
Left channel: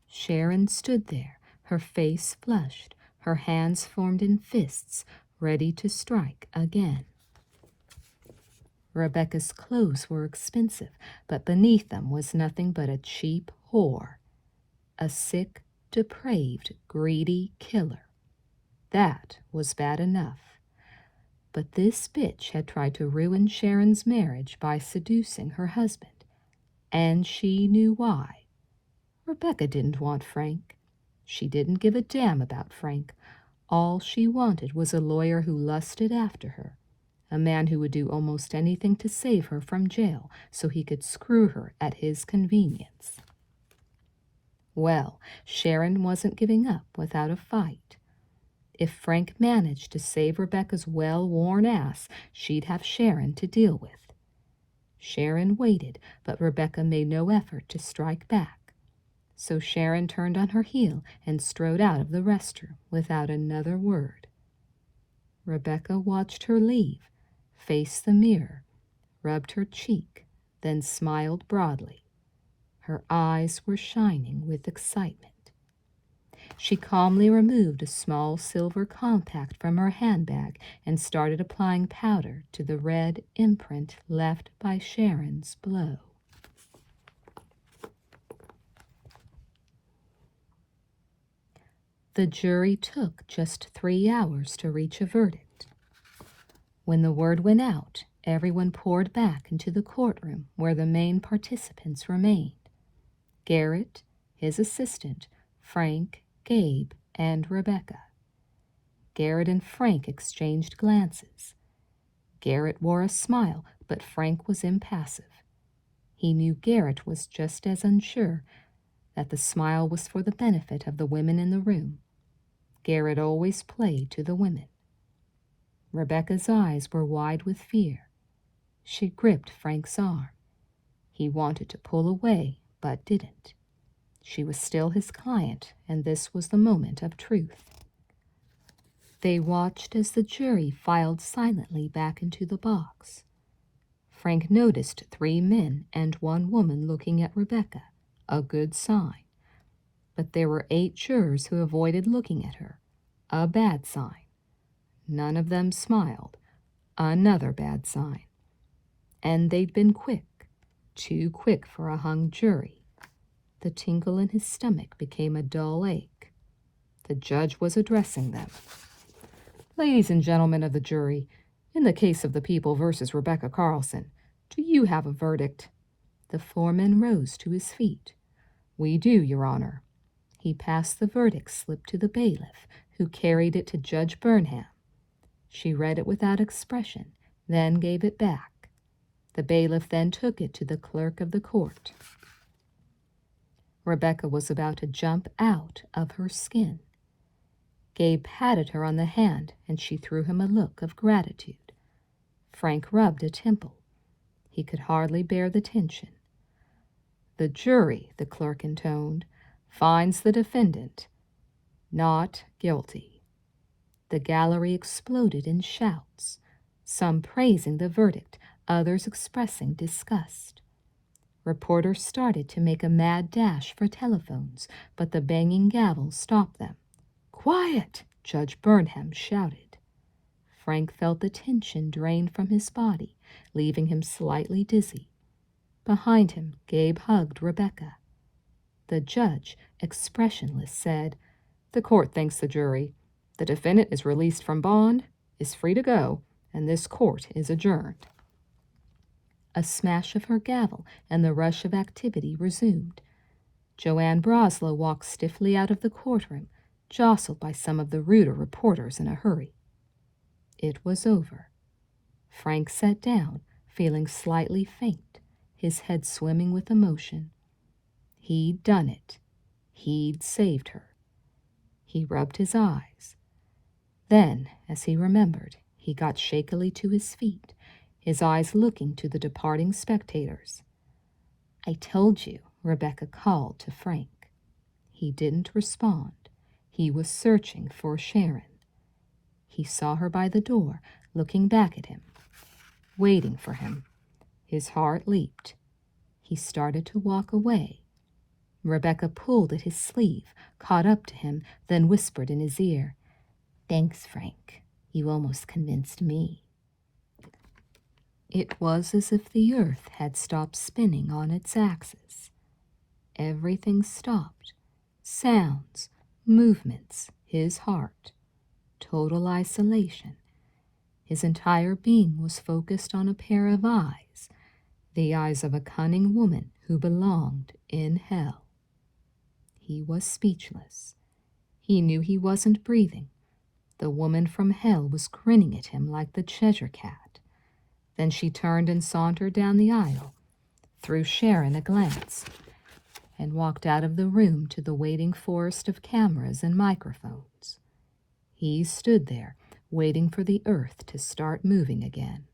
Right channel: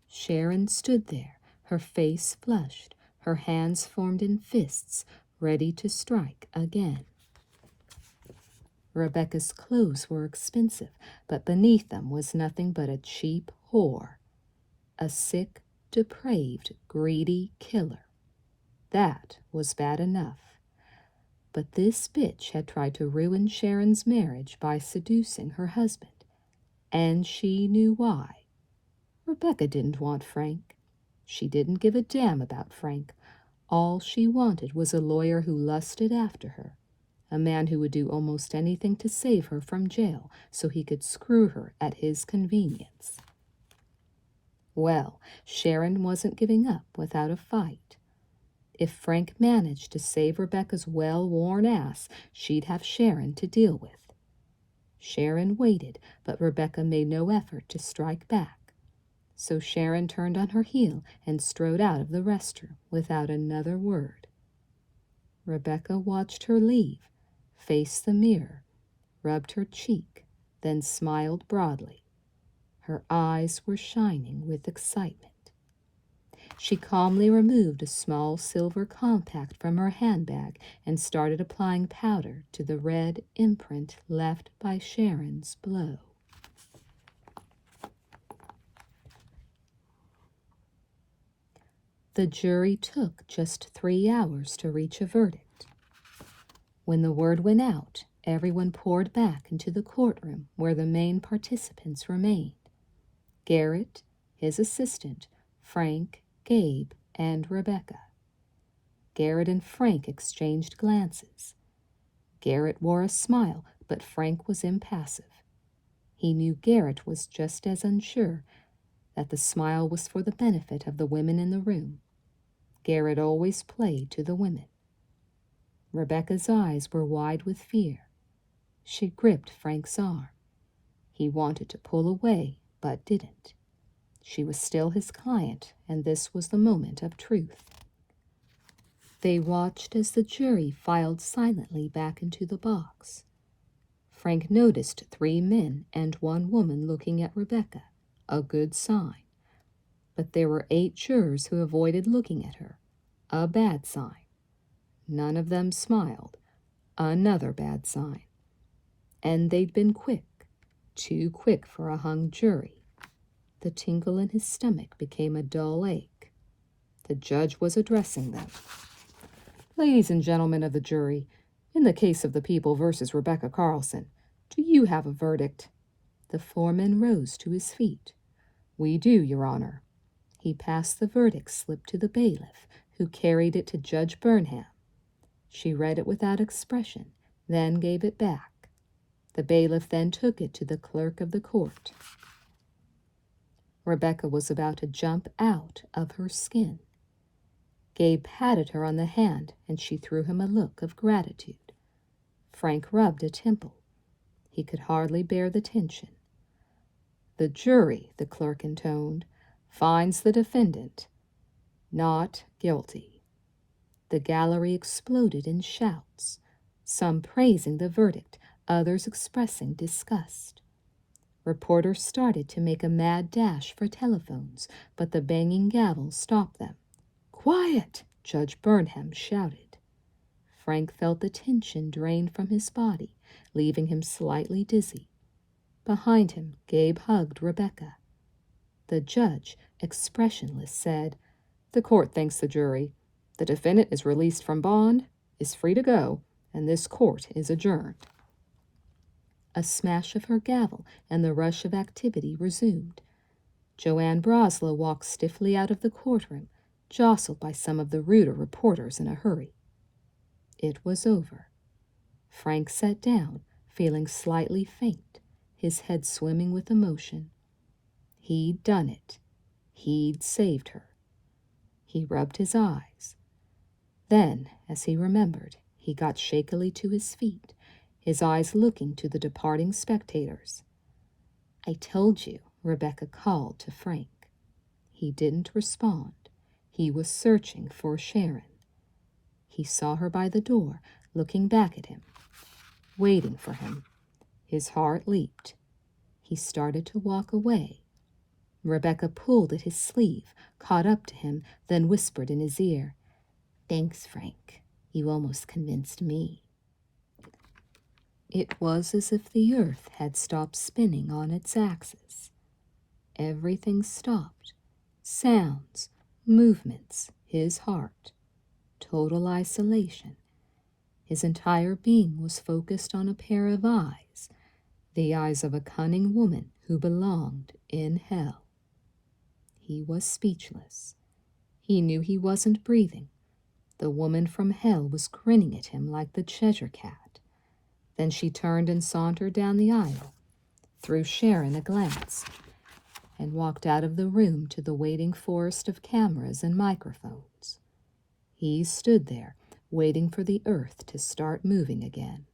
Sharon stood there, her face flushed, her hands formed in fists, ready to strike again. Rebecca's clothes were expensive, but beneath them was nothing but a cheap whore. A sick, depraved, greedy killer. That was bad enough. But this bitch had tried to ruin Sharon's marriage by seducing her husband, and she knew why. Rebecca didn't want Frank. She didn't give a damn about Frank. All she wanted was a lawyer who lusted after her, a man who would do almost anything to save her from jail so he could screw her at his convenience. Well, Sharon wasn't giving up without a fight. If Frank managed to save Rebecca's well-worn ass, she'd have Sharon to deal with. Sharon waited, but Rebecca made no effort to strike back. So Sharon turned on her heel and strode out of the restroom without another word. Rebecca watched her leave, faced the mirror, rubbed her cheek, then smiled broadly. Her eyes were shining with excitement. She calmly removed a small silver compact from her handbag and started applying powder to the red imprint left by Sharon's blow. The jury took just 3 hours to reach a verdict. When the word went out, everyone poured back into the courtroom where the main participants remained. Garrett, his assistant, Frank, Gabe, and Rebecca. Garrett and Frank exchanged glances. Garrett wore a smile, but Frank was impassive. He knew Garrett was just as unsure, that the smile was for the benefit of the women in the room. Garrett always played to the women. Rebecca's eyes were wide with fear. She gripped Frank's arm. He wanted to pull away, but didn't. She was still his client, and this was the moment of truth. They watched as the jury filed silently back into the box. Frank noticed 3 men and 1 woman looking at Rebecca, a good sign. But there were 8 jurors who avoided looking at her, a bad sign. None of them smiled, another bad sign. And they'd been quick, too quick for a hung jury. The tingle in his stomach became a dull ache. The judge was addressing them. "Ladies and gentlemen of the jury, in the case of the People versus Rebecca Carlson, do you have a verdict?" The foreman rose to his feet. "We do, Your Honor." He passed the verdict slip to the bailiff, who carried it to Judge Burnham. She read it without expression, then gave it back. The bailiff then took it to the clerk of the court. Rebecca was about to jump out of her skin. Gabe patted her on the hand, and she threw him a look of gratitude. Frank rubbed a temple. He could hardly bear the tension. "The jury," the clerk intoned, "finds the defendant not guilty." The gallery exploded in shouts, some praising the verdict, others expressing disgust. Reporters started to make a mad dash for telephones, but the banging gavel stopped them. "Quiet!" Judge Burnham shouted. Frank felt the tension drain from his body, leaving him slightly dizzy. Behind him, Gabe hugged Rebecca. The judge, expressionless, said, "The court thanks the jury. The defendant is released from bond, is free to go, and this court is adjourned." A smash of her gavel and the rush of activity resumed. Joanne Broslow walked stiffly out of the courtroom, jostled by some of the ruder reporters in a hurry. It was over. Frank sat down, feeling slightly faint, his head swimming with emotion. He'd done it. He'd saved her. He rubbed his eyes. Then, as he remembered, he got shakily to his feet, his eyes looking to the departing spectators. "I told you," Rebecca called to Frank. He didn't respond. He was searching for Sharon. He saw her by the door, looking back at him, waiting for him. His heart leaped. He started to walk away. Rebecca pulled at his sleeve, caught up to him, then whispered in his ear, "Thanks, Frank. You almost convinced me." It was as if the earth had stopped spinning on its axis. Everything stopped. Sounds, movements, his heart. Total isolation. His entire being was focused on a pair of eyes, the eyes of a cunning woman who belonged in hell. He was speechless. He knew he wasn't breathing. The woman from hell was grinning at him like the Cheshire Cat. Then she turned and sauntered down the aisle, threw Sharon a glance, and walked out of the room to the waiting forest of cameras and microphones. He stood there, waiting for the earth to start moving again.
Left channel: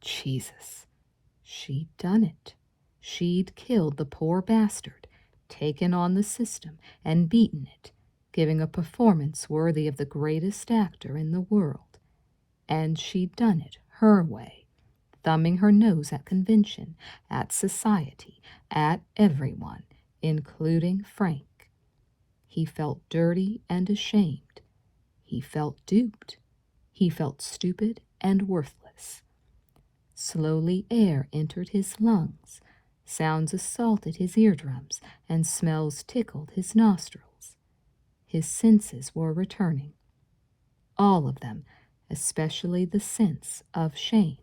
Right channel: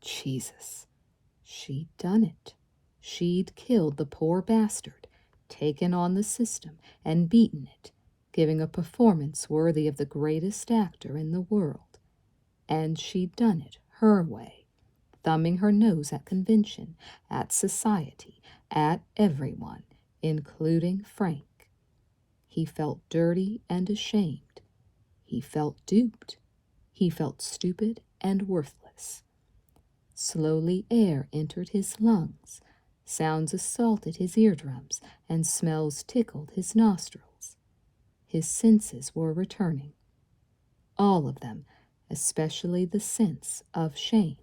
Jesus, she'd done it. She'd killed the poor bastard, taken on the system, and beaten it, giving a performance worthy of the greatest actor in the world. And she'd done it her way, thumbing her nose at convention, at society, at everyone, including Frank. He felt dirty and ashamed. He felt duped. He felt stupid and worthless. Slowly air entered his lungs, sounds assaulted his eardrums, and smells tickled his nostrils. His senses were returning. All of them, especially the sense of shame.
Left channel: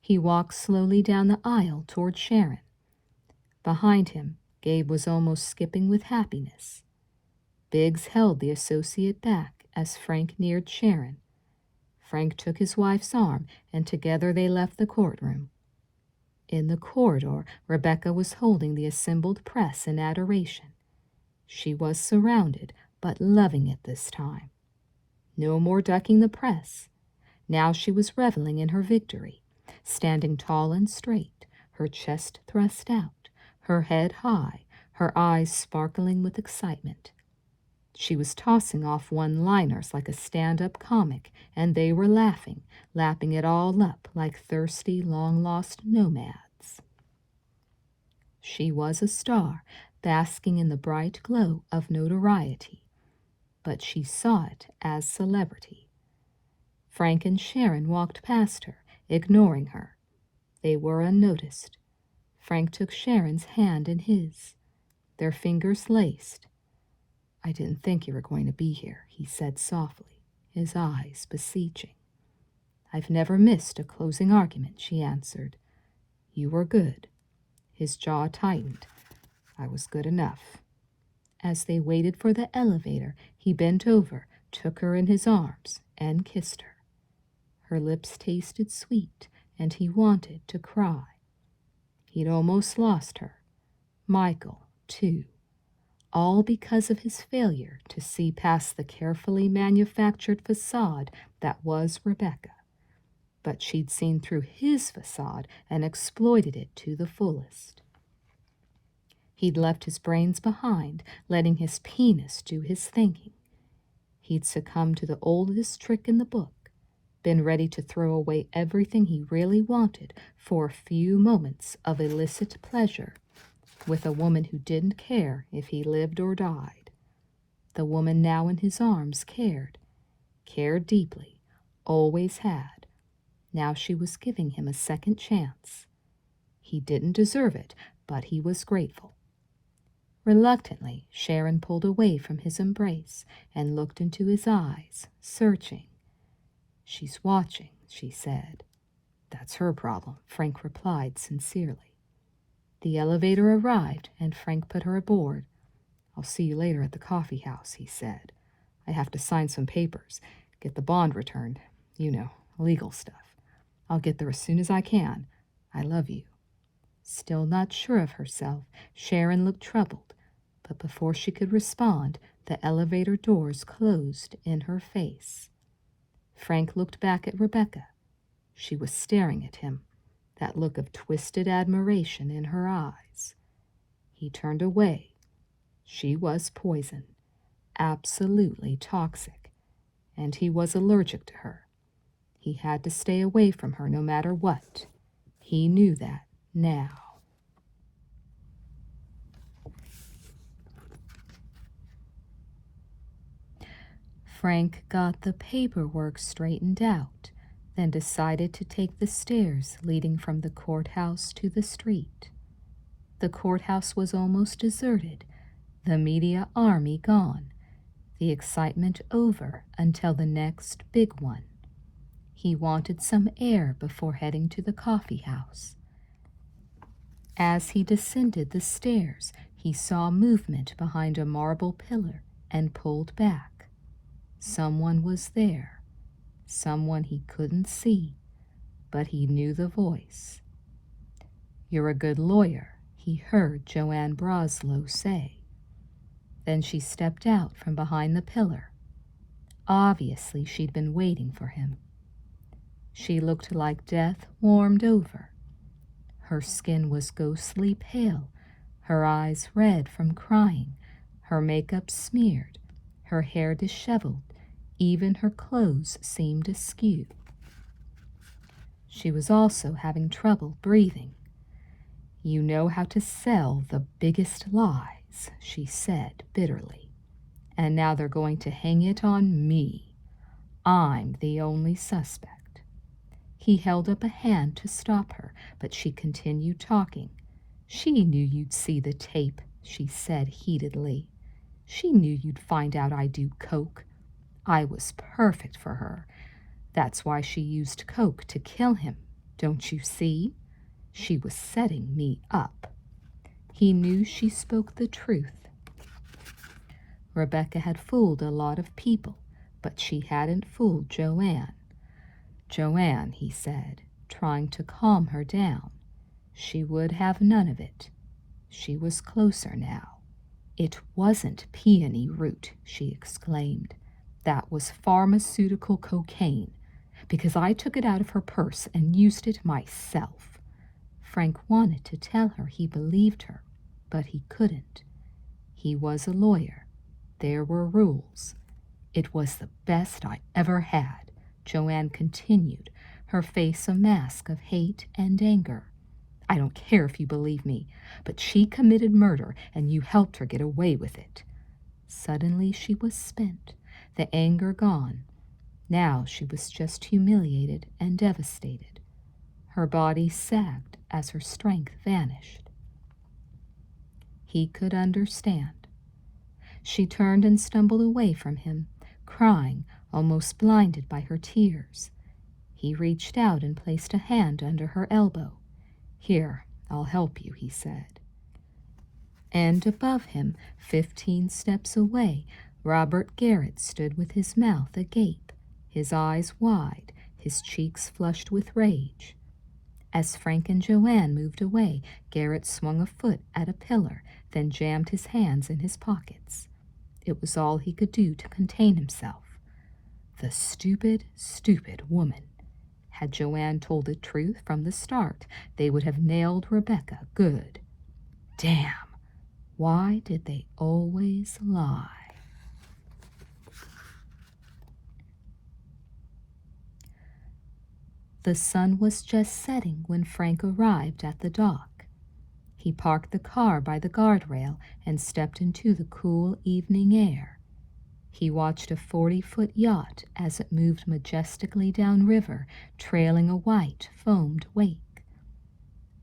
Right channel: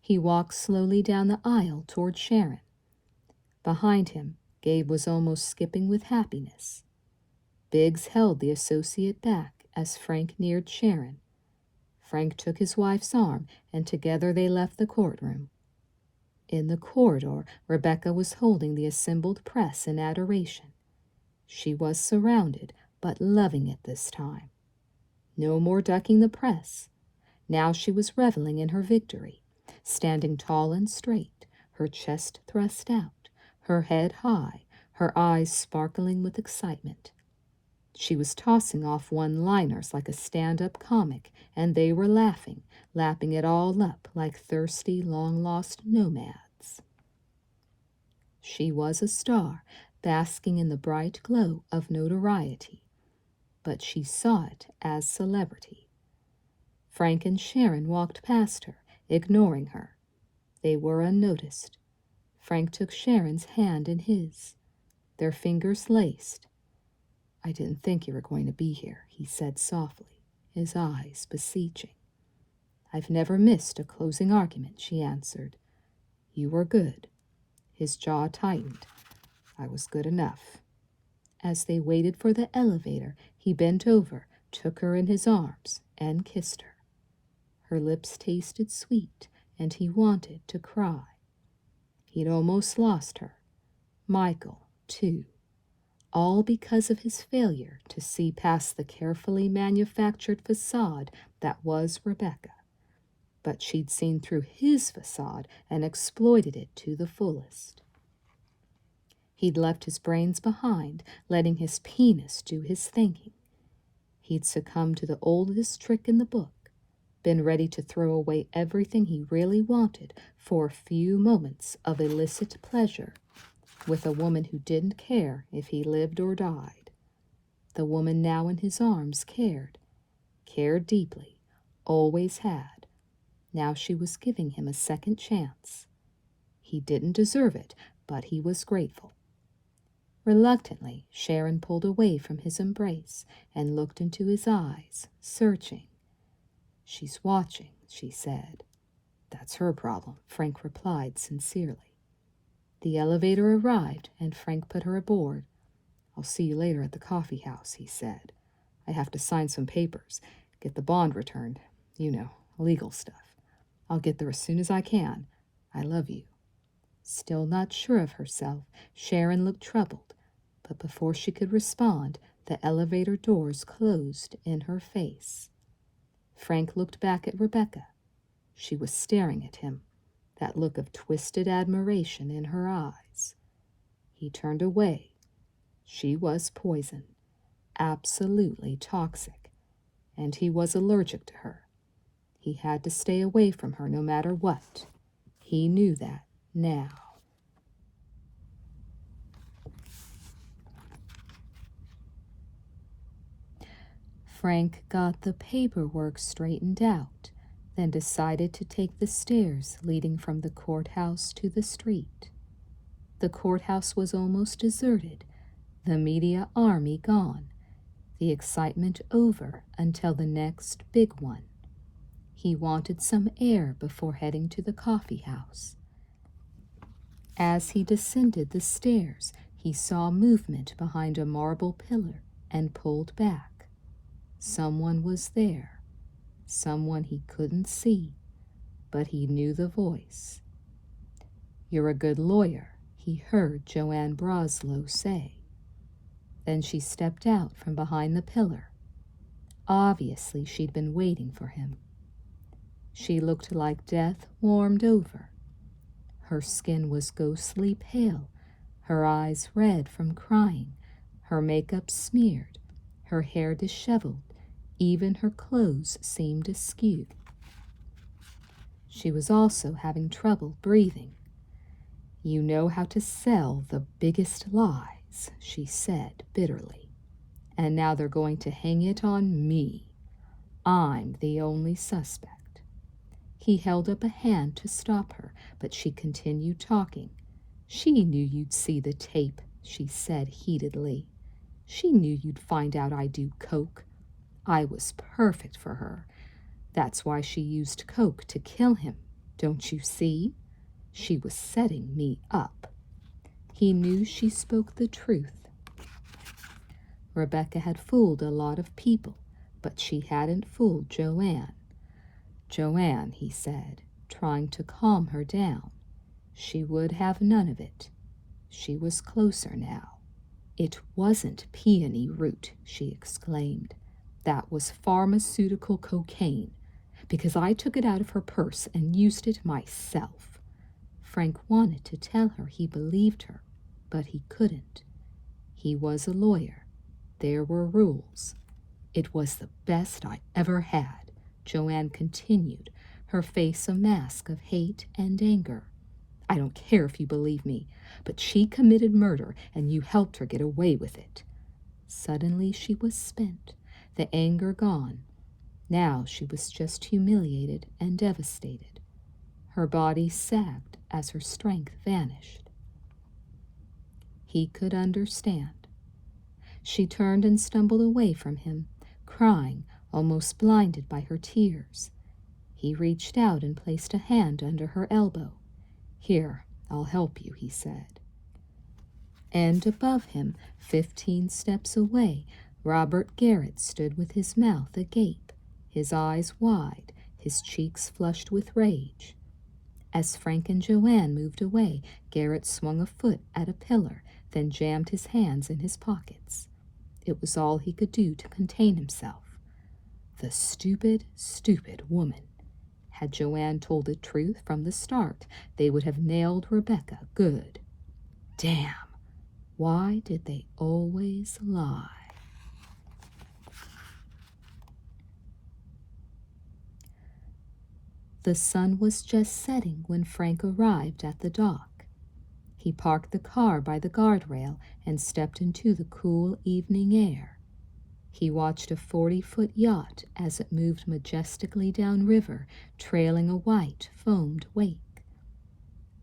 He walked slowly down the aisle toward Sharon. Behind him, Gabe was almost skipping with happiness. Biggs held the associate back as Frank neared Sharon. Frank took his wife's arm, and together they left the courtroom. In the corridor, Rebecca was holding the assembled press in adoration. She was surrounded, but loving it this time. No more ducking the press. Now she was reveling in her victory, standing tall and straight, her chest thrust out, her head high, her eyes sparkling with excitement. She was tossing off one-liners like a stand-up comic, and they were laughing, lapping it all up like thirsty, long-lost nomads. She was a star, basking in the bright glow of notoriety, but she saw it as celebrity. Frank and Sharon walked past her, ignoring her. They were unnoticed. Frank took Sharon's hand in his. Their fingers laced. "I didn't think you were going to be here," he said softly, his eyes beseeching. "I've never missed a closing argument," she answered. "You were good." His jaw tightened. "I was good enough." As they waited for the elevator, he bent over, took her in his arms, and kissed her. Her lips tasted sweet, and he wanted to cry. He'd almost lost her. Michael, too. All because of his failure to see past the carefully manufactured facade that was Rebecca. But she'd seen through his facade and exploited it to the fullest. He'd left his brains behind, letting his penis do his thinking. He'd succumbed to the oldest trick in the book, been ready to throw away everything he really wanted for a few moments of illicit pleasure with a woman who didn't care if he lived or died. The woman now in his arms cared. cared deeply, always had. Now she was giving him a second chance. He didn't deserve it, but he was grateful. Reluctantly, Sharon pulled away from his embrace and looked into his eyes, searching. "She's watching," she said. "That's her problem," Frank replied sincerely. The elevator arrived, and Frank put her aboard. "I'll see you later at the coffee house," he said. "I have to sign some papers, get the bond returned. You know, legal stuff. I'll get there as soon as I can. I love you." Still not sure of herself, Sharon looked troubled, but before she could respond, the elevator doors closed in her face. Frank looked back at Rebecca. She was staring at him, that look of twisted admiration in her eyes. He turned away. She was poison, absolutely toxic, and he was allergic to her. He had to stay away from her no matter what. He knew that now. Frank got the paperwork straightened out, then decided to take the stairs leading from the courthouse to the street. The courthouse was almost deserted, the media army gone, the excitement over until the next big one. He wanted some air before heading to the coffee house. As he descended the stairs, he saw movement behind a marble pillar and pulled back. Someone was there, someone he couldn't see, but he knew the voice. "You're a good lawyer," he heard Joanne Broslow say. Then she stepped out from behind the pillar. Obviously, she'd been waiting for him. She looked like death warmed over. Her skin was ghostly pale, her eyes red from crying, her makeup smeared, her hair disheveled, even her clothes seemed askew. She was also having trouble breathing. "You know how to sell the biggest lies," she said bitterly. "And now they're going to hang it on me. I'm the only suspect." He held up a hand to stop her, but she continued talking. "She knew you'd see the tape," she said heatedly. "She knew you'd find out I do coke. I was perfect for her. That's why she used coke to kill him. Don't you see? She was setting me up." He knew she spoke the truth. Rebecca had fooled a lot of people, but she hadn't fooled Joanne. "Joanne," he said, trying to calm her down. She would have none of it. She was closer now. "It wasn't peony root," she exclaimed. "That was pharmaceutical cocaine, because I took it out of her purse and used it myself." Frank wanted to tell her he believed her, but he couldn't. He was a lawyer. There were rules. "It was the best I ever had," Joanne continued, her face a mask of hate and anger. "I don't care if you believe me, but she committed murder and you helped her get away with it." Suddenly she was spent, the anger gone. Now she was just humiliated and devastated. Her body sagged as her strength vanished. He could understand. She turned and stumbled away from him, crying, almost blinded by her tears. He reached out and placed a hand under her elbow. "Here, I'll help you," he said. And above him, 15 steps away, Robert Garrett stood with his mouth agape, his eyes wide, his cheeks flushed with rage. As Frank and Joanne moved away, Garrett swung a foot at a pillar, then jammed his hands in his pockets. It was all he could do to contain himself. The stupid, stupid woman. Had Joanne told the truth from the start, they would have nailed Rebecca good. Damn! Why did they always lie? The sun was just setting when Frank arrived at the dock. He parked the car by the guardrail and stepped into the cool evening air. He watched a 40-foot yacht as it moved majestically downriver, trailing a white, foamed wake.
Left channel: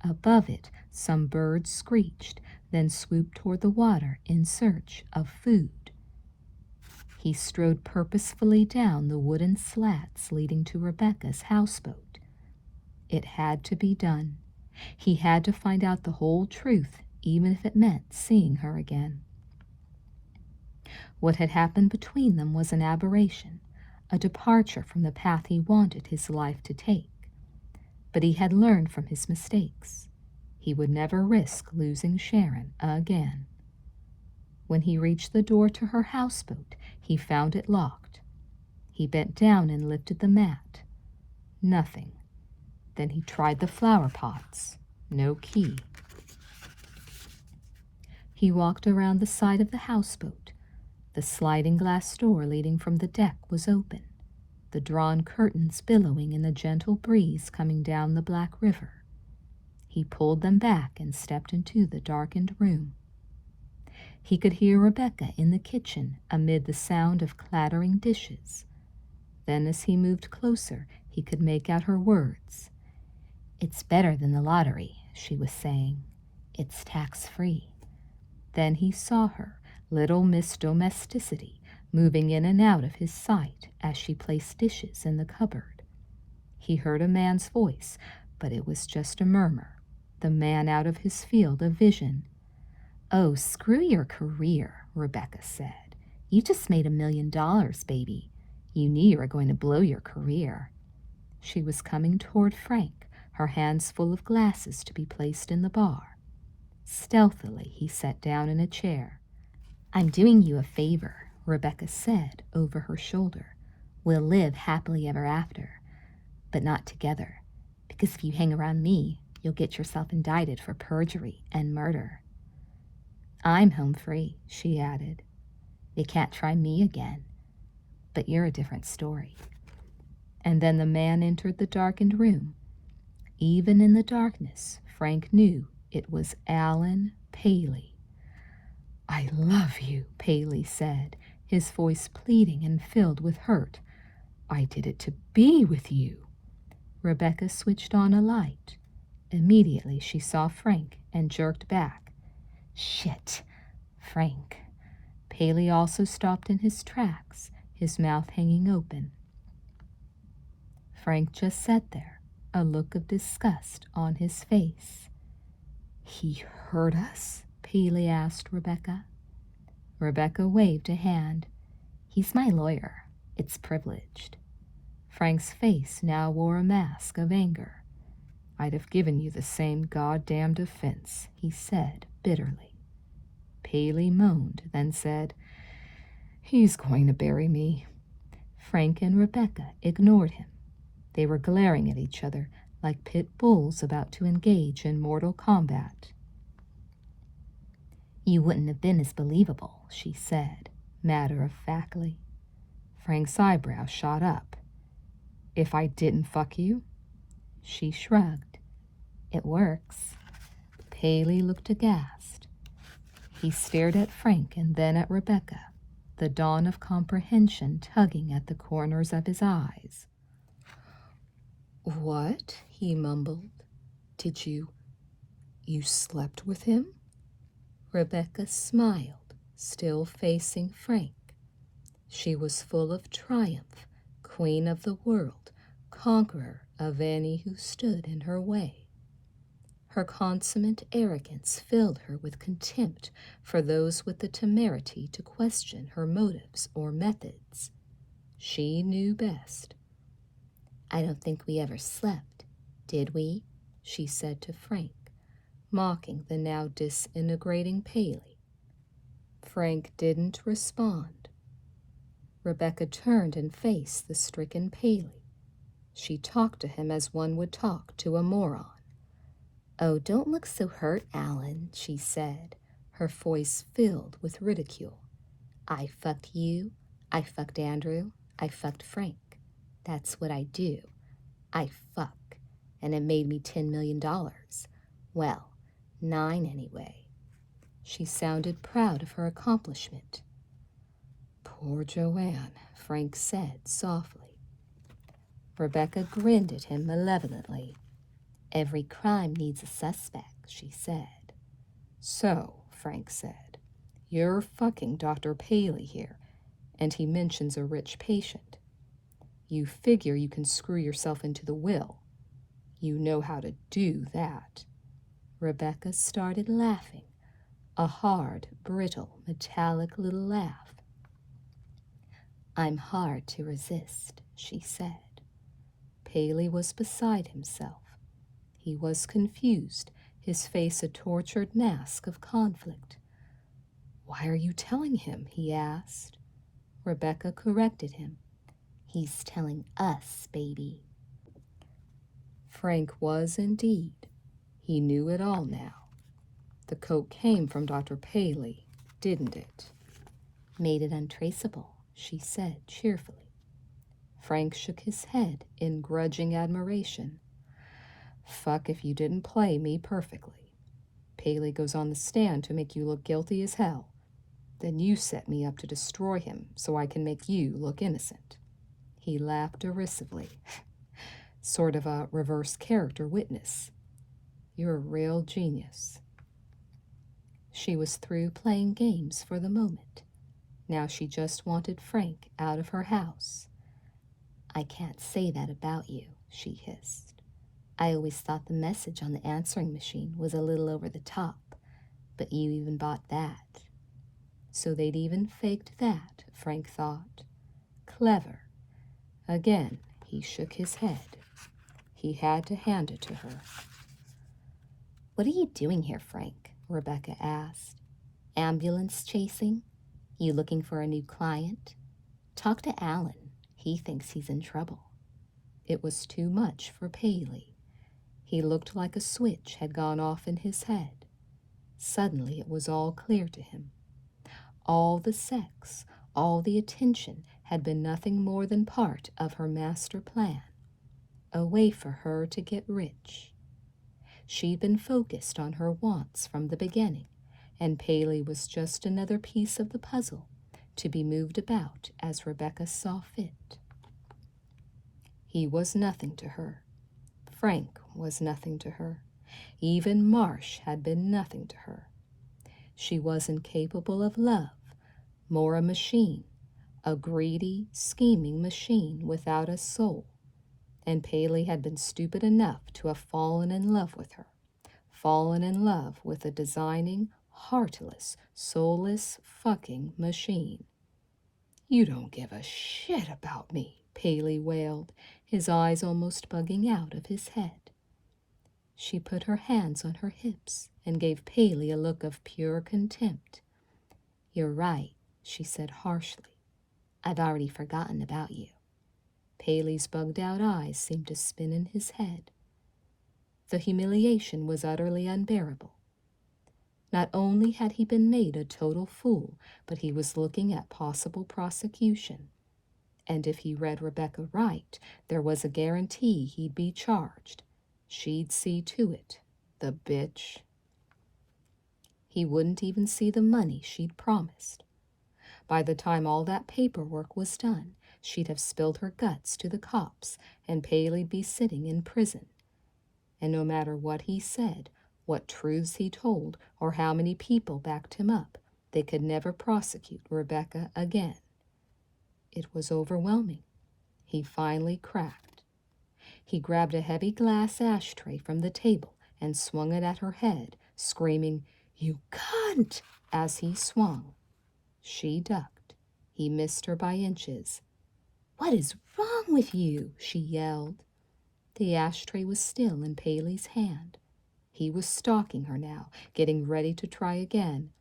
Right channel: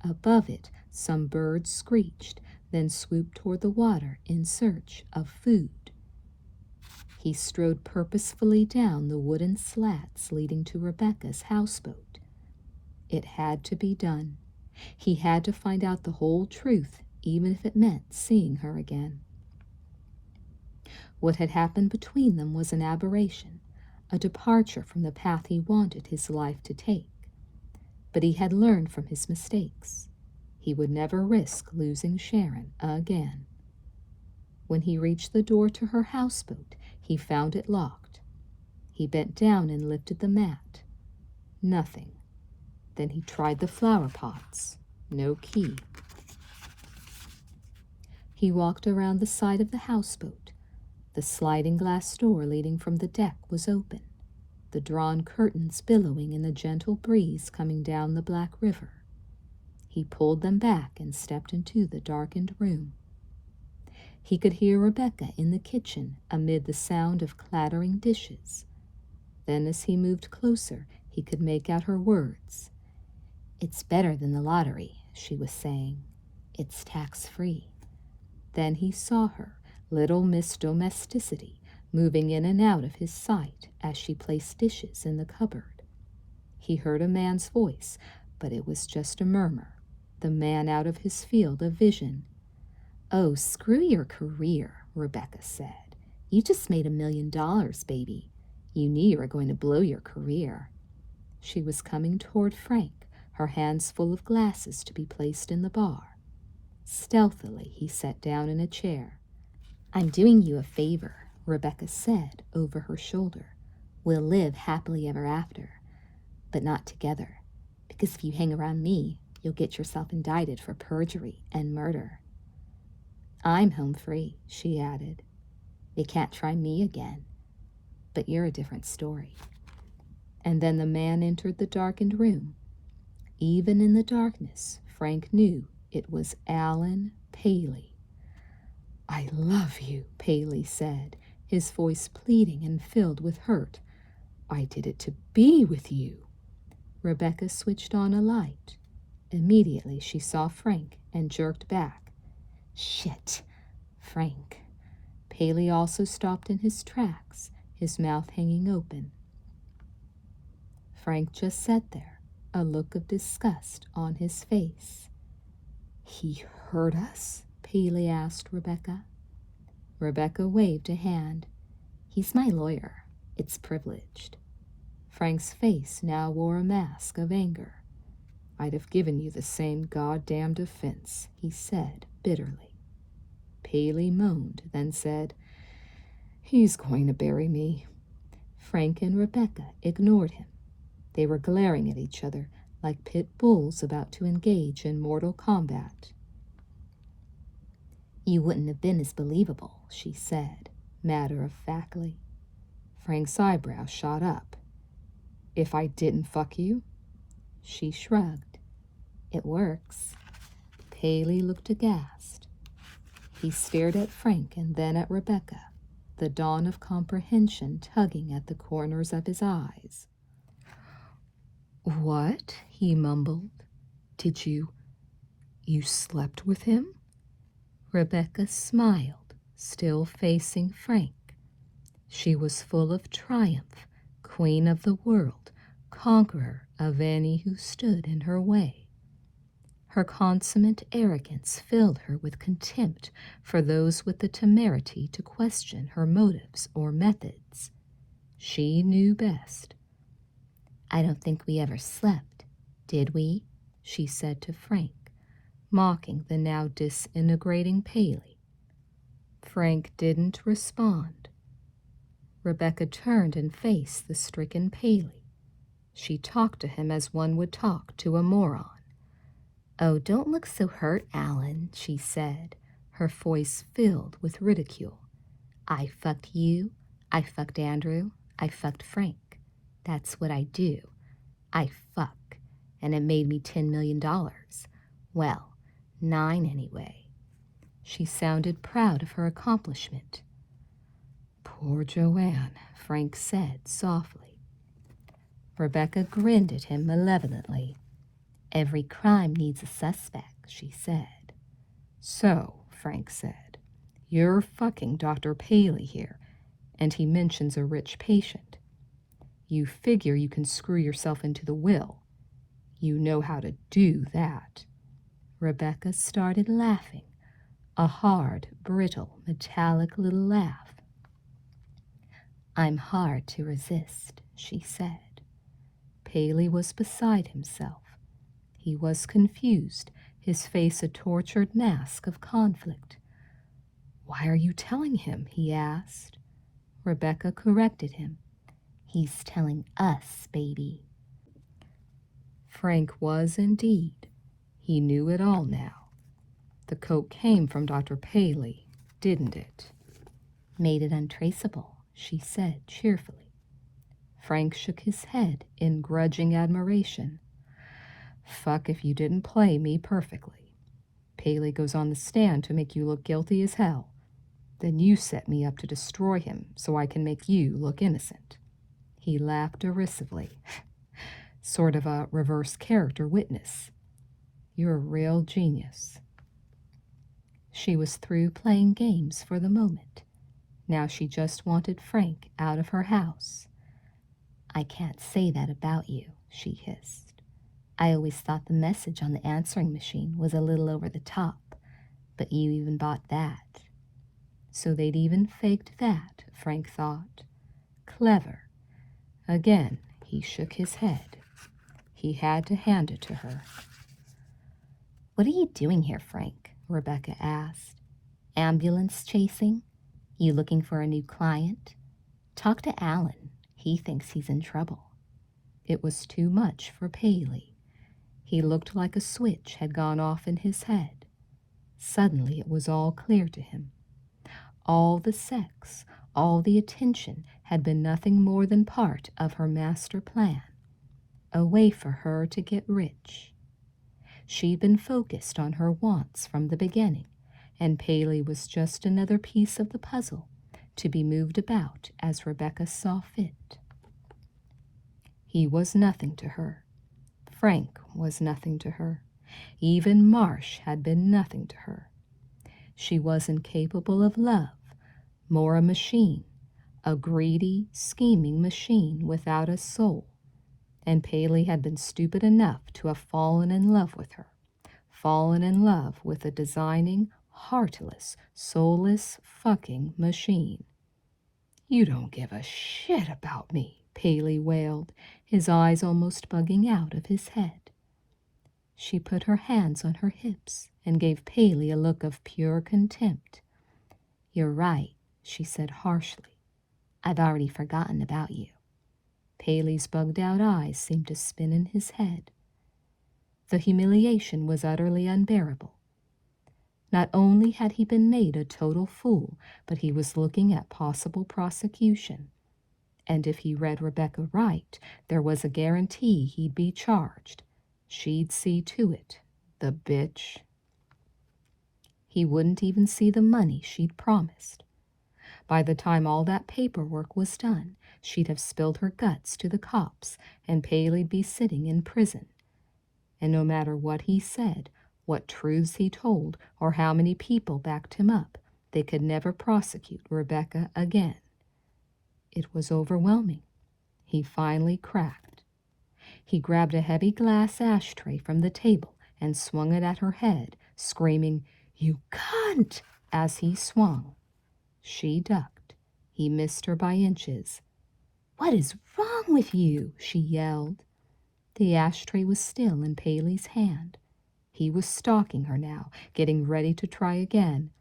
Above it, some birds screeched, then swooped toward the water in search of food. He strode purposefully down the wooden slats leading to Rebecca's houseboat. It had to be done. He had to find out the whole truth, even if it meant seeing her again. What had happened between them was an aberration, a departure from the path he wanted his life to take. But he had learned from his mistakes. He would never risk losing Sharon again. When he reached the door to her houseboat, he found it locked. He bent down and lifted the mat. Nothing. Then he tried the flower pots. No key. He walked around the side of the houseboat. The sliding glass door leading from the deck was open, the drawn curtains billowing in the gentle breeze coming down the black river. He pulled them back and stepped into the darkened room. He could hear Rebecca in the kitchen amid the sound of clattering dishes. Then as he moved closer, he could make out her words. "It's better than the lottery," she was saying. "It's tax-free." Then he saw her, little Miss Domesticity, moving in and out of his sight as she placed dishes in the cupboard. He heard a man's voice, but it was just a murmur, the man out of his field of vision. "Oh, screw your career," Rebecca said. "You just made $1 million, baby. You knew you were going to blow your career." She was coming toward Frank, her hands full of glasses to be placed in the bar. Stealthily, he sat down in a chair. "I'm doing you a favor," Rebecca said over her shoulder. "We'll live happily ever after, but not together, because if you hang around me, you'll get yourself indicted for perjury and murder." "I'm home free," she added. "You can't try me again, but you're a different story." And then the man entered the darkened room. Even in the darkness, Frank knew it was Alan Paley. "I love you," Paley said, his voice pleading and filled with hurt. "I did it to be with you." Rebecca switched on a light. Immediately she saw Frank and jerked back. "Shit, Frank." Paley also stopped in his tracks, his mouth hanging open. Frank just sat there, a look of disgust on his face. "He hurt us?" Paley asked Rebecca. Rebecca waved a hand. "He's my lawyer. It's privileged." Frank's face now wore a mask of anger. "I'd have given you the same goddamn defense," he said bitterly. Paley moaned, then said, "He's going to bury me." Frank and Rebecca ignored him. They were glaring at each other like pit bulls about to engage in mortal combat. "You wouldn't have been as believable," she said, matter-of-factly. Frank's eyebrows shot up. "If I didn't fuck you?" She shrugged. "It works." Paley looked aghast. He stared at Frank and then at Rebecca, the dawn of comprehension tugging at the corners of his eyes. "What?" he mumbled. "Did you slept with him?" Rebecca smiled, still facing Frank. She was full of triumph, queen of the world, conqueror of any who stood in her way. Her consummate arrogance filled her with contempt for those with the temerity to question her motives or methods. She knew best. "I don't think we ever slept, did we?" she said to Frank, mocking the now disintegrating Paley. Frank didn't respond. Rebecca turned and faced the stricken Paley. She talked to him as one would talk to a moron. "Oh, don't look so hurt, Alan," she said, her voice filled with ridicule. "I fucked you, I fucked Andrew, I fucked Frank. That's what I do. I fuck, and it made me $10 million. Well, 9 anyway." She sounded proud of her accomplishment. Poor Joanne, Frank said softly. Rebecca grinned at him malevolently. Every crime needs a suspect, she said. So, Frank said, you're fucking Dr. Paley here, and he mentions a rich patient. You figure you can screw yourself into the will. You know how to do that. Rebecca started laughing, a hard, brittle, metallic little laugh. I'm hard to resist, she said. Paley was beside himself. He was confused, his face a tortured mask of conflict. Why are you telling him? He asked. Rebecca corrected him. He's telling us, baby. Frank was indeed. He knew it all now. The coke came from Dr. Paley, didn't it? Made it untraceable, she said cheerfully. Frank shook his head in grudging admiration. Fuck if you didn't play me perfectly. Paley goes on the stand to make you look guilty as hell. Then you set me up to destroy him so I can make you look innocent. He laughed derisively. Sort of a reverse character witness. You're a real genius. She was through playing games for the moment. Now she just wanted Frank out of her house. I can't say that about you, she hissed. I always thought the message on the answering machine was a little over the top, but you even bought that. So they'd even faked that, Frank thought. Clever. Again, he shook his head. He had to hand it to her. What are you doing here, Frank? Rebecca asked. Ambulance chasing? You looking for a new client? Talk to Alan. He thinks he's in trouble. It was too much for Paley. He looked like a switch had gone off in his head. Suddenly it was all clear to him. All the sex, all the attention had been nothing more than part of her master plan. A way for her to get rich. She'd been focused on her wants from the beginning, and Paley was just another piece of the puzzle to be moved about as Rebecca saw fit. He was nothing to her. Frank was nothing to her. Even Marsh had been nothing to her. She was incapable of love, more a machine, a greedy, scheming machine without a soul. And Paley had been stupid enough to have fallen in love with her, fallen in love with a designing, heartless, soulless fucking machine. You don't give a shit about me, Paley wailed, his eyes almost bugging out of his head. She put her hands on her hips and gave Paley a look of pure contempt. You're right, she said harshly. I've already forgotten about you. Paley's bugged-out eyes seemed to spin in his head. The humiliation was utterly unbearable. Not only had he been made a total fool, but he was looking at possible prosecution. And if he read Rebecca right, there was a guarantee he'd be charged. She'd see to it, the bitch. He wouldn't even see the money she'd promised. By the time all that paperwork was done, she'd have spilled her guts to the cops, and Paley'd be sitting in prison. And no matter what he said, what truths he told, or how many people backed him up, they could never prosecute Rebecca again. It was overwhelming. He finally cracked. He grabbed a heavy glass ashtray from the table and swung it at her head, screaming, "You cunt!" as he swung. She ducked. He missed her by inches. "What is wrong with you?" she yelled. The ashtray was still in Paley's hand. He was stalking her now, getting ready to try again.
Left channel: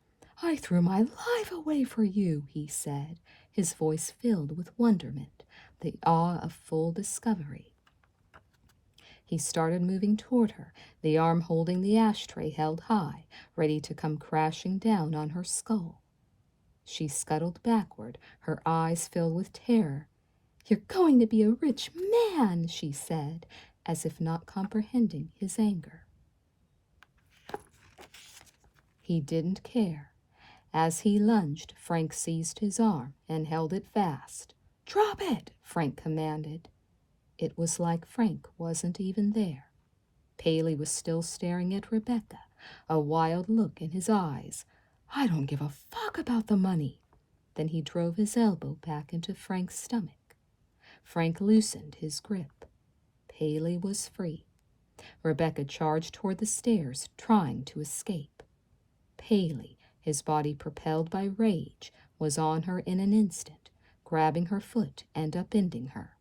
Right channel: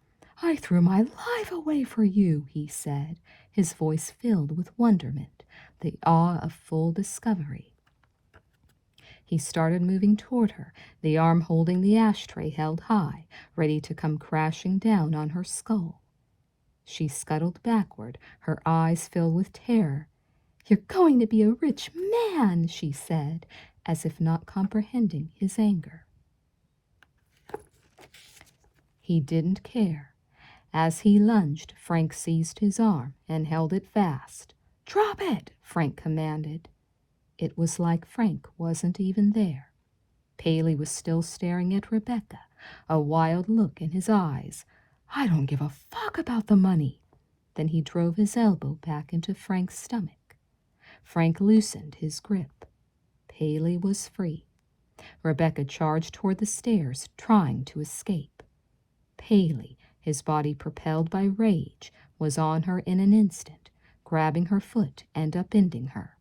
"I threw my life away for you," he said, his voice filled with wonderment, the awe of full discovery. He started moving toward her, the arm holding the ashtray held high, ready to come crashing down on her skull. She scuttled backward, her eyes filled with terror. "You're going to be a rich man," she said, as if not comprehending his anger. He didn't care. As he lunged, Frank seized his arm and held it fast. "Drop it!" Frank commanded. It was like Frank wasn't even there. Paley was still staring at Rebecca, a wild look in his eyes. "I don't give a fuck about the money." Then he drove his elbow back into Frank's stomach. Frank loosened his grip. Paley was free. Rebecca charged toward the stairs, trying to escape. Paley, his body propelled by rage, was on her in an instant, grabbing her foot and upending her.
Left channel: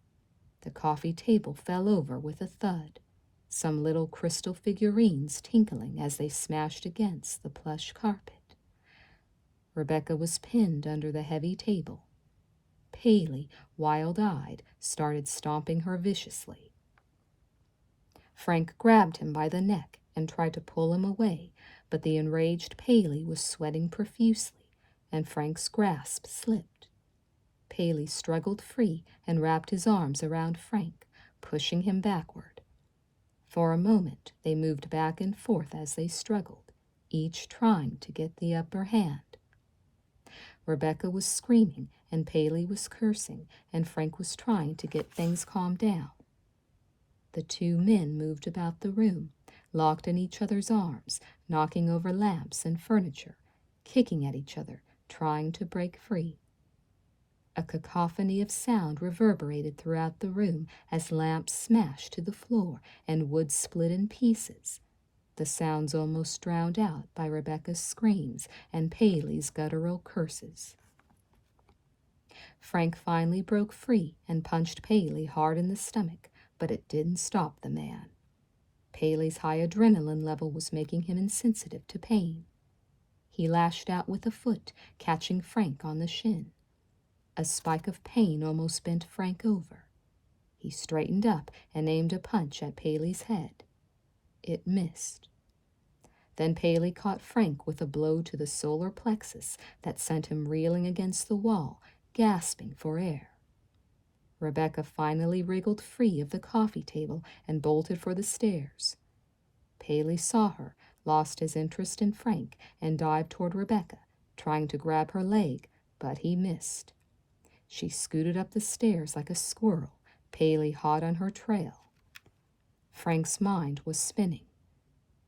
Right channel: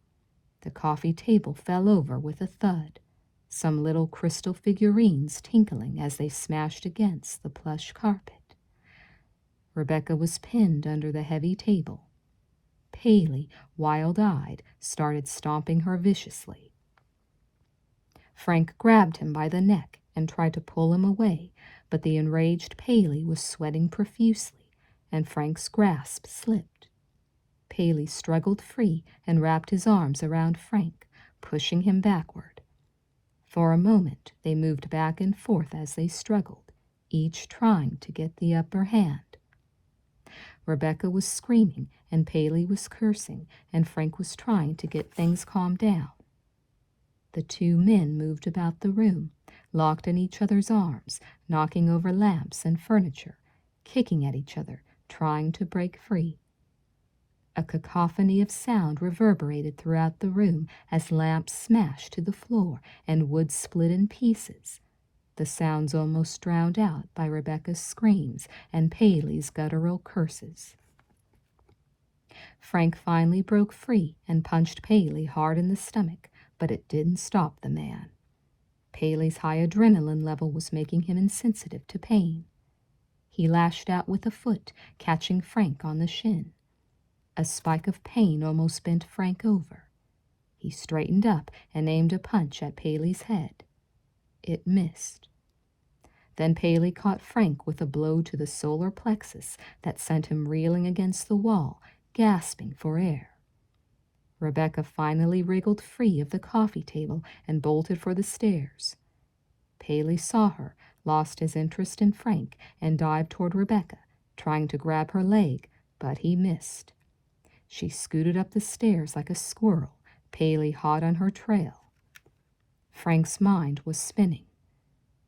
The coffee table fell over with a thud, some little crystal figurines tinkling as they smashed against the plush carpet. Rebecca was pinned under the heavy table. Paley, wild-eyed, started stomping her viciously. Frank grabbed him by the neck and tried to pull him away, but the enraged Paley was sweating profusely, and Frank's grasp slipped. Paley struggled free and wrapped his arms around Frank, pushing him backward. For a moment they moved back and forth as they struggled, each trying to get the upper hand. Rebecca was screaming, and Paley was cursing, and Frank was trying to get things calmed down. The two men moved about the room, locked in each other's arms, knocking over lamps and furniture, kicking at each other, trying to break free. A cacophony of sound reverberated throughout the room as lamps smashed to the floor and wood split in pieces. The sounds almost drowned out by Rebecca's screams and Paley's guttural curses. Frank finally broke free and punched Paley hard in the stomach, but it didn't stop the man. Paley's high adrenaline level was making him insensitive to pain. He lashed out with a foot, catching Frank on the shin. A spike of pain almost bent Frank over. He straightened up and aimed a punch at Paley's head. It missed. Then Paley caught Frank with a blow to the solar plexus that sent him reeling against the wall, gasping for air. Rebecca finally wriggled free of the coffee table and bolted for the stairs. Paley saw her, lost his interest in Frank, and dived toward Rebecca, trying to grab her leg, but he missed. She scooted up the stairs like a squirrel, Paley hot on her trail. Frank's mind was spinning.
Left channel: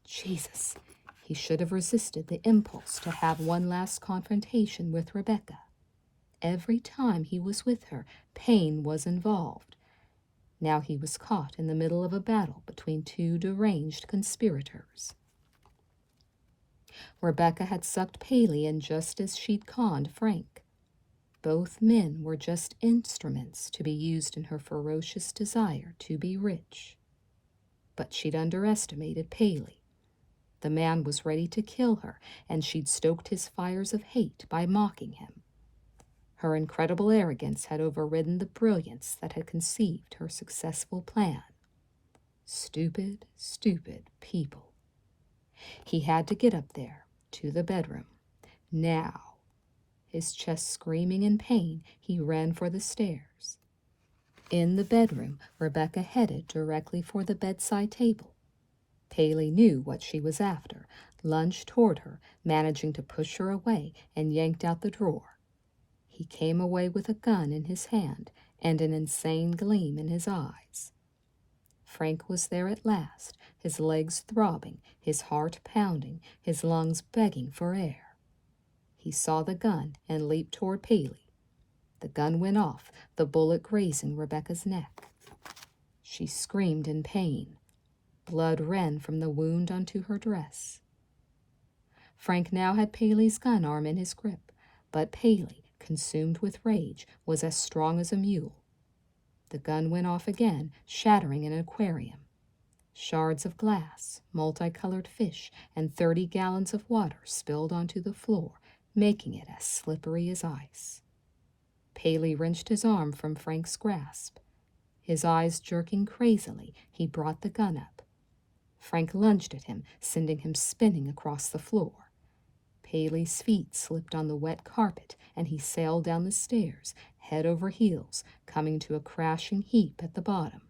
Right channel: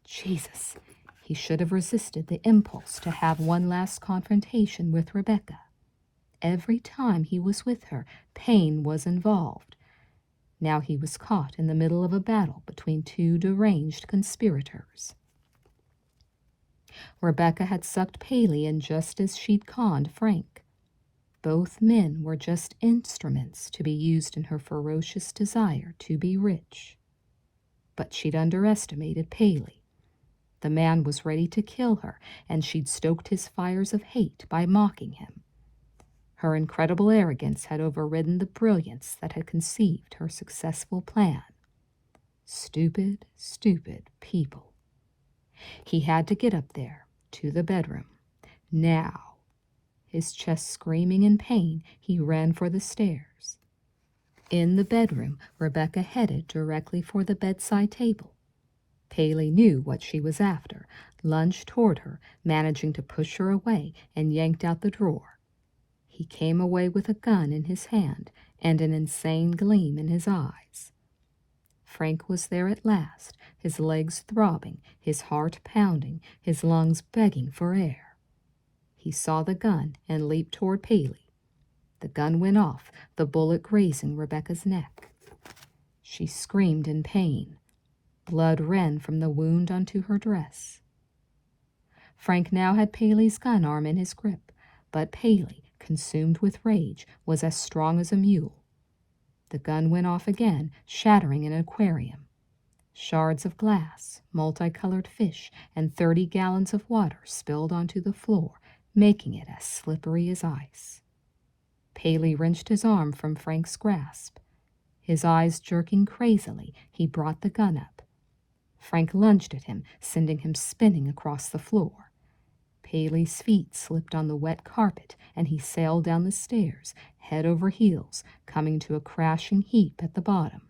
Jesus, he should have resisted the impulse to have one last confrontation with Rebecca. Every time he was with her, pain was involved. Now he was caught in the middle of a battle between two deranged conspirators. Rebecca had sucked Paley in just as she'd conned Frank. Both men were just instruments to be used in her ferocious desire to be rich. But she'd underestimated Paley. The man was ready to kill her, and she'd stoked his fires of hate by mocking him. Her incredible arrogance had overridden the brilliance that had conceived her successful plan. Stupid, stupid people. He had to get up there, to the bedroom. Now. His chest screaming in pain, he ran for the stairs. In the bedroom, Rebecca headed directly for the bedside table. Paley knew what she was after, lunged toward her, managing to push her away, and yanked out the drawer. He came away with a gun in his hand and an insane gleam in his eyes. Frank was there at last, his legs throbbing, his heart pounding, his lungs begging for air. He saw the gun and leaped toward Paley. The gun went off, the bullet grazing Rebecca's neck. She screamed in pain. Blood ran from the wound onto her dress. Frank now had Paley's gun arm in his grip, but Paley, consumed with rage, was as strong as a mule. The gun went off again, shattering an aquarium. Shards of glass, multicolored fish, and 30 gallons of water spilled onto the floor, making it as slippery as ice. Paley wrenched his arm from Frank's grasp. His eyes jerking crazily, he brought the gun up. Frank lunged at him, sending him spinning across the floor. Paley's feet slipped on the wet carpet, and he sailed down the stairs, head over heels, coming to a crashing heap at the bottom.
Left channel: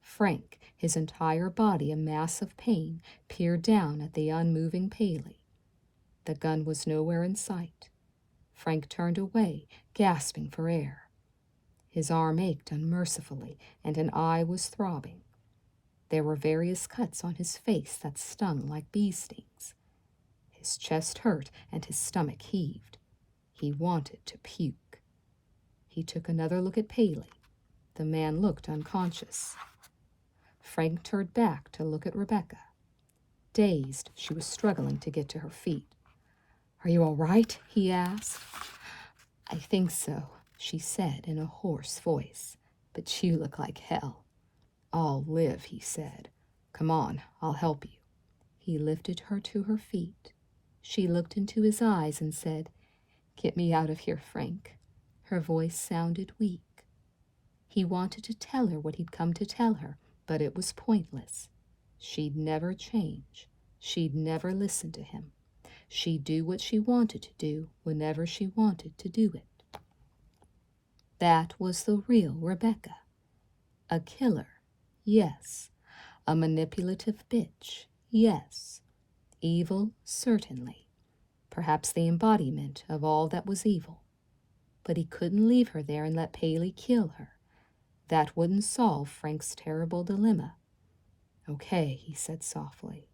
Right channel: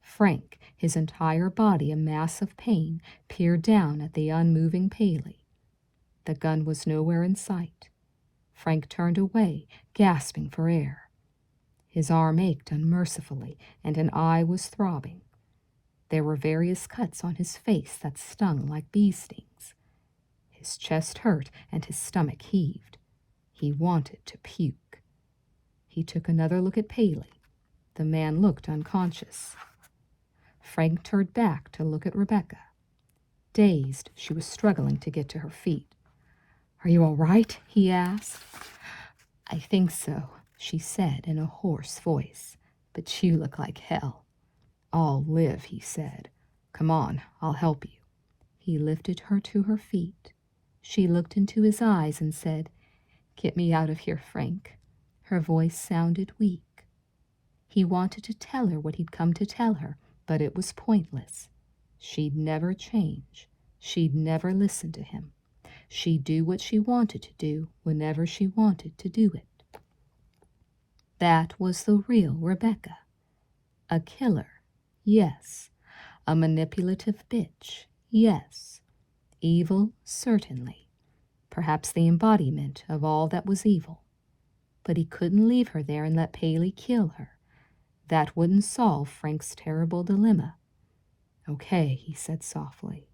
Frank, his entire body a mass of pain, peered down at the unmoving Paley. The gun was nowhere in sight. Frank turned away, gasping for air. His arm ached unmercifully, and an eye was throbbing. There were various cuts on his face that stung like bee stings. His chest hurt and his stomach heaved. He wanted to puke. He took another look at Paley. The man looked unconscious. Frank turned back to look at Rebecca. Dazed, she was struggling to get to her feet. "Are you all right?" he asked. "I think so," she said in a hoarse voice, "but you look like hell." "I'll live," he said. "Come on, I'll help you." He lifted her to her feet. She looked into his eyes and said, "Get me out of here, Frank." Her voice sounded weak. He wanted to tell her what he'd come to tell her, but it was pointless. She'd never change. She'd never listen to him. She'd do what she wanted to do whenever she wanted to do it. That was the real Rebecca. A killer, yes. A manipulative bitch, yes. Evil, certainly. Perhaps the embodiment of all that was evil. But he couldn't leave her there and let Paley kill her. That wouldn't solve Frank's terrible dilemma. "Okay," he said softly.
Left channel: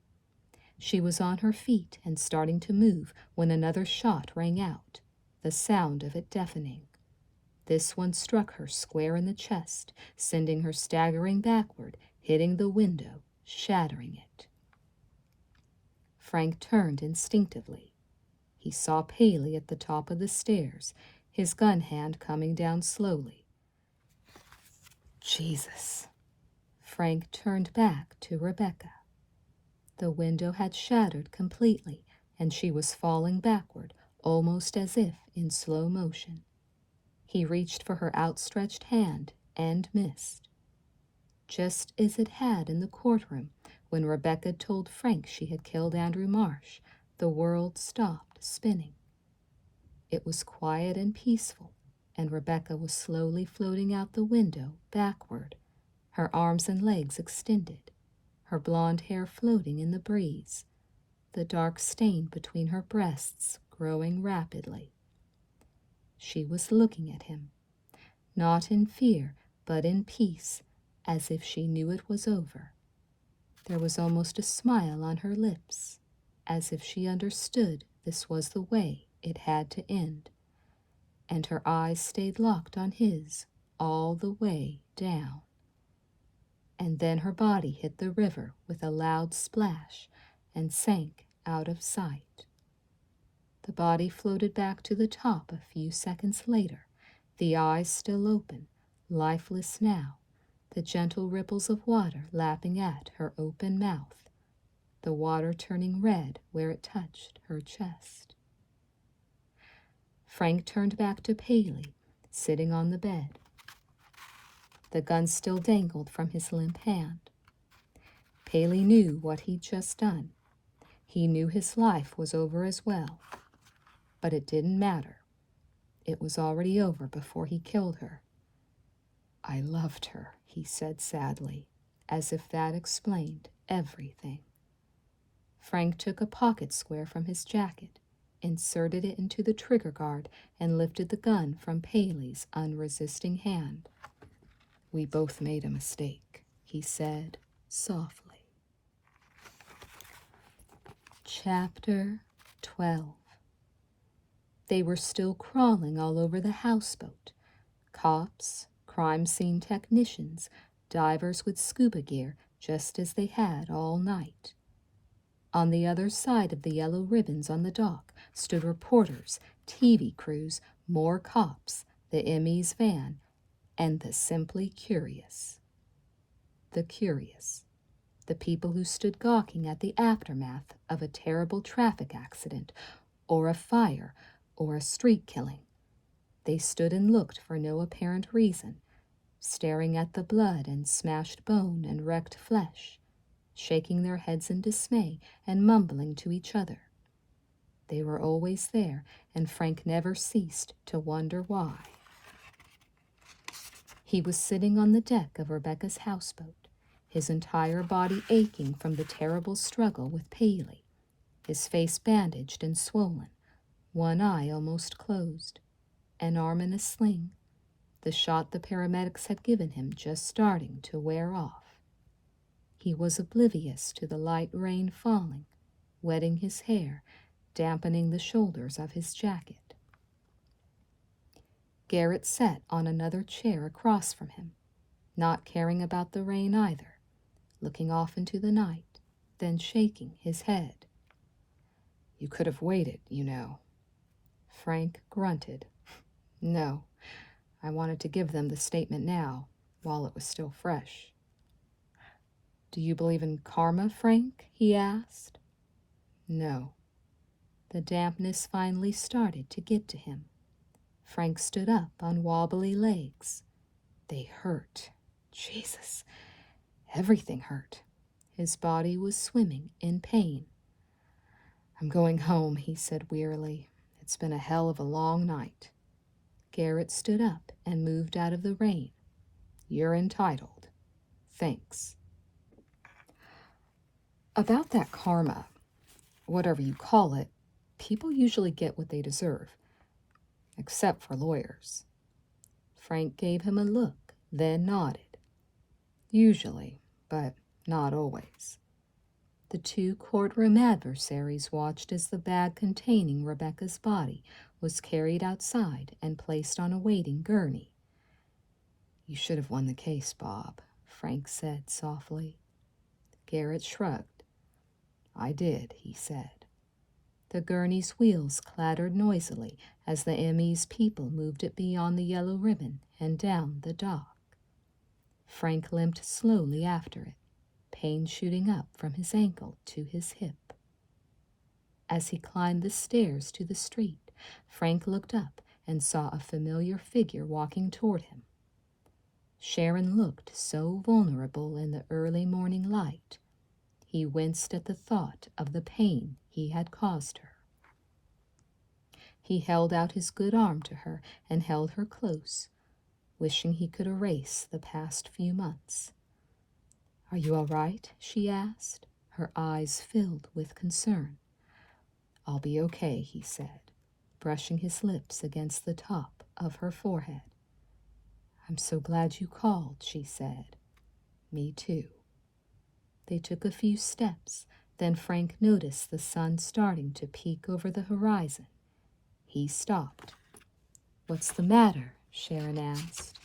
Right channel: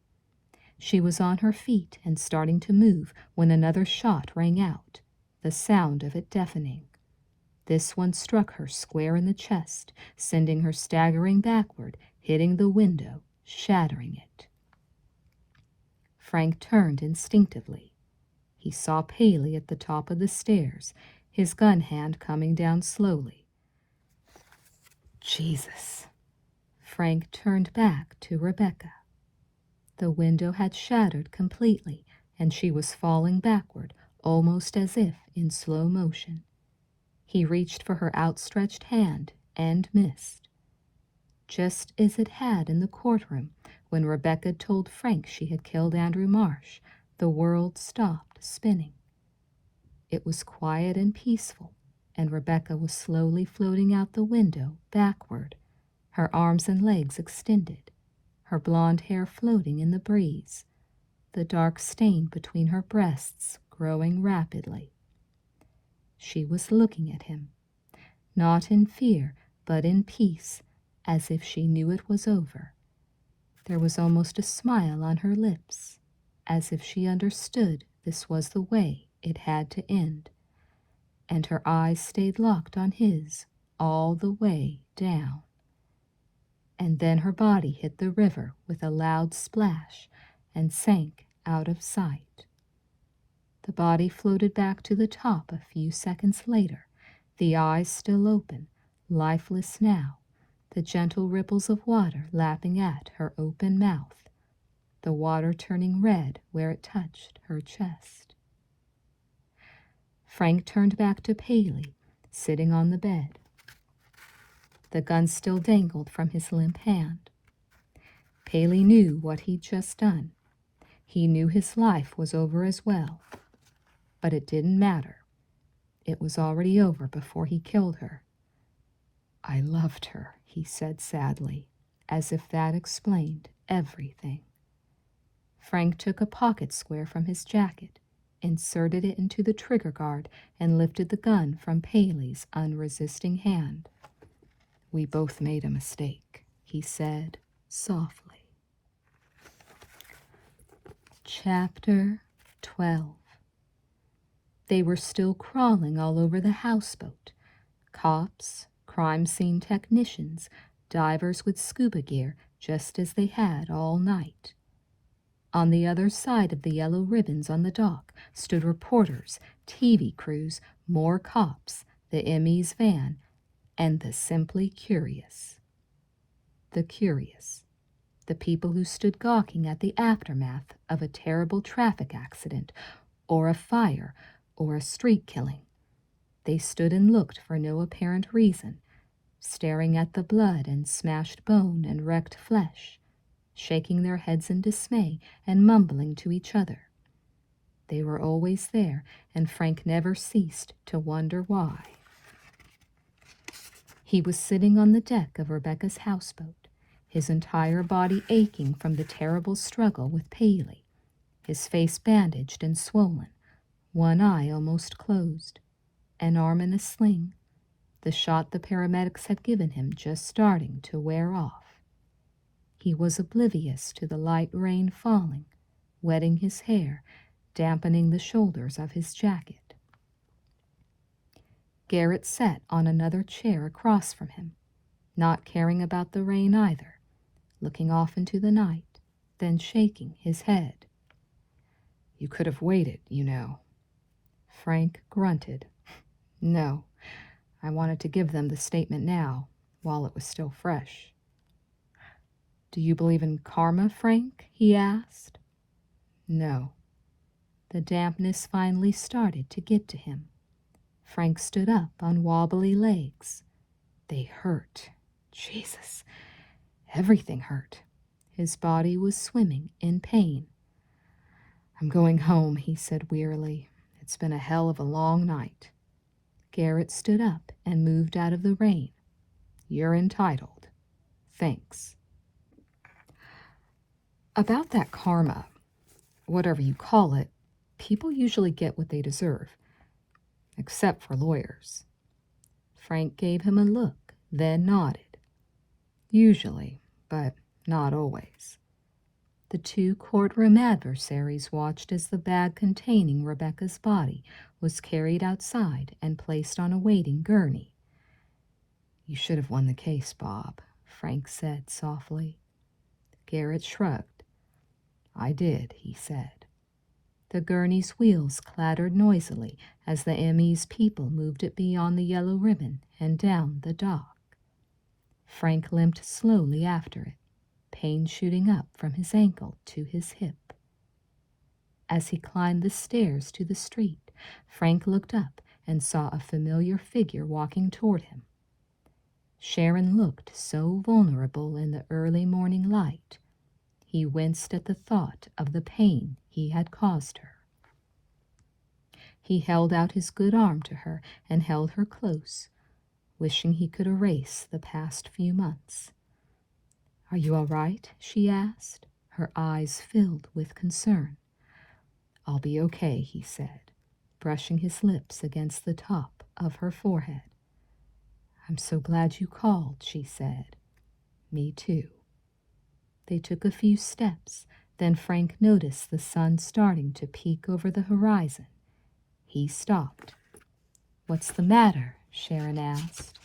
She was on her feet and starting to move when another shot rang out, the sound of it deafening. This one struck her square in the chest, sending her staggering backward, hitting the window, shattering it. Frank turned instinctively. He saw Paley at the top of the stairs, his gun hand coming down slowly. Jesus. Frank turned back to Rebecca. The window had shattered completely, and she was falling backward, almost as if in slow motion. He reached for her outstretched hand and missed. Just as it had in the courtroom, when Rebecca told Frank she had killed Andrew Marsh, the world stopped spinning. It was quiet and peaceful, and Rebecca was slowly floating out the window backward, her arms and legs extended, her blonde hair floating in the breeze, the dark stain between her breasts growing rapidly. She was looking at him, not in fear, but in peace, as if she knew it was over. There was almost a smile on her lips, as if she understood this was the way it had to end, and her eyes stayed locked on his all the way down. And then her body hit the river with a loud splash and sank out of sight. The body floated back to the top a few seconds later, the eyes still open, lifeless now, the gentle ripples of water lapping at her open mouth, the water turning red where it touched her chest. Frank turned back to Paley, sitting on the bed. The gun still dangled from his limp hand. Paley knew what he'd just done. He knew his life was over as well. But it didn't matter. It was already over before he killed her. "I loved her," he said sadly, as if that explained everything. Frank took a pocket square from his jacket, inserted it into the trigger guard, and lifted the gun from Paley's unresisting hand. "We both made a mistake," he said softly. Chapter 12. They were still crawling all over the houseboat. Cops, crime scene technicians, divers with scuba gear, just as they had all night. On the other side of the yellow ribbons on the dock stood reporters, TV crews, more cops, the ME's van, and the simply curious. The curious. The people who stood gawking at the aftermath of a terrible traffic accident, or a fire, or a street killing. They stood and looked for no apparent reason, staring at the blood and smashed bone and wrecked flesh, shaking their heads in dismay and mumbling to each other. They were always there, and Frank never ceased to wonder why. He was sitting on the deck of Rebecca's houseboat, his entire body aching from the terrible struggle with Paley, his face bandaged and swollen, one eye almost closed, an arm in a sling, the shot the paramedics had given him just starting to wear off. He was oblivious to the light rain falling, wetting his hair, dampening the shoulders of his jacket. Garrett sat on another chair across from him, not caring about the rain either, looking off into the night, then shaking his head. "You could have waited, you know." Frank grunted. "No, I wanted to give them the statement now, while it was still fresh." "Do you believe in karma, Frank?" he asked. "No." The dampness finally started to get to him. Frank stood up on wobbly legs. They hurt. Jesus, everything hurt. His body was swimming in pain. "I'm going home," he said wearily. "It's been a hell of a long night." Garrett stood up and moved out of the rain. "You're entitled. Thanks." About that karma, whatever you call it, people usually get what they deserve. Except for lawyers. Frank gave him a look, then nodded. "Usually, but not always." The two courtroom adversaries watched as the bag containing Rebecca's body was carried outside and placed on a waiting gurney. "You should have won the case, Bob," Frank said softly. Garrett shrugged. "I did," he said. The gurney's wheels clattered noisily as the ME's people moved it beyond the yellow ribbon and down the dock. Frank limped slowly after it, pain shooting up from his ankle to his hip. As he climbed the stairs to the street, Frank looked up and saw a familiar figure walking toward him. Sharon looked so vulnerable in the early morning light. He winced at the thought of the pain he had caused her. He held out his good arm to her and held her close, wishing he could erase the past few months. "Are you all right?" she asked, her eyes filled with concern. "I'll be okay," he said, brushing his lips against the top of her forehead. "I'm so glad you called," she said. "Me too." They took a few steps, then Frank noticed the sun starting to peek over the horizon. He stopped. "What's the matter?" Sharon asked.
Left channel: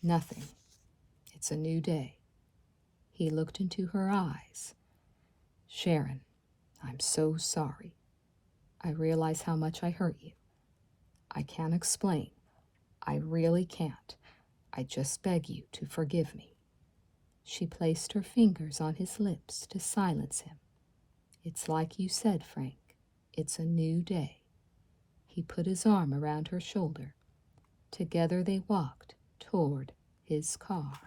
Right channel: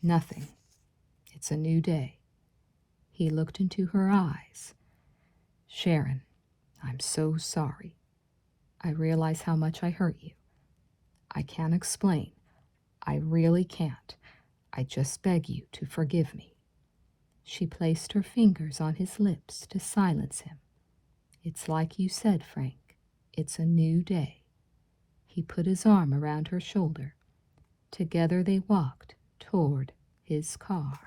"Nothing. It's a new day." He looked into her eyes. "Sharon, I'm so sorry. I realize how much I hurt you. I can't explain. I really can't. I just beg you to forgive me." She placed her fingers on his lips to silence him. "It's like you said, Frank. It's a new day." He put his arm around her shoulder. Together they walked toward his car.